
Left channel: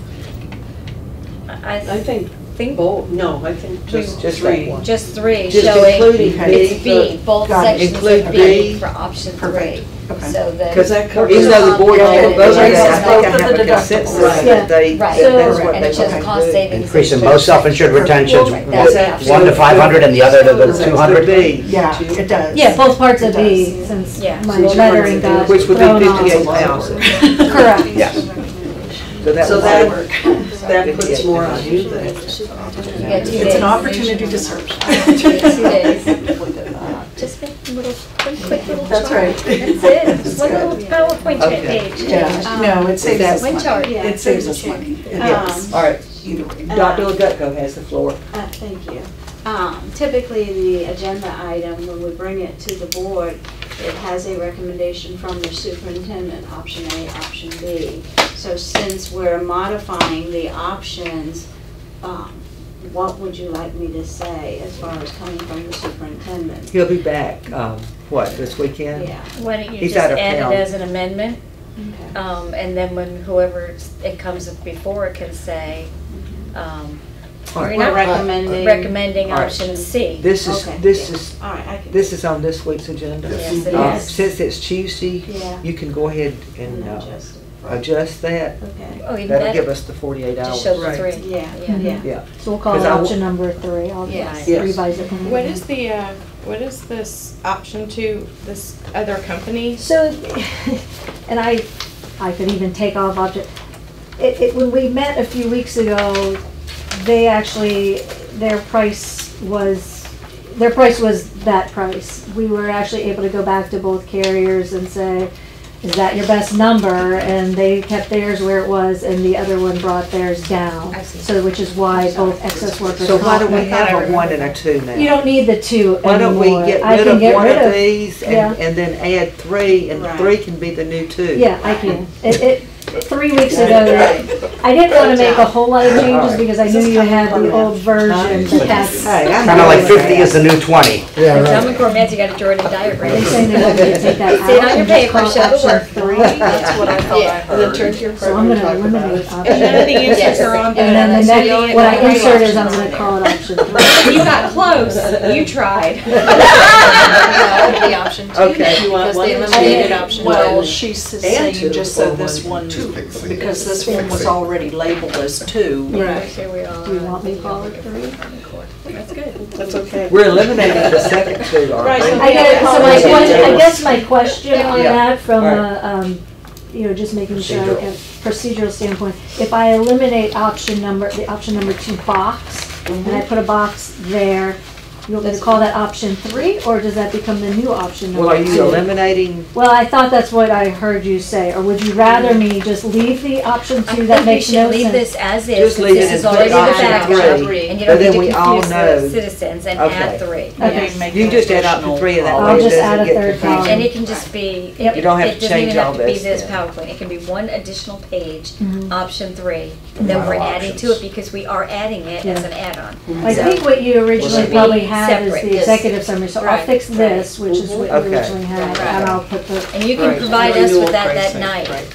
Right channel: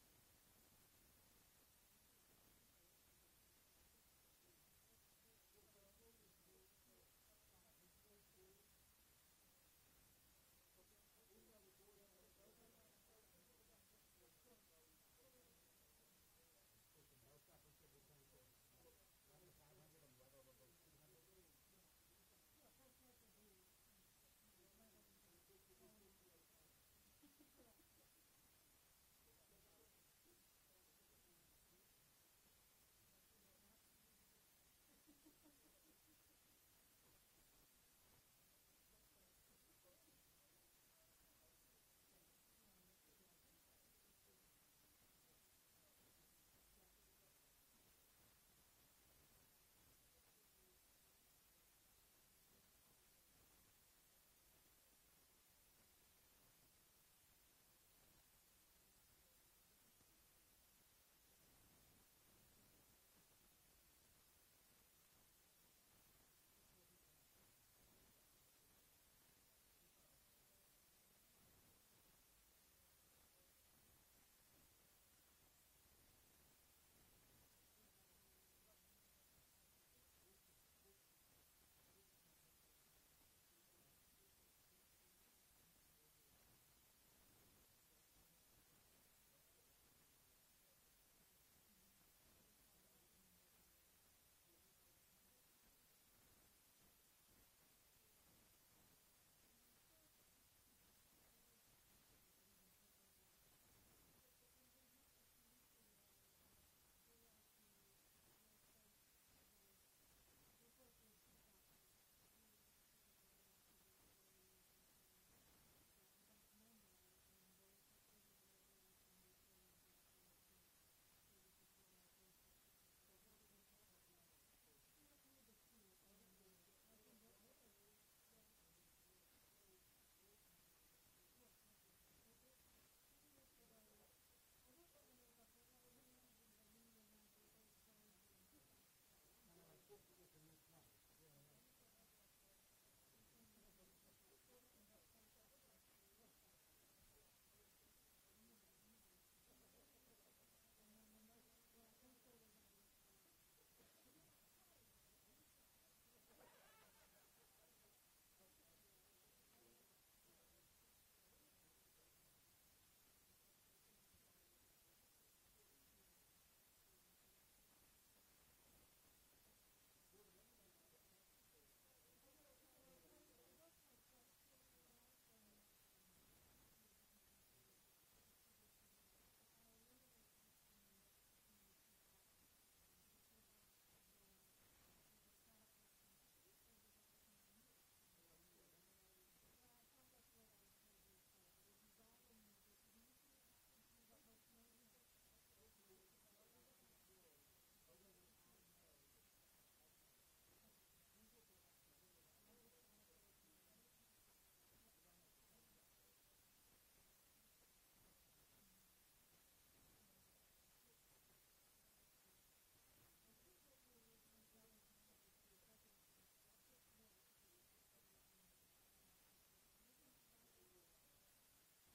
I I think think both, no, I think just Just three. that one. just 3 Just showing including it's B. B, both Got it. sections Include of B. B for option 3. Perfect. Okay. So that. Because that covers- even though the board Yeah, didn't vote on it that, I shows think I both of have the a consensus deductibles. that they, Right, that's what and they it shows want cost to do. savings. Increasing both self-insured retentions, Right, that's the option. one to 500 and the other to the 200. B, Yeah, it does. Yeah, both parts of It B, does. since Yeah. my Since lettering yours- got which would thrown be off. 58,000. Correct. Yes. So that So would that, work. that puts more on you then. You got 2 It's days. an opportunity to search. 2 days. Just make a little, quick little chart. That's right. That's it, just one little PowerPoint Okay. page. Yeah, no, it saves us One money. chart. It saves us money. It Yes, does. all right. Either way. Dr. Legutko has the floor. Thank you. Typically, the agenda item, when we bring it to the board, it has a recommendation from the superintendent, option A, option B. So since we're modifying the options, what would you like me to say as far as coming from the superintendent? He'll be back, what, this weekend? Yeah. Why don't you He's just out of add town. it as an amendment? Okay. And then when whoever it comes up before it can say, All right. you're not We're recommending. recommending All right. option C. This is, Okay. this is, All right, I can. this is on this week's agenda. Yes, it Uh, is. Since it's Tuesday, Yeah. you can go ahead and adjust it. adjust that, Okay. Oh, even that'll give better, us the 48 hours. just show the Right. three. Yeah, Yeah. yeah. Yeah. So we'll call it 'Cause I w- option number 3. I'll Yes. just Yes. revise it. What is the, what is this option to this other company? So, and I could even take off object, when we met a few weeks ago, they actually, their price was that price. We were actually able to go back to both carriers and say, is that your best number? And they kept theirs where it was, and the other one brought theirs down. I see. So, which is why both excess workers. So why do comp- we have a 1 and a 2 now? You don't need the 2 Why don't we anymore. get I rid can of get one rid of of- these yeah. and then add 3, and Right. 3 can be the new 2? Yeah, I can. 3 weeks ago, I didn't want to make a whole lot of changes because I knew you had the old version, but that's. Hey, I'm Kind of like good with 50 that. is the new 20. Yeah, And right. John McCormack, you got a Jordan Are they diagram. saying they want me to take that out? See it on your and just paper, call show the option work. 3? That's what I thought I heard. And then turn to your So I'm program gonna and talk about eliminate it. option. And none of the answers Yes. are on the. And then the That's next, the only what I one. insert is I'm Option gonna on call it option 3. You got close, you tried. No, the option 2. Okay. You want Because one they or two? eliminated option 2. Well, she's And saying two, just or so this one. one, Just pick three. because this one was already labeled as 2. Right. Here we are. Do you want me to call it 3? That's good. That's okay. We're eliminating the second 2, aren't Right, we? so I get it, so my Yeah. question, I guess my question on Yeah. that from Right. just making sure, Procedural. a procedural standpoint, if I eliminate the option number 2 box, and I put a box there, you want me to call that option 3, or does that become the new option Well, number are 2? you eliminating, Well, I thought that's what I heard you say, or would you rather me just leave the option 2 that makes no I think we should leave sense? this as is, Just since leave it this and is put already the option backup, 3, and you but don't then need we to all confuse know. the citizens and Okay. add 3. Okay. You just add option 3 and that I'll way it just add doesn't a get third confusing. column. And it can just be, Yep. You don't have it to doesn't change even all have to be this this then. PowerPoint, it can be one additional page, Mhm. option 3, and then we're Wow. adding to it because we are adding it as Yeah. an add-on. I So- think what you originally should probably be had is separate, the yes. executive summary, so I'll Right, fix this, which is what you Okay. originally had, Right. and I'll put the, And you can Right. provide us Renewal with that pricing, night. right.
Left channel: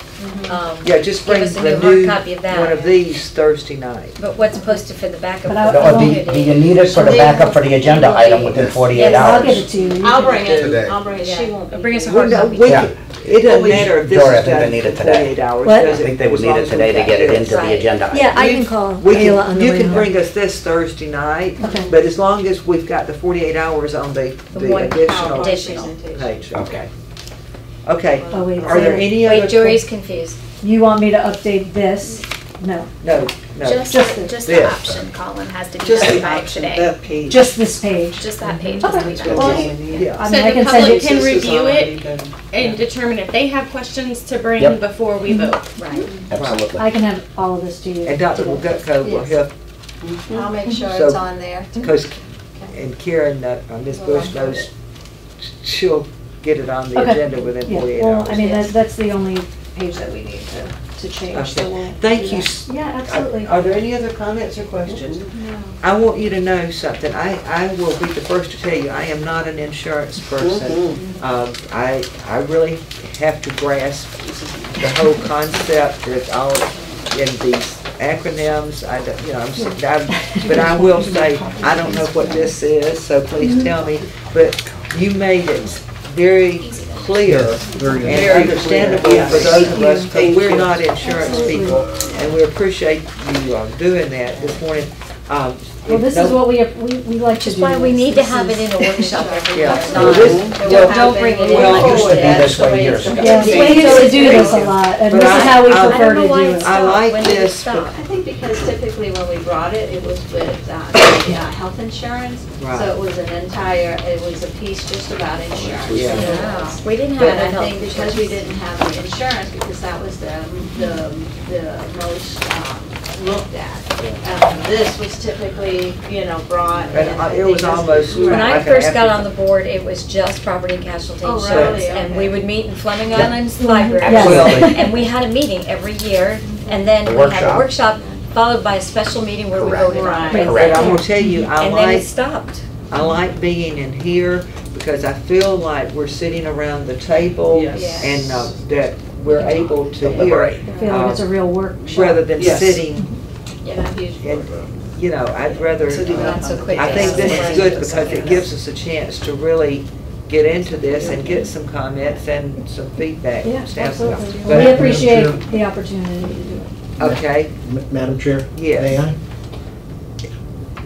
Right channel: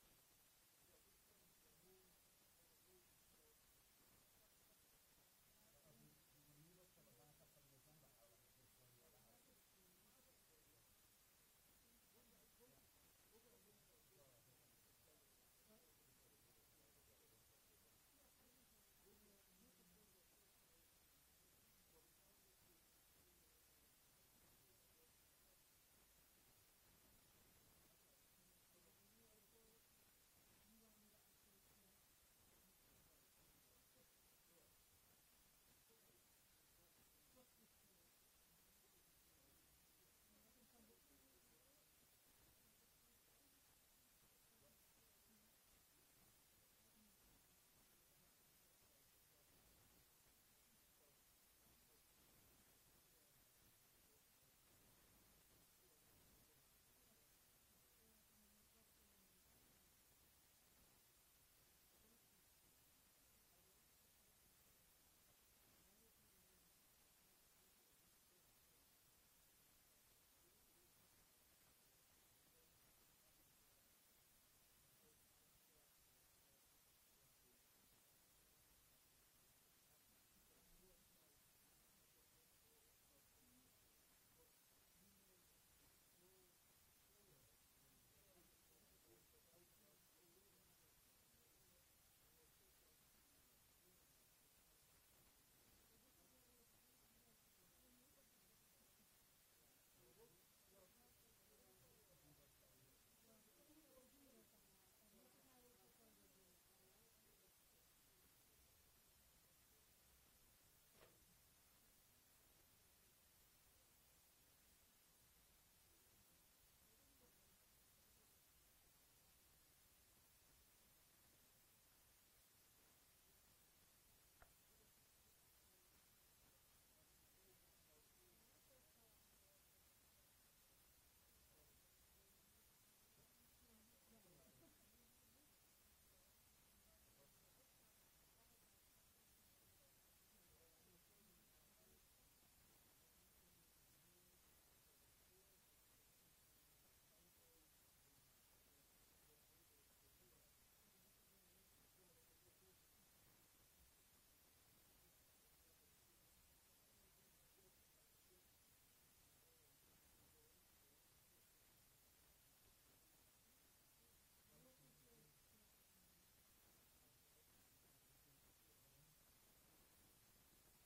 Yeah, just Give bring us a the new hard new, copy of that. one of these Thursday night. But what's posted for the backup? But I- for the I Do won't- you need it for the backup for the agenda item within 48 Yes. I'll hours? give it to you. You I'll can- bring it, Today. I'll bring it, she won't be. Bring us a here. hard Well, no, copy. we Yeah. could- It doesn't matter if this Dora, I is think they done need in it today. 48 hours. What? does I it? think they would As need long it as today to we've get it got into this. the agenda item. Yeah, I can call We Kayla on can, the you way can home. bring us this Thursday night, Okay. but as long as we've got the 48 hours on the one additional additional. page. Okay. Okay. Oh, wait, Are there say- any other? Wait, Jory's confused. You want me to update this? No, No, no. Just Just the this. option column has to be Just done the by option, today. that page. just this page. Just that page has to be done Well, today. Yeah. I So mean, I the can send public it, can This is review already it done. and determine if they have questions to bring Yep. before we vote. Right. Absolutely. I can have all of this to you. And Dr. today. Gutko will Yes. help, I'll make sure So- it's on there. because, and Karen, Ms. Bush knows, she'll get it on the Okay. agenda within Yeah, 48 well, hours. I mean, that's the only page that we need to change, so Okay. we'll. Thank do you. that. Yeah, absolutely. Are there any other comments or questions? I want you to know something. I will be the first to tell you, I am not an insurance person. I really have to grasp the whole concept. It's all in these acronyms. I don't, you know, but I will say, I don't know what this is, so please tell me. But you made it very clear Very good. and understandable for those of us, because Thank we're you. not insurance people, and we appreciate you doing that this morning. Well, this is what we like to do. Which is why we this. need to This have it is- in a workshop every Yeah. month. Well, this- Don't bring it in. Well, it like used to be that. this way years ago. Yes, we used to do this a lot, and But this is how we I- I prefer don't to know why do it's it. I like When did it this, stop? I think because typically when we brought it, it was with the health insurance. Right. So it was it was a piece just about insurance. Yeah. Wow. We didn't have But a I health think because we didn't have the insurance, because that was the most looked at. This was typically, brought. And it was almost When I like an first got after- on the board, it was just property and casualty Oh, insurance. really? And Okay. we would meet in Fleming Island's library. Absolutely. And we had a meeting every year, and then A we had a workshop. workshop followed by a special meeting where we Correct. voted on Right. it. But I'm gonna tell you, And then it stopped. I like being in here because I feel like we're sitting around the table Yes. and that we're able to hear Deliberate. I feel like it's a real workshop. rather than Yes. sitting, Yeah, huge. I'd rather, Sitting Not so quick. I think this is Right. good because it gives us a chance to really get into this and get some comments and some feedback. Yeah, standpoint. absolutely. But- We appreciate the opportunity to do it. Okay, Madam Chair? Yes. May I?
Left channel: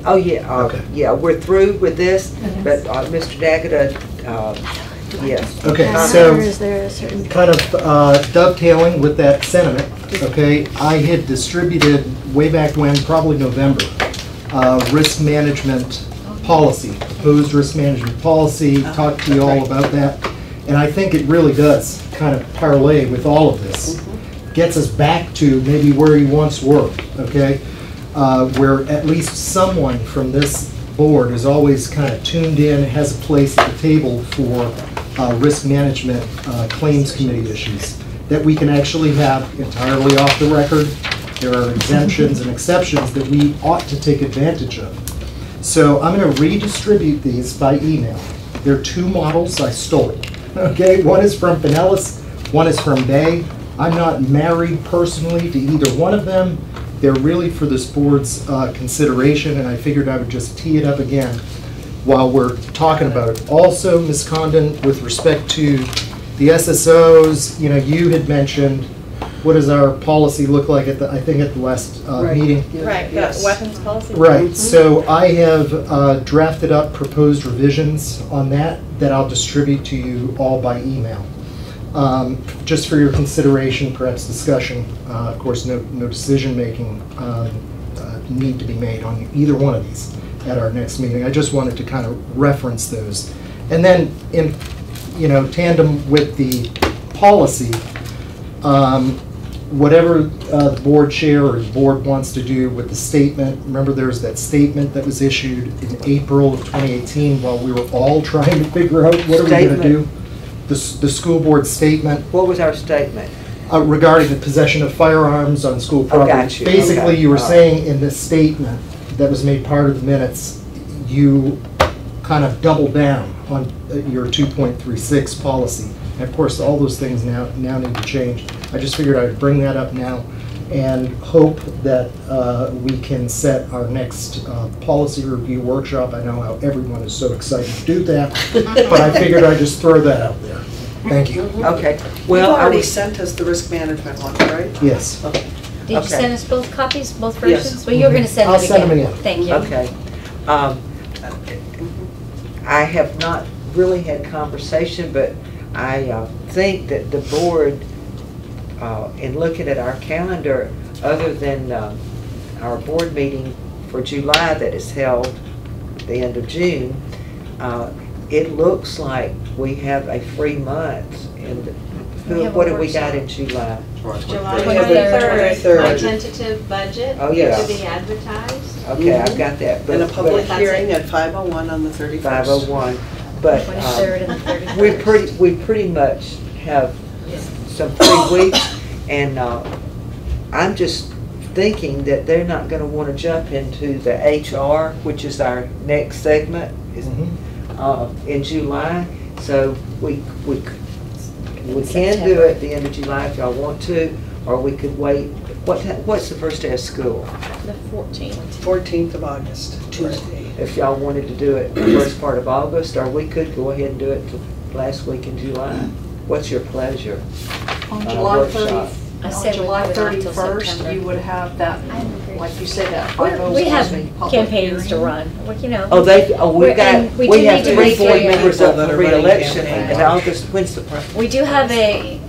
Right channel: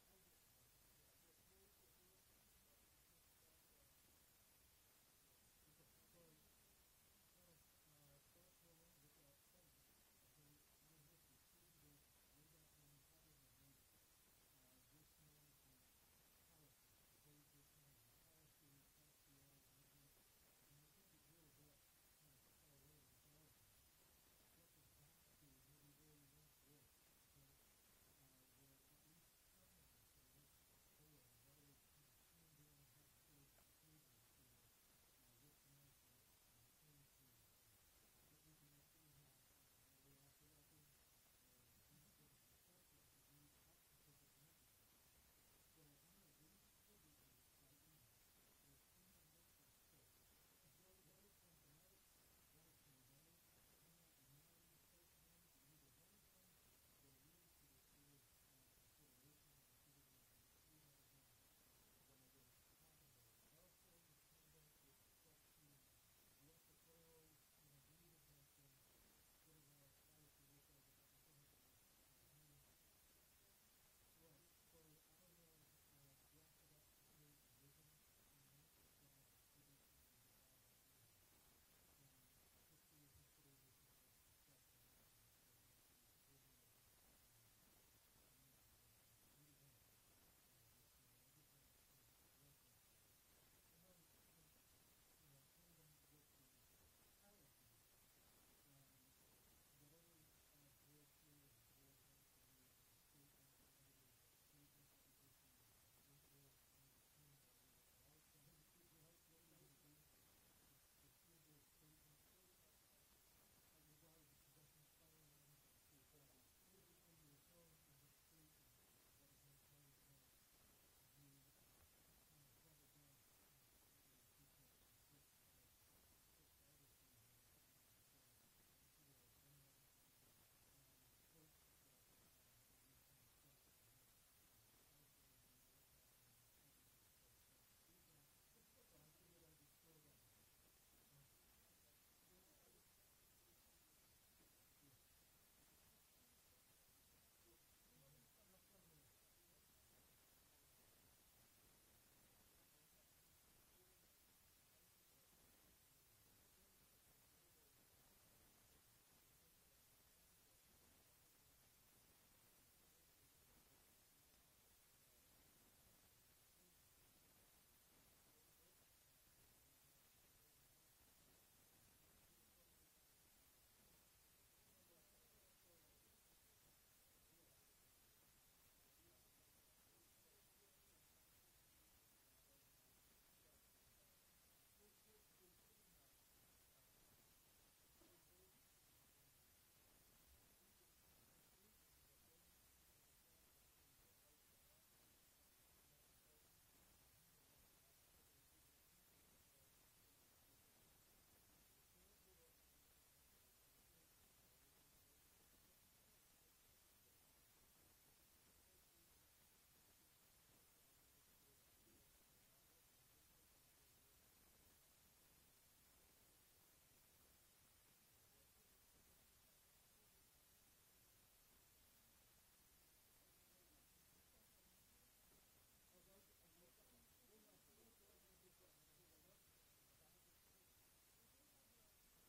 oh, yeah, Okay. yeah, we're through with this, Okay. but Mr. Daggett, yes. Okay, Or so is there a certain? kind of dovetailing with that sentiment, okay, I had distributed way back when, probably November, risk management policy, proposed risk management policy, talked to you all about that. And I think it really does kind of parlay with all of this. Gets us back to maybe where you once were, okay? Where at least someone from this board is always kind of tuned in, has a place at the table for risk management claims committee issues that we can actually have entirely off the record. There are exemptions and exceptions that we ought to take advantage of. So I'm going to redistribute these by email. There are two models I stole. Okay, one is from Pinellas, one is from Bay. I'm not married personally to either one of them. They're really for this board's consideration, and I figured I would just tee it up again while we're talking about it. Also, Ms. Condon, with respect to the SSOs, you had mentioned, what does our policy look like at the, I think at the last meeting? Right, the Yes. weapons policy. Right, so I have drafted up proposed revisions on that I'll distribute to you all by email. Just for your consideration, perhaps discussion. Of course, no decision-making need to be made on either one of these at our next meeting. I just wanted to kind of reference those. And then in, tandem with the policy, whatever the board chair or the board wants to do with the statement. Remember, there's that statement that was issued in April of 2018 while we were all trying to figure out what are we going to do. The school board statement What was our statement? regarding the possession of firearms on school property. got you. Basically, Okay. you were All right. saying in this statement that was made part of the minutes, you kind of doubled down on your 2.36 policy. And of course, all those things now need to change. I just figured I'd bring that up now and hope that we can set our next policy review workshop. I know how everyone is so excited to do that, but I figured I'd just throw that out there. Thank you. Okay, You've well, I already was, sent us the risk management one, right? Yes. Okay. Did you Okay. send us both copies, both Yes. versions? Well, you're going to send I'll it send again. them again. Thank you. okay. I have not really had conversation, but I think that the board, in looking at our calendar, other than our board meeting for July that is held at the end of June, it looks like we have a free month. And We have a what have we got workshop. in July? July 23rd. 23rd, my tentative budget Oh, yes. to be advertised. Okay, I've got that. And a but- public That's hearing it. at 5:01 on the 31st. 501, but 23rd and the 31st. we pretty much have some free weeks, and I'm just thinking that they're not gonna wanna jump into the HR, which is our next segment, is, in July, so we can do it at the end of July if y'all want to, or we could wait. What's the first day of school? The 14th. 14th of August, Tuesday. If y'all wanted to do it the first part of August, or we could go ahead and do it the last week in July. What's your pleasure? On Uh, July workshop. 30th, I on said we July would not till 31st, September. you would have that, I agree. like you said, that We 501 have public campaigns to hearing. run, well, Oh, We're- we and we got, do we have need to 3 make board a- members up People that for are running re-election campaigns. in August. When's the, We do have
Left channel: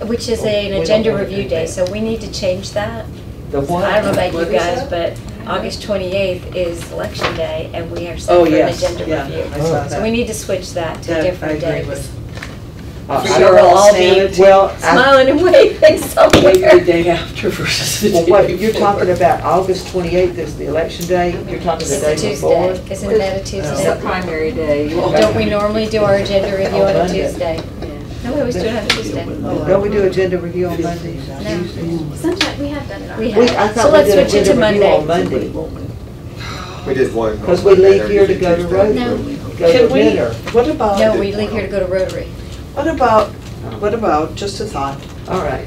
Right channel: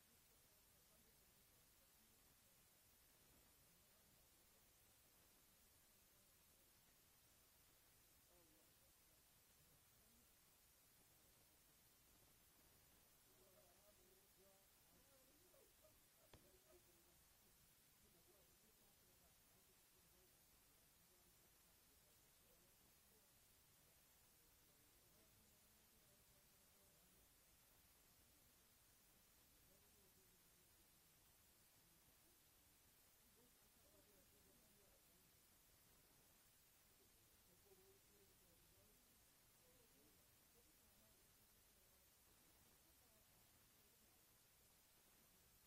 which is We an don't agenda want to review do day, that. so we need to change that. the one? I don't know about What you is guys, that? but August 28th is election day, and we are set Oh, for an yes, agenda yeah, review. I saw Oh. that. So we need to switch that to That a I different agree day. with. I So don't we'll know. all be sanity. Well, smiling and waving Maybe the somewhere. day after versus the well, day what, you're before. talking about August 28th is the election day? You're talking the It's day a before? Tuesday, isn't that a It's a Tuesday? primary day. Don't we normally do our agenda review on a Monday. Tuesday? No, we always do it on a Tuesday. Don't we do agenda review on Mondays? No. Tuesdays? Sometimes we have done it on. We I have, so thought we let's did switch it to agenda review on Monday. Monday. We did one. Because we leave here to go to Rotary, No. go to Can we, dinner. what about? No, we leave here to go to Rotary. What about, just a thought, All right.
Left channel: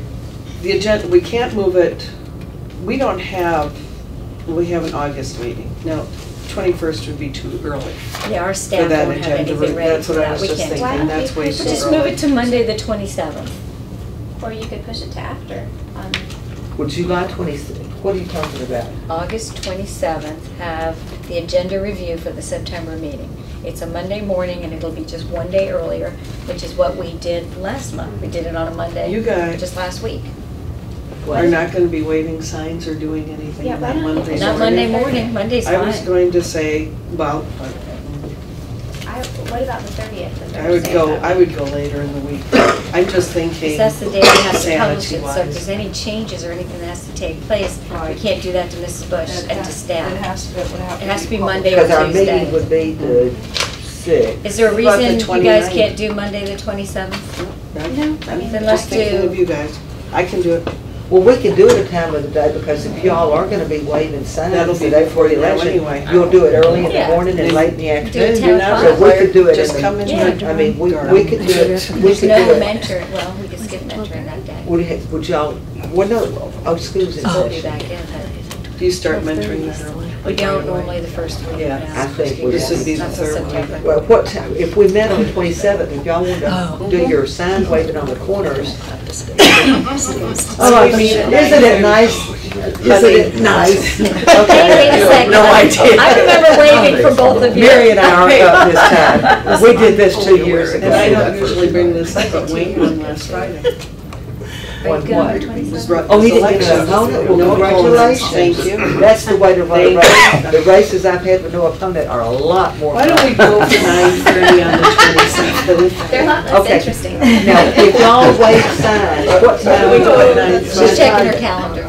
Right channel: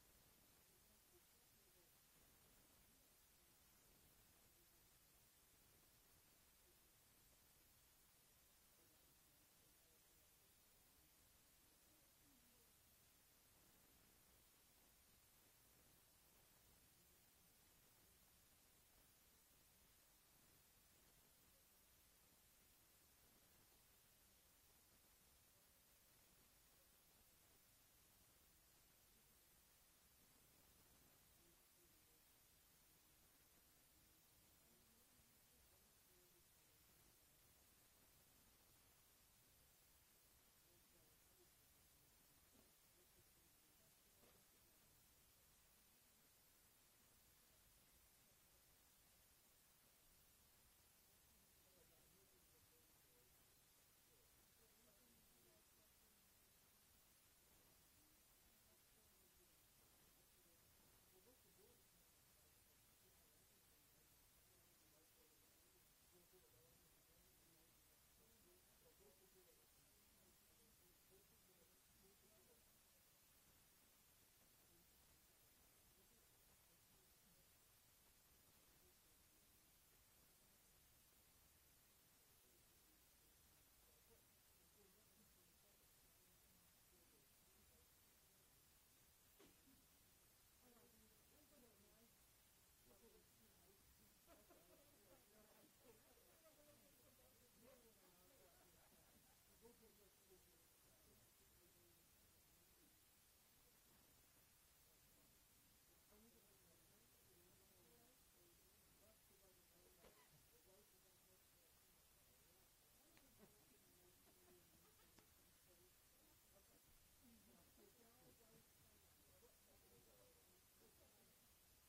the agenda, we can't move it, we have an August meeting. Now, 21st would be too early. Yeah, our For staff that won't have agenda, anything ready that's for what I that was just weekend. thinking, that's way We'll too We'll just early. move it to Monday, the 27th. Or you could push it to after. Well, July 26th, what are you talking about? August 27th, have the agenda review for the September meeting. It's a Monday morning, and it'll be just one day earlier, which is what we did last month. We did it on a Monday. You guys- Just last week. Are not gonna be waving signs or doing anything Yeah, on why that don't you Monday push it Not to Monday the morning, Monday's I was fine. going to say, well, What about the 30th? the I would Thursday go, of I would go later in the week. I'm just thinking. Because that's the day we have to publish it, so if sanity-wise. there's any changes or anything that has to take place, we Right. can't do that to Mrs. Bush and to staff. It has to be Monday or Because our Tuesday. meeting would be the 6th. Is there a What about the reason you guys 29th? can't do Monday, the 27th? No, I'm Then let's just thinking do- of you guys. I can do it. Well, we can do it a time of the day, because if y'all are gonna be waving That'll signs be the day before the before election, anyway. you'll do it early in the Yeah. morning and late in the Do it afternoon. 10 o'clock. So we could do it Just in come in. the, Yeah. I mean, we could do it, we There's could no do it. mentor, well, we could skip mentoring that day. Would y'all, well, no, school's in We'll be session. back in. Do you start mentoring that early? We don't normally the first week. Yeah. no. I think we This would be the Not till third week. September. Well, what time, if we met on the 27th, if y'all wanted to do your sign waving on the corners. Oh, isn't it nice? Isn't it nice? Hey, wait a second. No idea. I remember waving for both of you. Mary and I aren't up this time. We did this 2 years ago. And I don't usually bring this up, but Wayne won last Friday. One what? Was run- Oh, he didn't election. get an opponent? Well, No opponents. congratulations. Thank you. That's the way to run a Thank race. The races I've had with no opponent are a lot more Why don't we fun. go for 9:30 on the 27th? They're a lot less Okay. interesting. Now, if y'all wave signs, what time We we go at go? 9:30. She's checking her calendar.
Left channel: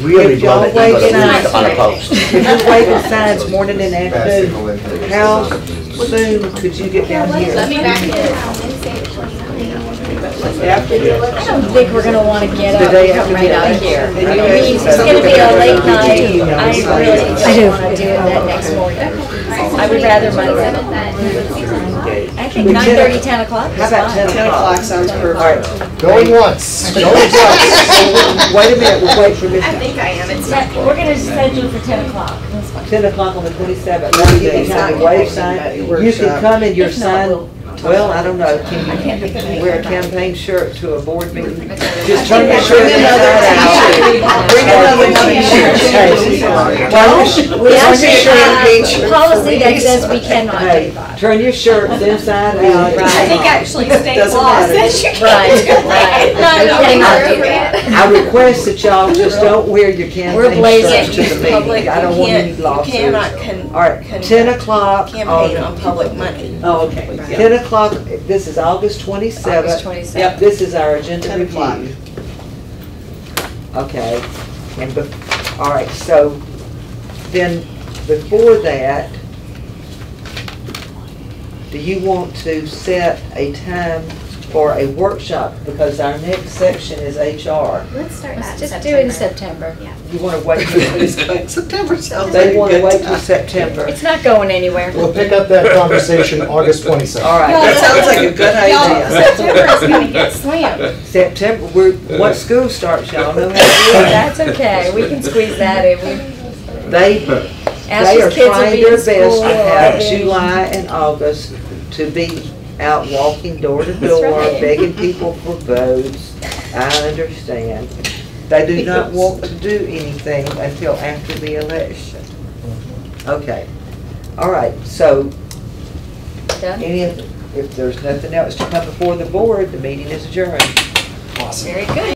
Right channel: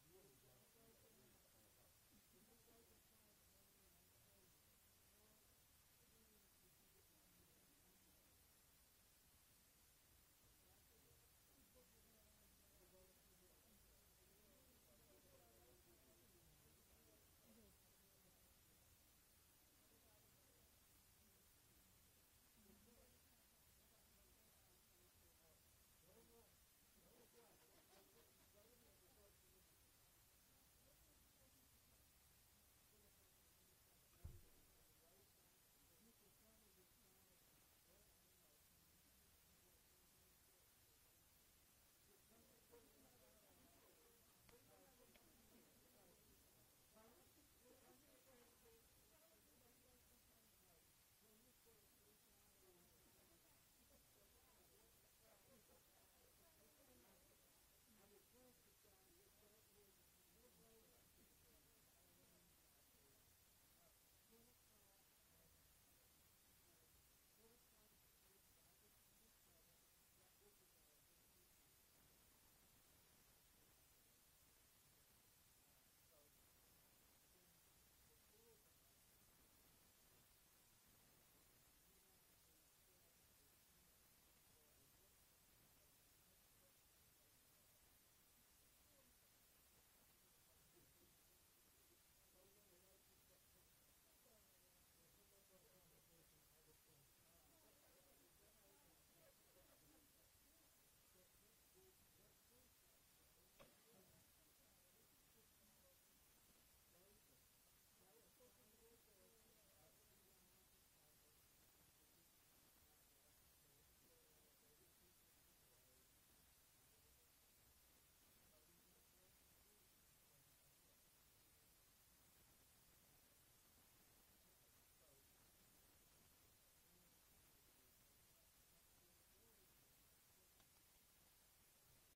Really If y'all love it, wave but it's signs, on a post. if you're waving signs morning and Bad afternoon, signal in. how soon could you get down Let here? me back in on Wednesday the 29th. After the I election. don't think we're gonna wanna get The up day and come after right the out election. here. And I you mean, guys- it's gonna be a late night. I really I don't wanna do it that next morning. I would rather Monday. I think 9:30, 10 o'clock is How about fine. 10 o'clock sounds All perfect. right, Going once, going twice. wait a minute, we'll wait for I Miss, think I am. It's We're gonna schedule for 10 o'clock. That's fine. 10 o'clock on the 27th. That'll give you time to wave sign. You can come in your If not, sign, we'll- well, I don't know, can you wear a campaign shirt to a board meeting? Just turn your shirt Bring another inside out. Bring another t-shirt. Why don't you- We turn actually your shirt- have a policy that says we cannot do Hey, that. turn your shirts inside out. Right. I think actually state Doesn't law matter. says you Right, can't do that. right. No, no, We cannot do no, that. I request that y'all just don't wear your We're campaign blazing shirts to the Public, meeting. I don't want any you lawsuits. cannot All right, 10 o'clock. campaign on public money. Oh, okay. Yeah. 10 o'clock, this is August 27th. August 27th. Yep. This is our agenda 10 o'clock. review. Okay, and, all right, so then before that, do you want to set a time for a workshop? Because our next section is HR. Let's start that Let's in just do it in September. September. Yeah. You want to wait till, September sounds like they a want to good wait till time. September. It's not going anywhere. We'll pick up that conversation August 27th. All right. That sounds like a good idea. September is gonna get slammed. September, once school starts, y'all know how to do it. That's okay, we can squeeze that in. They Ash's are kids will trying be their in best school to have already. July and August to be out walking door to door, right. begging people for votes. I understand. They do not want to do anything until after the election. Okay. All right, so Done? if there's nothing else to come before the board, the meeting is adjourned. Awesome. Very good.